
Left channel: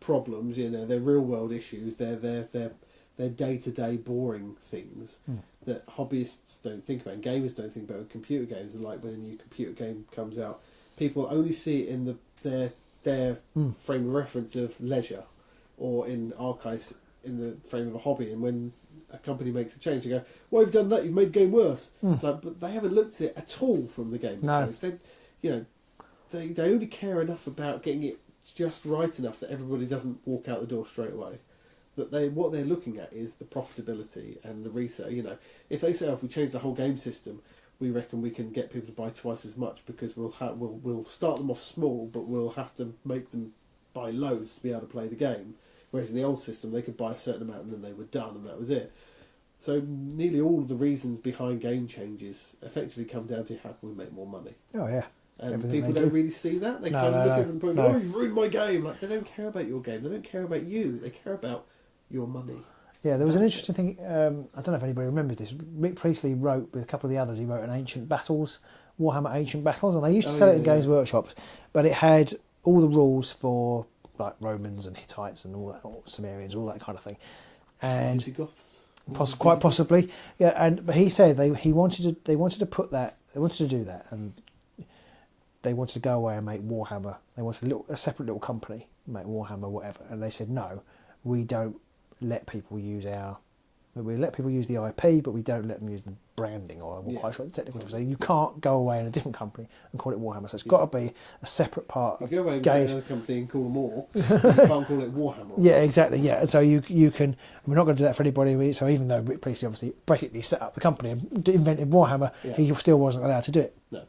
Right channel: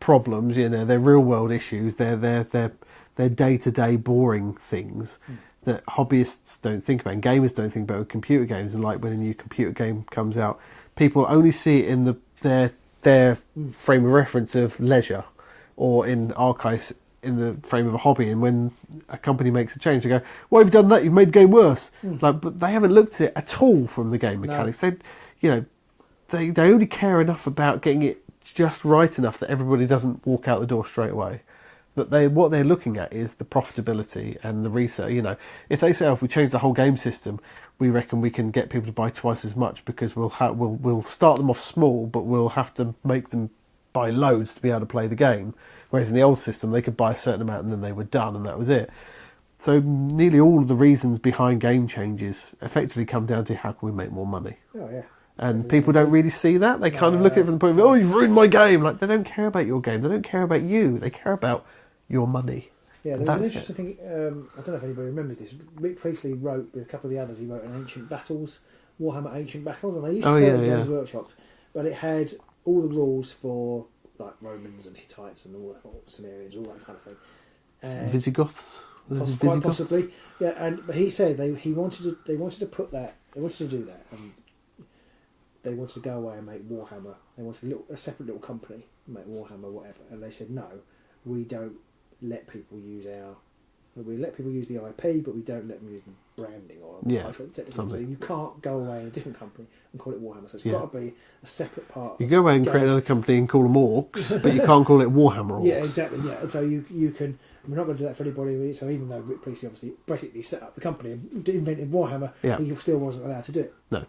problems, you know, they're real world issues, they're day-to-day boring things that hobbyists don't think about and gamers don't think about with computer games. And like when a new computer game comes out, people only see it in their frame of reference of leisure, or in our case in the frame of a hobby. And when a company makes a change, they go, "Well, you've done that. You've made the game worse." But they haven't looked at it at all from the game mechanics. No. They only care enough about getting it just right enough that everybody doesn't walk out the door straight away. That what they're looking at is the profitability and the research. You know, if they say, "Oh, if we change the whole game system, we reckon we can get people to buy twice as much because we'll start them off small, but we'll have to make them buy loads to be able to play the game." Whereas in the old system, they could buy a certain amount and then they were done, and that was it. So nearly all of the reasons behind game changes effectively come down to how can we make more money. Oh yeah. And people don't really see that. They kind of look at it from the point of, "Oh, you've ruined my game." Like, they don't care about your game. They don't care about you. They care about your money. Yeah, there was an interesting thing. I don't know if anybody remembers this. Rick Priestley wrote, with a couple of the others, he wrote an Ancient Battles, Warhammer Ancient Battles, and they used to sell it at Games Workshops. But it had all the rules for like Romans and Hittites and all that, or Sumerians, all that kind of thing. And Visigoths, quite possibly, yeah. But he said they wanted to do that, and they wanted to go away and make Warhammer. They wanted a separate little company, make Warhammer, whatever. And they said, "No, we don't let people use we let people use the IP, but we don't let them use the branding," or I'm not quite sure the technical. So you can't go away in a different company and call it Warhammer. So it's got to be a separate part. You go away and create another company and call them Orcs, but you can't call it Warhammer Orcs. Yeah, exactly. Yeah, and so you can. We're not going to do that for anybody. So even though Rick Priestley obviously basically set up the company and invented Warhammer, he still wasn't allowed to do it. No.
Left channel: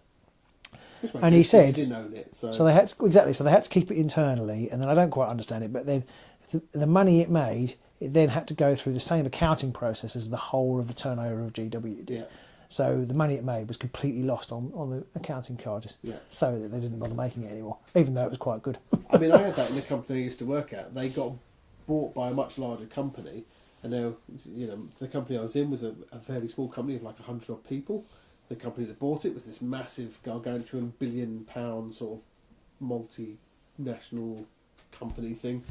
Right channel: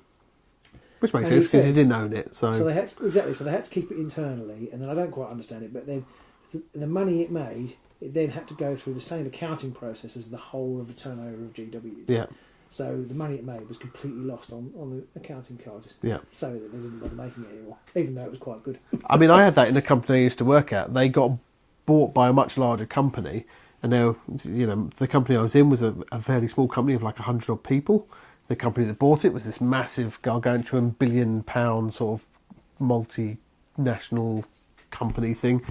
Which makes sense because he didn't own it. So they had to keep it internally, and then I don't quite understand it, but then the money it made, it then had to go through the same accounting process as the whole of the turnover of GW. Yeah. So the money it made was completely lost on the accounting charges. Yeah. So that they didn't bother making it anymore, even though it was quite good. I mean, I had that in a company I used to work at. They got bought by a much larger company, and now, the company I was in was a fairly small company of like 100 odd people. The company that bought it was this massive, gargantuan, £1 billion sort of multinational company thing.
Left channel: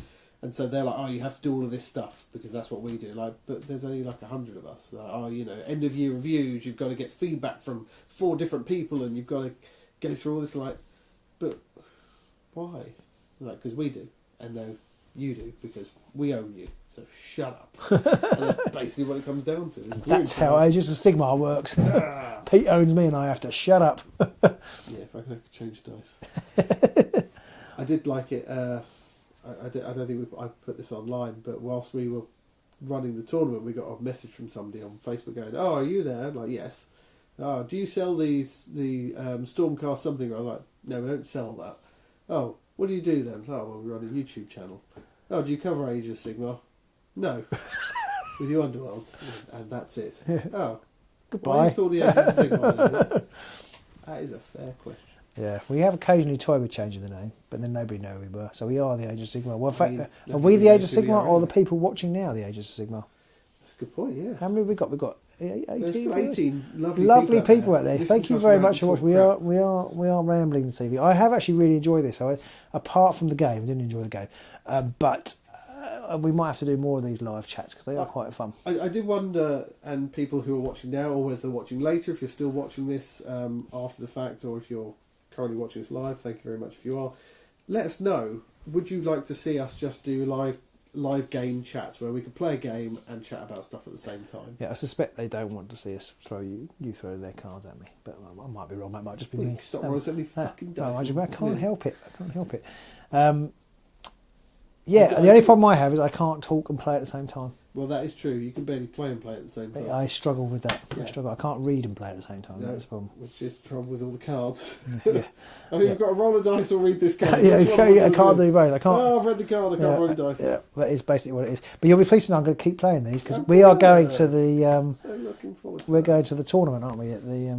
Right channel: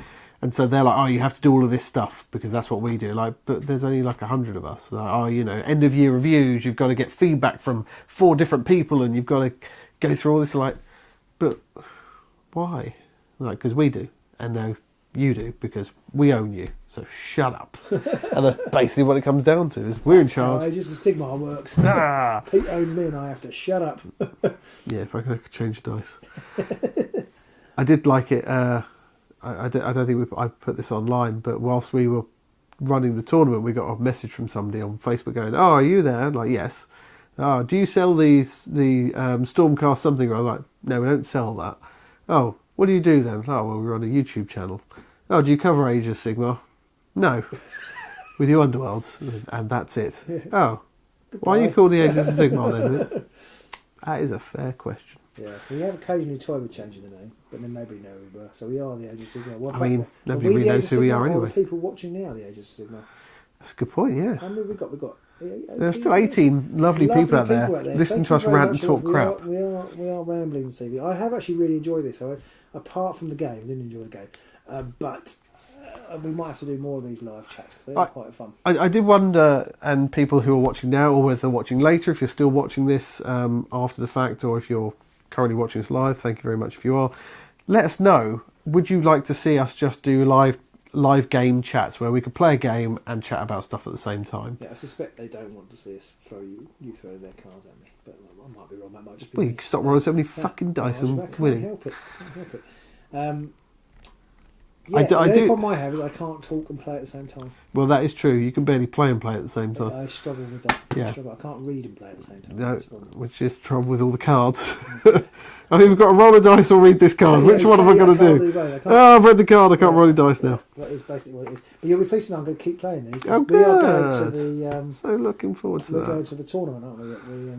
And so they're like, oh, you have to do all of this stuff because that's what we do. Like, but there's only like 100 of us. Like, oh, end of year reviews, you've got to get feedback from 4 different people, and you've got to go through all this. Like, but why? Like, because we do, and now you do because we own you. So shut up. And that's basically what it comes down to. Is we're in That's how charge. Aegis of Sigmar works. Pete owns me, and I have to shut up. Yeah, if I could change dice. I did like it. I don't think I put this online, but whilst we were running the tournament, we got a message from somebody on Facebook going, "Oh, are you there?" I'm like, yes. "Oh, do you sell the Stormcast something?" I'm like, "No, we don't sell that." "Oh, what do you do then?" "Oh, well, we run a YouTube channel." "Oh, do you cover Age of Sigmar?" "No, we do Underworlds, and that's it." "Oh, Goodbye. why are you called the Age of Sigmar then?" That is a fair question. Yeah, we have occasionally toyed with changing the name, but then nobody knew who we were. So we are the Age of Sigmar. Well, in I mean, fact, are nobody we really the Age knows of who we Sigmar, are or the anyway. people watching now the Age of Sigmar? That's a good point, yeah. How many have we got? We've got 18. There's still 18 lovely people out there. Listen Thank to you us very rant much and talk for crap. we are rambling this evening. I have actually really enjoyed this. Apart from the game, I didn't enjoy the game, but we might have to do more of these live chats because they are quite fun. I did wonder, and people who are watching now or whether they're watching later, if you're still watching this after the fact or if you're currently watching this live, thank you very much if you are. Let us know, would you like to see us just do live game chats where we could play a game and chat about stuff at the same time? Yeah, I suspect they don't want to see us throw their cards at me, but I might be wrong. That might just be. Well, you can stop rolling so many fucking dice. I and can't win. help it. Yeah, the only problem I have is I can't talk and play at the same time. Well, that is true. You can barely play and play at the same time. I struggle with that. Yeah. I can't read and play at the same time. No, That's the problem. which is the trouble with all the cards. I've either got to roll a dice or read this card. Yeah, Which one am I going to can't do? both. I can't. Oh, I've read the card. I can't roll a dice now. That is basically what it is. But you'll be pleased to know I'm going to keep playing these because Oh, we are going good. to the. So looking forward to We're that. going to the tournament, aren't we? At the.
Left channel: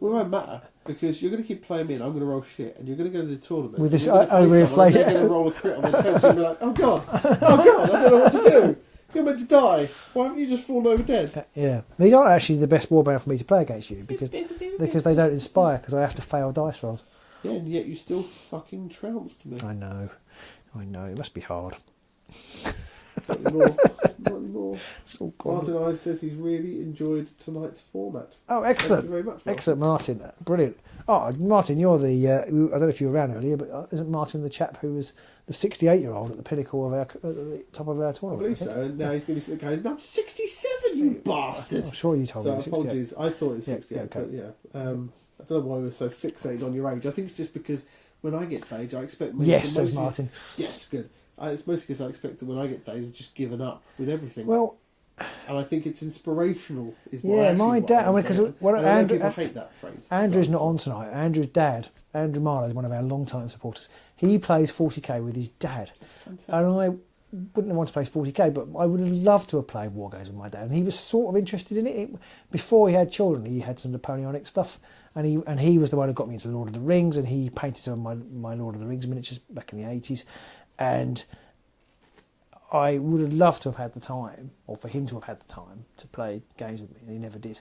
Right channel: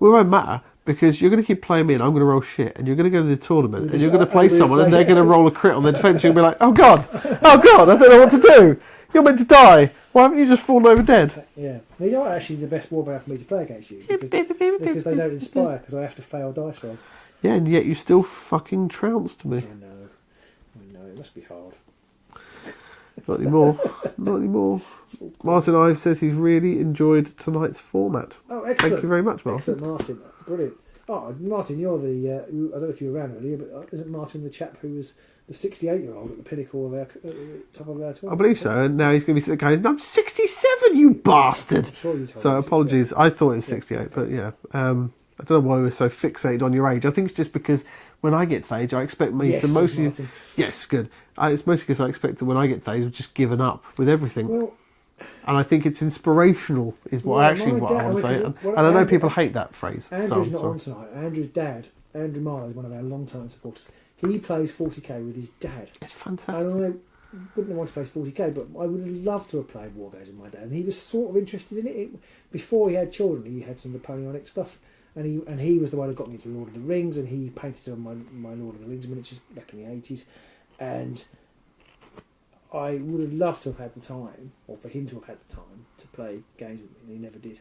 Well, it won't matter because you're going to keep playing me and I'm going to roll shit and you're going to go to the tournament With and this you're going to play overinflated- someone and they're going to roll a crit on their defence. You're going to be like, oh God, I don't know what to do. You're meant to die. Why haven't you just fallen over dead? Yeah, these aren't actually the best warband for me to play against you because they don't inspire because I have to fail dice rolls. Yeah, and yet you still fucking trounced me. I know. It must be hard. Not anymore. Not anymore. Martin Ives says he's really enjoyed tonight's format. Oh, excellent! Thank you very much, Martin. Excellent, Martin. Brilliant. Oh, Martin, you're the. I don't know if you were around earlier, but isn't Martin the chap who was the 68-year-old at the pinnacle of our, at the top of our tournament? I believe so, and now he's going to be sitting there going, I'm 67, you bastard! I'm sure you told me. So it was apologies, I thought it was Yeah, 68, okay. but yeah. I don't know why we're so fixated on your age. I think it's just because when I get to age, I expect me Yes, to says mostly... Martin. Yes, good. It's mostly because I expect that when I get to age, I've just given up with everything. Well, and I think it's inspirational, is what Yeah, actually my what dad- I I want mean, to say. 'cause what And I know Andrew- people hate that phrase. Andrew's so not I'm on tonight. Andrew's dad, Andrew Marlowe, is one of our long-time supporters. He plays 40k with his dad. It's fantastic. And I wouldn't have wanted to play 40k, but I would have loved to have played War Games with my dad. And he was sort of interested in it. Before he had children, he had some Napoleonic stuff. And he was the one who got me into Lord of the Rings, and he painted some of my Lord of the Rings miniatures back in the 80s. And I would have loved to have had the time, or for him to have had the time, to play games with me, and he never did.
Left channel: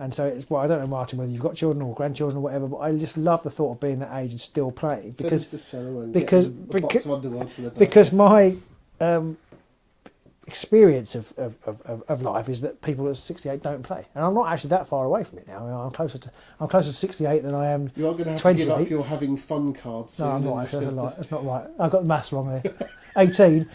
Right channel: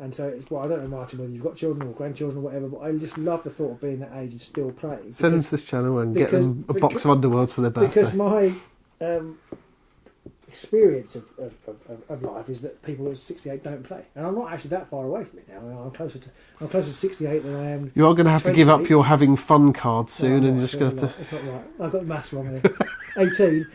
And so it's, well, I don't know, Martin, whether you've got children or grandchildren or whatever, but I just love the thought of being that age and still playing. Send them to this channel and get because- them a box of Underworlds for their birthday. Because my experience of life is that people at 68 don't play, and I'm not actually that far away from it now. I'm closer to 68 than I am. You are going to have to give up 28. your having fun card No, soon, I'm and not, just that's go not to. right. It's not right. I've got the maths wrong there. 18.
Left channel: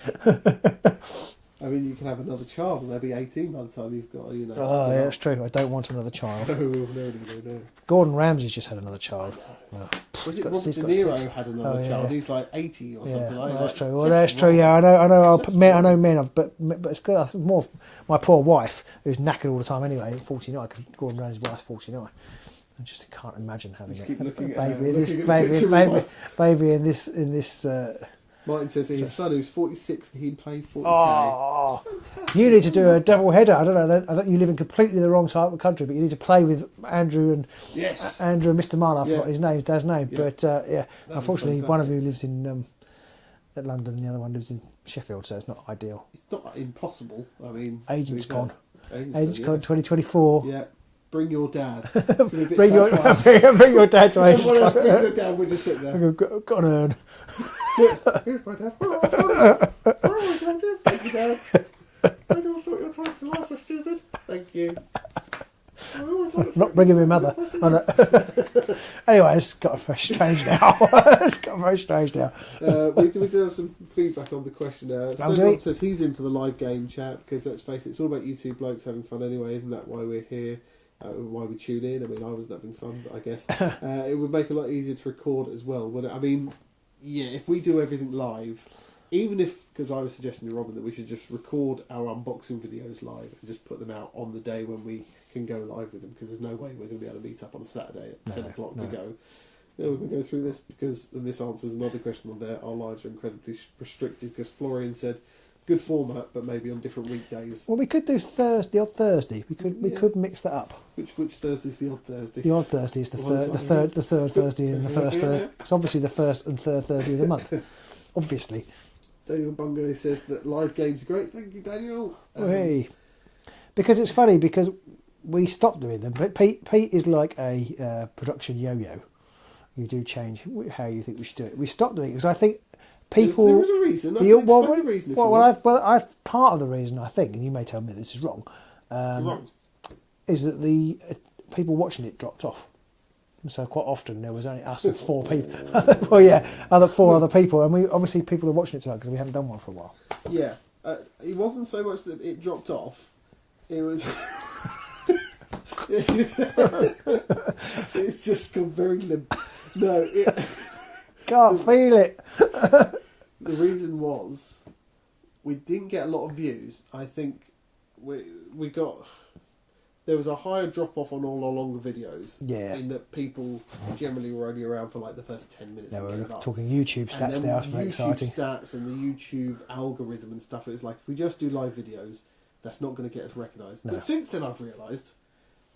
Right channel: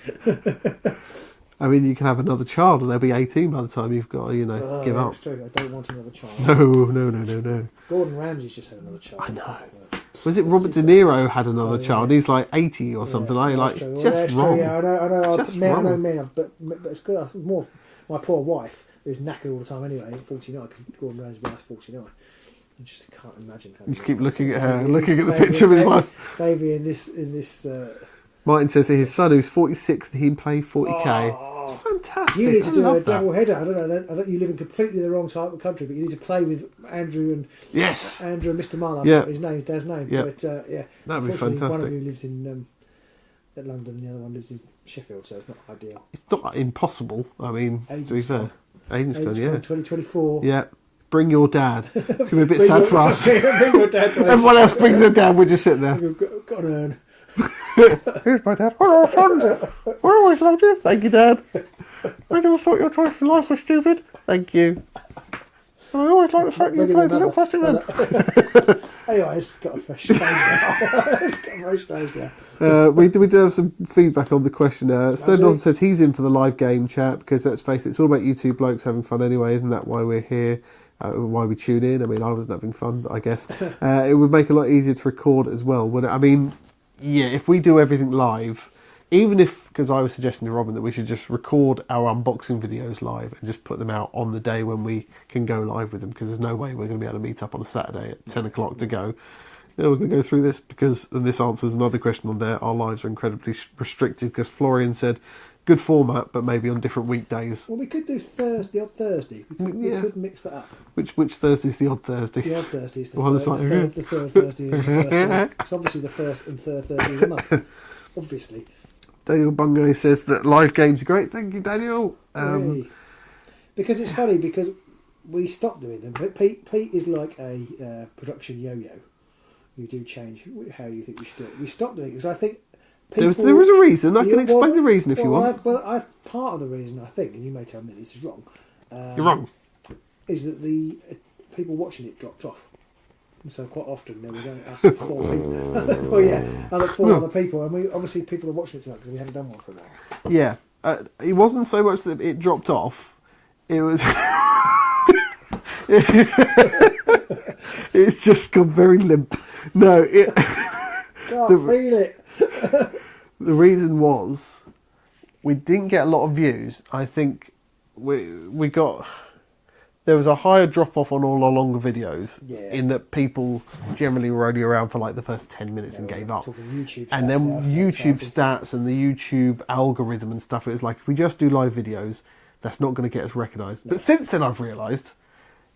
I mean, you can have another child, and they'll be 18 by the time you've got to, give up. That's true. I don't want another child. No. Gordon Ramsay's just had another child. I know. Oh. Was it Got Robert six- De got Niro six. had another Oh, yeah. child? He's like 80 or something. Yeah, Like, that's true. Well, just that's wrong. true. Yeah, I know. Just I know wrong. men, but it's good. I think more of my poor wife, who's knackered all the time anyway, at 49, because Gordon Ramsay's wife's 49. I just can't imagine having. You just keep looking at a her, baby- looking at the baby- picture of his baby- wife. Baby in this. Martin says that his son, who's 46, he can play 40k. Oh, fantastic. you need to I do a love that. double header. I don't know. You live in completely the wrong type of country, but you need to play with Andrew and Yes. Andrew and Mr. Mann. I Yeah. forgot his name, dad's name. Yeah. But That'd be unfortunately, one of fantastic. you lives in at London, the other one lives in Sheffield, so it's not ideal. It's not impossible. I mean, to be Agent's fair. gone. Agent's Agent's gone, gone, 2024. yeah. Bring your dad. It's going to be a bit Bring sad your, for us. bring your dad to Everyone else brings their dad, we just sit there. Got an urn. Here's my dad. Hello, son. I always loved you. Thank you, Dad. I never thought your choice in life was stupid. Thank you. I always like the fact Bring you him played a with mother. a plastic man. Anyway, it's got very strange now. It's got very strange now. We did have some feedback on the questionnaire. do we? Stone says he's in for the live game chat because let's face it, it's all about you two blokes having fun anyway. Isn't that why we're here? Why we tune in? I mean, I wasn't having fun, I guess. It would make it a lot easier to record as well. Would it? I mean, yeah, if we do everything live, even if, because I was suggesting to Robin that we should just record our unboxing videos live and just put them out on the day when we can go live with them, because there's no way we're going to be able to meet up on a Saturday at 10 o'clock to go. Yeah, we're going to go through this because, and this answers another question on there, our lives are incredibly restricted because Florian said, good format, but maybe on different weekdays. Well, we could do the odd Thursday. We could mix that up. Which Thursday's the odd Thursday? The odd Thursday is the Well, third Thursday and the first day. It's obviously the first and third Thursday of the month. Obviously. Daniel Bungay says that live games are great. Thank you, Daniel. Hey. Because it's funny, because we stopped doing them. But Pete is like a production yo-yo. You do change how you think we should do it. We stopped doing it because I think people... There was a reason. I can explain the reason if you want. Part of the reason, I think, and you may tell me this is wrong, You're wrong. is that the people watching it dropped off. So quite often there was only us and 4 people. Oh yeah, other 4 other people, and we obviously people are watching it tonight because we haven't done one for a while. Yeah. It wasn't so much that it dropped off. It was... It's just gone very limp. No, Can't feel it. the reason was we didn't get a lot of views. I think we got... There was a higher drop-off on all our longer videos, in that people generally were only around for like the first 10 minutes and gave up. Talking YouTube stats And then now, it's YouTube exciting. stats and the YouTube algorithm and stuff, it was like, if we just do live videos, that's not going to get us recognised. No. But since then I've realised,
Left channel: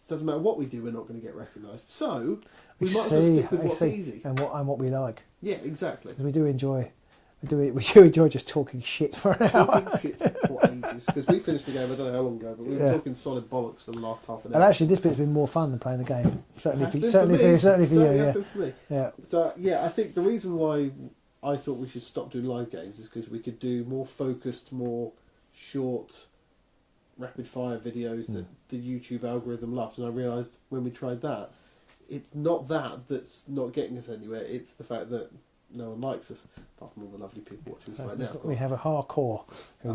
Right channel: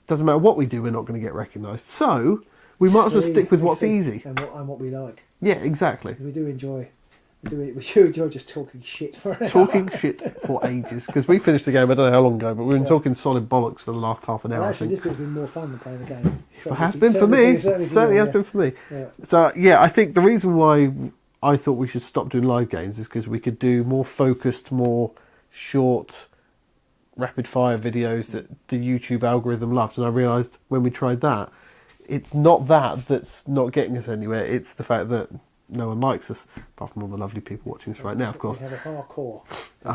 doesn't matter what we do, we're not going to get recognised. So we might as well stick with what's easy. And what we like. Yeah, exactly. We do enjoy... We do enjoy just talking shit for an hour. Talking shit for ages. Because we finished the game, I don't know how long ago, but we've been talking solid bollocks for the last half an hour. And actually, this bit's been more fun than playing the game. It has been for me. Certainly has been for me. Yeah. So, yeah, I think the reason why I thought we should stop doing live games is because we could do more focused, more short, rapid-fire videos that the YouTube algorithm loved. And I realised when we tried that, it's not that's not getting us anywhere. It's the fact that no one likes us, apart from all the lovely people watching us right now, of course. We have a hardcore.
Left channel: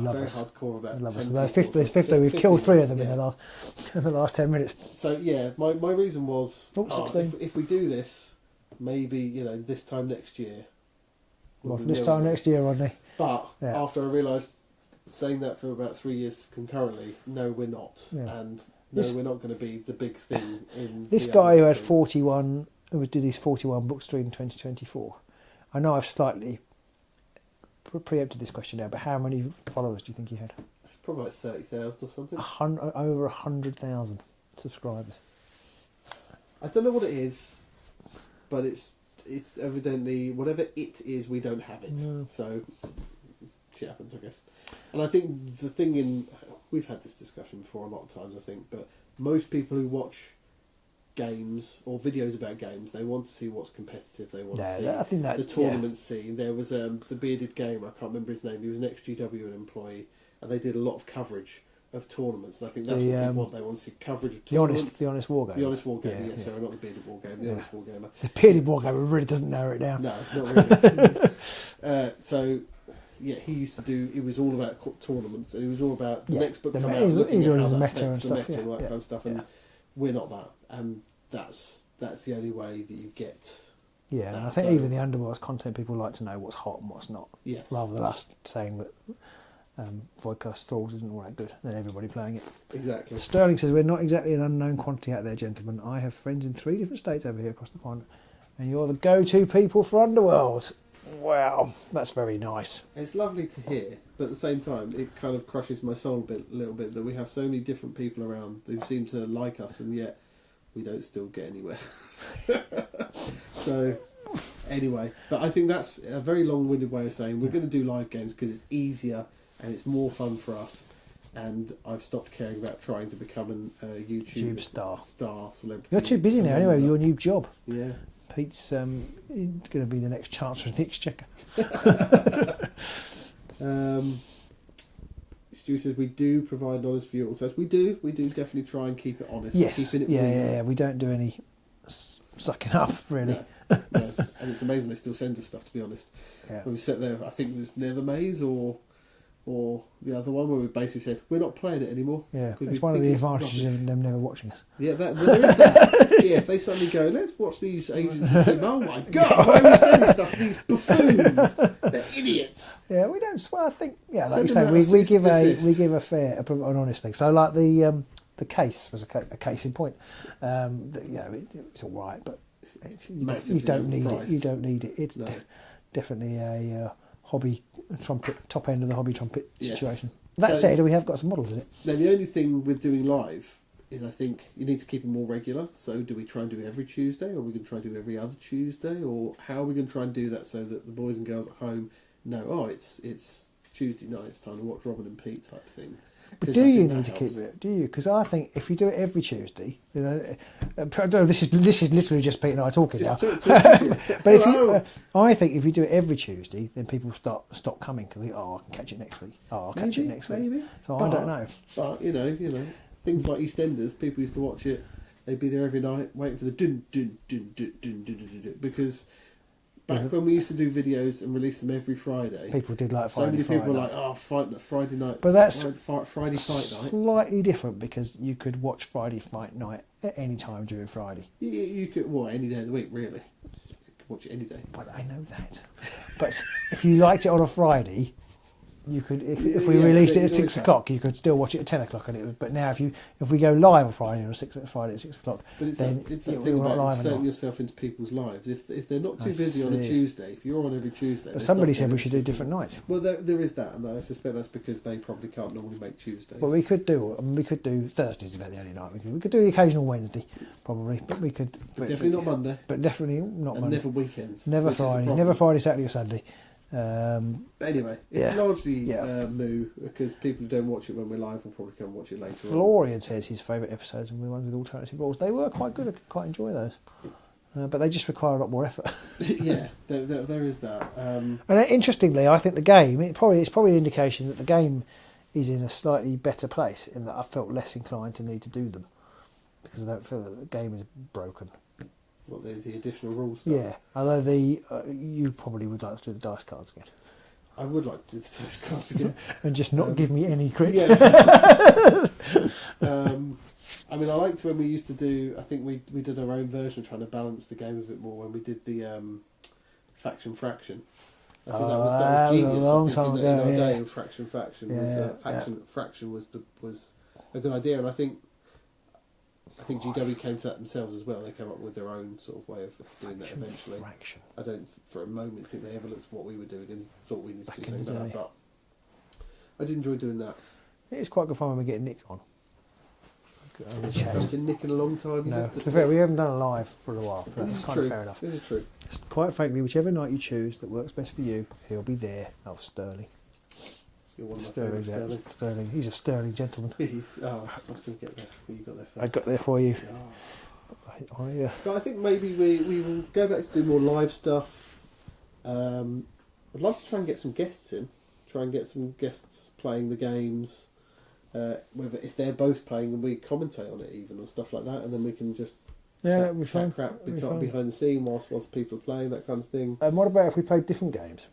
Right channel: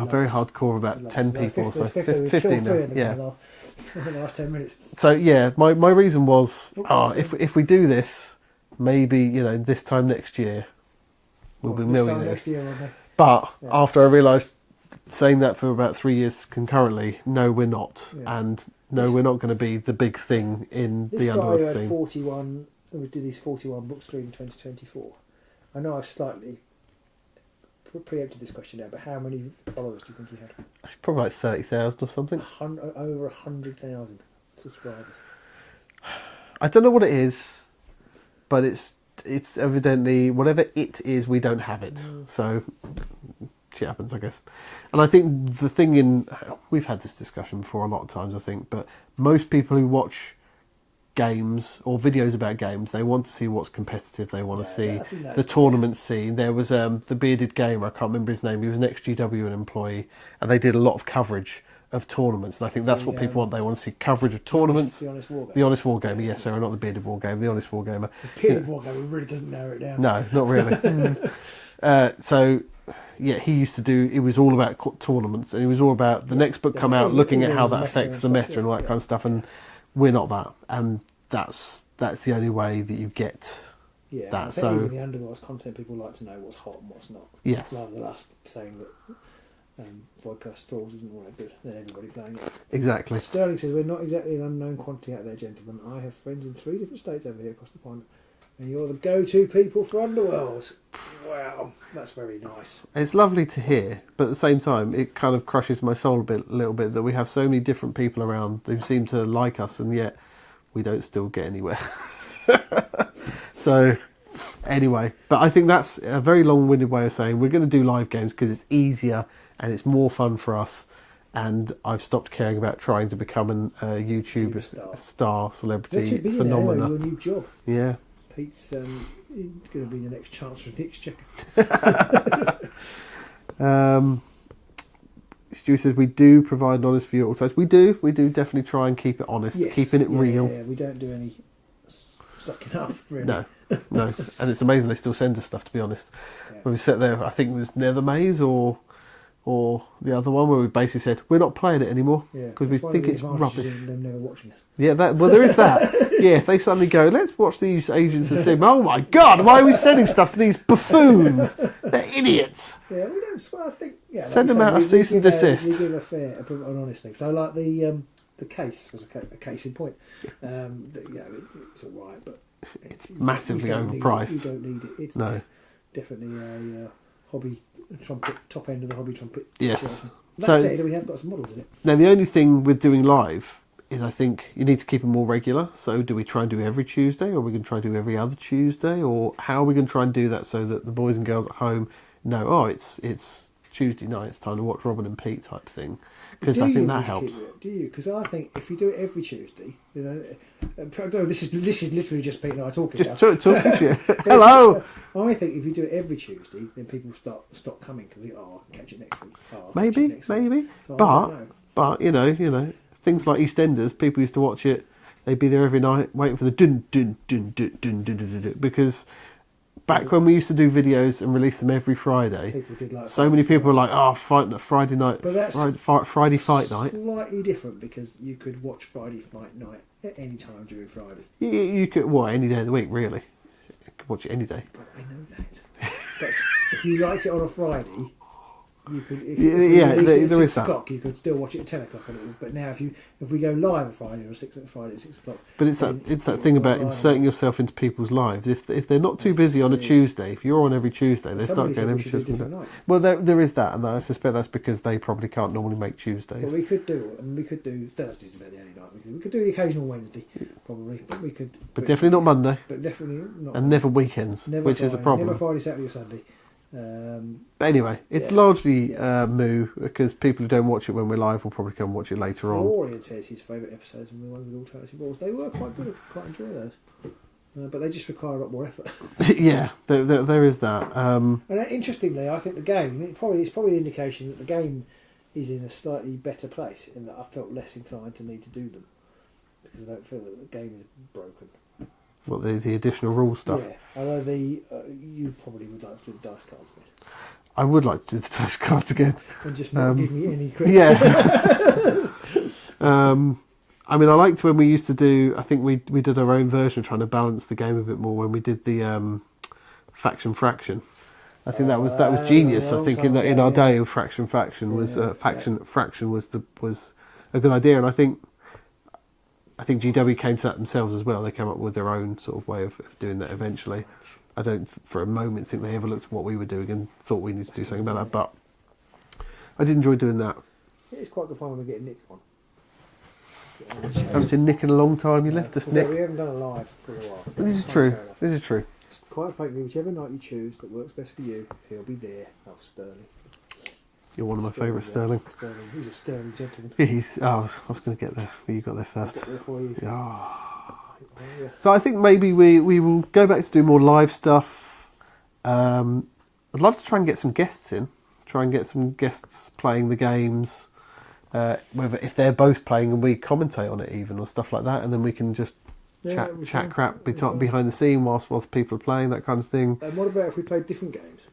Very hardcore, about 10 people. We've killed 3 of them in the last 10 minutes. So, yeah, my reason was, Oops, if we do this, maybe, this time next year, we'll be millionaires. This time next year, Rodney. But after I realised, saying that for about 3 years concurrently, no, we're not. Yeah. And no, we're not going to be the big thing in this the guy who had scene. 41, who did his 41 book stream in 2024. I know I've slightly preempted this question now, but how many followers do you think he had? Probably like 30,000 or something. Over 100,000 subscribers. I don't know what it is, but it's evidently, whatever it is, we don't have it. So shit happens, I guess. And I think the thing we've had this discussion before a lot of times, I think, but most people who watch games or videos about games, they want to see what's competitive. They want to see the tournament scene. There was the bearded gamer, I can't remember his name, he was an ex-GW employee, and they did a lot of coverage of tournaments, and I think that's what people want. They want to see coverage of tournaments. The Honest Wargamer. The Honest Wargamer, yes, sorry, not the bearded wargamer, the Honest Wargamer. The bearded wargamer really doesn't narrow it down. No, not really. So yeah, he used to do, it was all about tournaments, and it was all about the next book come out, looking at how that affects the meta and all that kind of stuff, and we're not that, and that's the only way that you get that. I think even the Underworld's content, people like to know what's hot and what's not. Yes. Rather than us saying that Voidcast Thralls isn't all that good, then everybody playing it. Exactly. Sterling says, we're not exactly an unknown quantity out there, gentlemen. I have friends in 3 different states over here across the pond. And you're the go-to people for Underworld. Wow, that's very nice. It's lovely to hear, but at the same time, it kind of crushes my soul a little bit that we have so many different people around who seem to like us, and yet we don't still get anywhere. So, anyway, but I think that's a very long-winded way of saying we're going to do live games because it's easier and it's more fun for us. And I've stopped caring about trying to become a YouTube star celebrity. You're too busy now anyway with your new job. Yeah. Pete's going to be the next Chancellor of the Exchequer. Stu says we do provide an honest view at all times. We do definitely try and keep it honest, keeping it real. Yeah, we don't do any sucking up, really. No. And it's amazing they still send us stuff, to be honest. Yeah. When we sat there, I think it was Nether Maze or the other one where we basically said we're not playing it anymore because we think it's rubbish. Them never watching us. Yeah, there is that. Yeah, if they suddenly go, let's watch these agents and say, oh my God, why are we sending stuff to these buffoons? They're idiots. Yeah, we don't swear. I think send them out a cease and desist. We give a fair, an honest thing. So like the case was a case in point. It's all right, but it's massively overpriced. You don't need it. It's definitely a hobby trumpet, top end of the hobby trumpet situation. That said, we have got some models in it. Now, the only thing with doing live is I think you need to keep it more regular. So do we try and do every Tuesday, or are we going to try and do every other Tuesday, or how are we going to try and do that so that the boys and girls at home know, it's Tuesday night, it's time to watch Robin and Pete type thing? Because I think that helps. Do you? Because I think if you do it every Tuesday, I don't know, this is literally just Pete and I talking now. Hello. I think if you do it every Tuesday, then people stop coming because I can catch it next week. Maybe. So I don't know. But you know, things like EastEnders, people used to watch it. They'd be there every night waiting for the dun dun dun dun dun dun dun, dun because. Back when we used to do videos and release them every Friday, people did like. So many people were like, Friday night, but that's Friday fight night. Slightly different because you could watch Friday fight night at any time during Friday. You could, any day of the week, really. You could watch it any day. But I know that. But if you liked it on a Friday, you could. If we released it at 6 o'clock, you could still watch it at 10 o'clock. But now, if we go live on Friday or Friday at 6 o'clock, but it's that thing about inserting yourself into people's lives. If they're not too busy on a Tuesday, if you're on every Tuesday, somebody said we should do different nights. Well, there is that, and I suspect that's because they probably can't normally make Tuesdays. Well, we could do Thursdays about the only night. We could do the occasional Wednesday, probably, but we could. But definitely not Monday. But definitely not. And Monday. Never weekends. Never which Friday, is the problem. Never Friday, Saturday, or Sunday. But anyway, it's largely moo because people who don't watch it when we're live will probably come and watch it later on. Florian says his favourite episodes were the ones with alternative rules. They were quite good. I quite enjoy those, but they just require a lot more effort. Yeah, there is that. And interestingly, I think the game it's probably an indication that the game is in a slightly better place in that I felt less inclined to need to do them because I don't feel that the game is broken. What, there's the additional rule stuff? Yeah, although you probably would like to do the dice cards again. I would like to do the dice cards again. And just not give me any credit. Yeah. I mean, I liked when we used to do, I think we did our own version trying to balance the game a bit more when we did the faction fraction. I think that was genius. I think in our day of faction was fraction was a good idea, and I think GW came to that themselves as well. They came up with their own sort of way of doing that eventually. I don't for a moment think they ever looked at what we were doing and thought we needed to do something about that, but I did enjoy doing that. It's quite good fun when we get Nick on. Haven't seen Nick in a long time. You left us, Nick. We haven't done a live for a while. This is true. This is true. Quite frankly, whichever night you choose that works best for you, he'll be there. Oh, Sterling. You're one of my favourites, Sterling. Sterling. He's a sterling gentleman. I was going to get there, but you got there first. I got there for you. Oh. So I think maybe we will go back to do more live stuff. I'd love to try and get some guests in. Try and get some guests playing the games. Whether if they're both playing and we commentate on it even or stuff like that, and then we can just chat crap behind the scene whilst people are playing, that kind of thing. And what about if we played different games?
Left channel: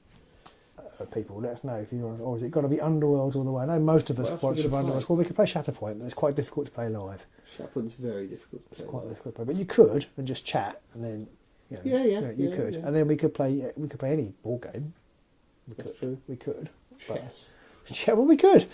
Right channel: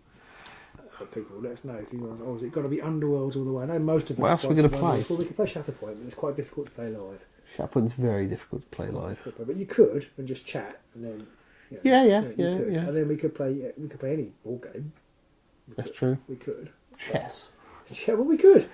People, let us know if you want, or is it got to be Underworlds all the way? I know most of us. What else are we going to play? Well, we could play Shatterpoint, but it's quite difficult to play live. Shatterpoint's very difficult to play live. But you could and just chat, and then you could, and then we could play any board game. That's true. We could chess. Yeah, well, we could.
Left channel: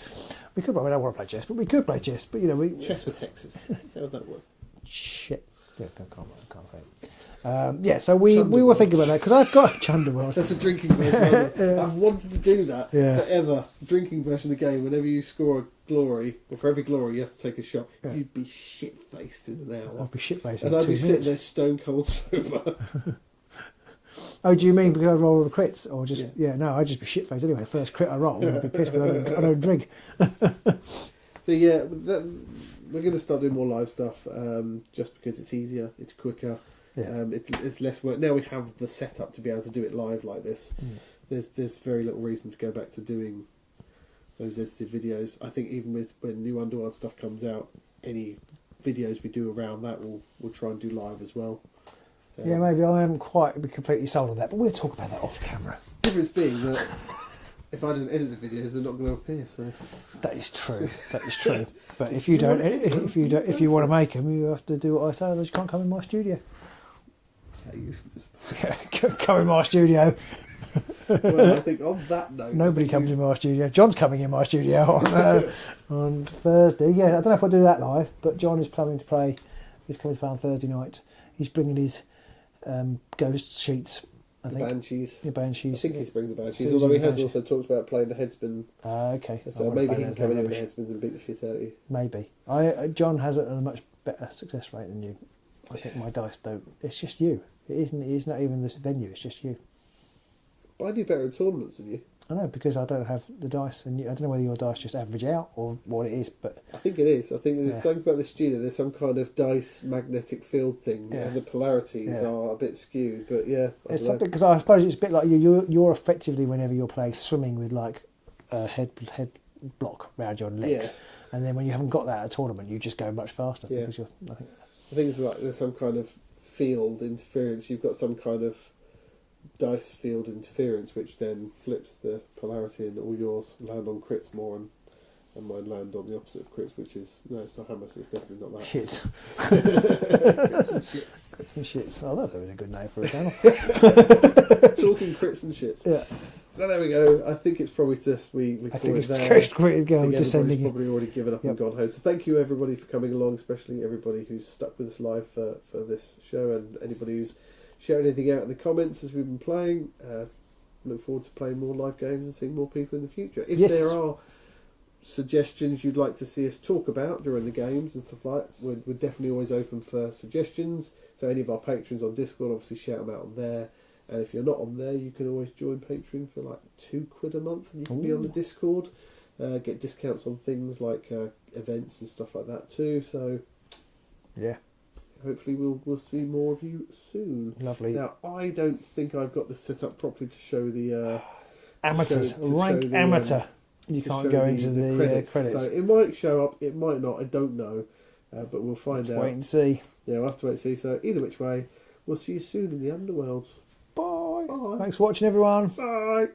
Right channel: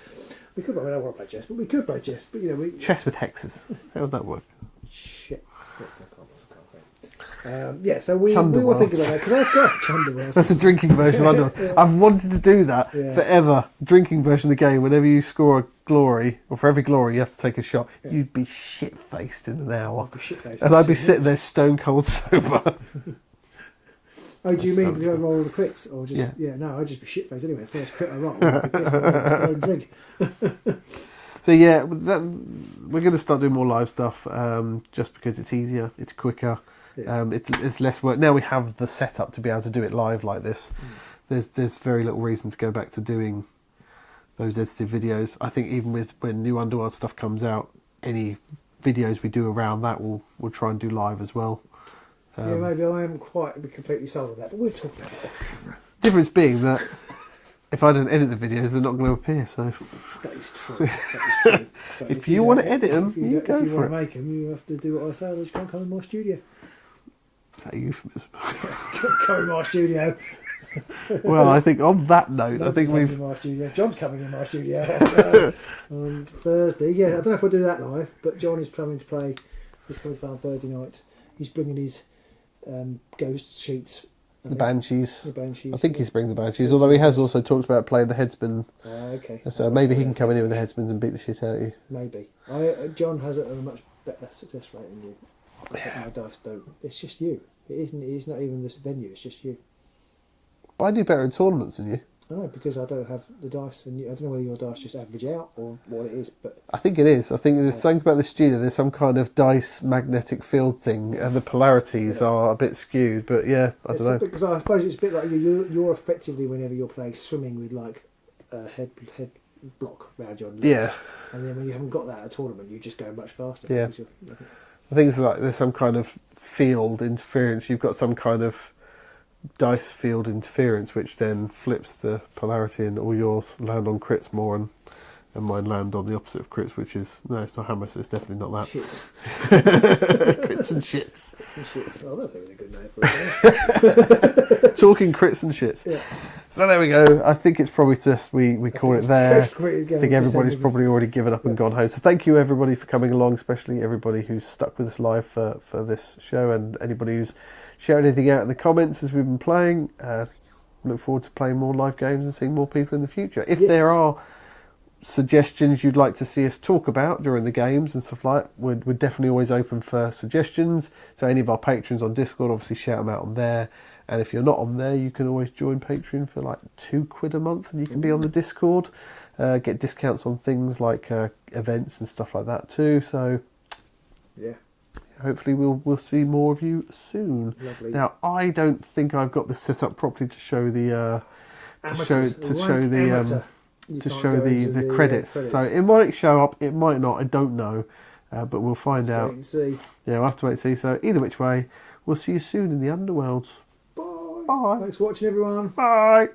I mean, I don't want to play chess, but we could play chess. But chess with hexes. How would that work? Shit. I can't say it. So we will think about that because I've got Chunderworld. That's a drinking version of Underworld. Yeah. I've wanted to do that Yeah. forever. Drinking version of the game. Whenever you score a glory, or for every glory you have to take a shot, Yeah. you'd be shit-faced in an hour. I'd be shit-faced And in I'd be 2 sitting there minutes. stone cold sober. Oh, do you mean because I roll all the crits? Or just, Yeah. no, I'd just be shit-faced anyway. First crit I roll, I'd be pissed, I'll drink. So yeah, we're going to start doing more live stuff just because it's easier, it's quicker, Yeah. it's less work. Now we have the setup to be able to do it live like this. There's very little reason to go back to doing those edited videos. I think even with when new Underworld stuff comes out, any videos we do around that we'll try and do live as well. Yeah, maybe I haven't quite completely sold on that, but we'll talk about that off camera. Difference being that if I don't edit the videos, they're not going to appear. So That is true. That is true. But if you want to edit them, if you want to make them, you have to do what I say. Otherwise, you can't come in my studio. Is that a euphemism? Come in my studio. Well, I think on that note, Nobody I think comes we've in my studio. John's coming in my studio on Thursday. Yeah, I don't know if I'll do that live, but John is planning to play. He's coming to play on Thursday night. He's bringing his ghost sheets. the Banshees. The Banshees. I think he's bringing the Banshees, So although he it's has Banshees. also talked about playing the Headsman. Okay. So maybe he can come in here with the Headsmans and beat the shit out of you. Maybe. John has a much better success rate than you. I think my dice don't. It's just you. It isn't. It's not even this venue. It's just you. But I do better in tournaments than you. I know because I don't have the dice, and I don't know whether your dice just average out or what it is, but I think it is. I think there's something about the studio. There's some kind of dice magnetic field thing, and the polarities are a bit skewed. But yeah, I don't know. because I suppose it's a bit like you're effectively whenever you're playing swimming with like a head block round your legs, Yeah. and then when you haven't got that at a tournament, you just go much faster. Yeah. because I think it's like there's some kind of field interference. You've got some kind of dice field interference, which then flips the polarity, and all yours land on crits more, and mine land on the opposite of crits, which is no, it's not hammer, so it's definitely not that. Shit. Crits and shits. Shit. Oh, that was a good name for it. Talking crits and shits. Yeah. So there we go. I think it's probably just we call it there. I think everybody's probably already given up and gone home. So thank you everybody for coming along, especially everybody who's stuck with us live for this show, and anybody who's sharing anything out in the comments as we've been playing. Look forward to playing more live games and seeing more people in the future. If there are suggestions you'd like to see us talk about during the games and stuff like that, we're definitely always open for suggestions. So any of our patrons on Discord, obviously shout them out on there. And if you're not on there, you can always join Patreon for like £2 a month, and you can be on the Discord, get discounts on things like events and stuff like that too. So Yeah. hopefully we'll see more of you soon. Lovely. Now I don't think I've got this set up properly to show the Amateurs. to show the amateur. You to can't show go into the credits. So it might show up, it might not. I don't know, but we'll find out. Wait and see. Yeah, we'll have to wait and see. So either which way, we'll see you soon in the Underworlds. Bye. Bye. Thanks for watching, everyone. Bye.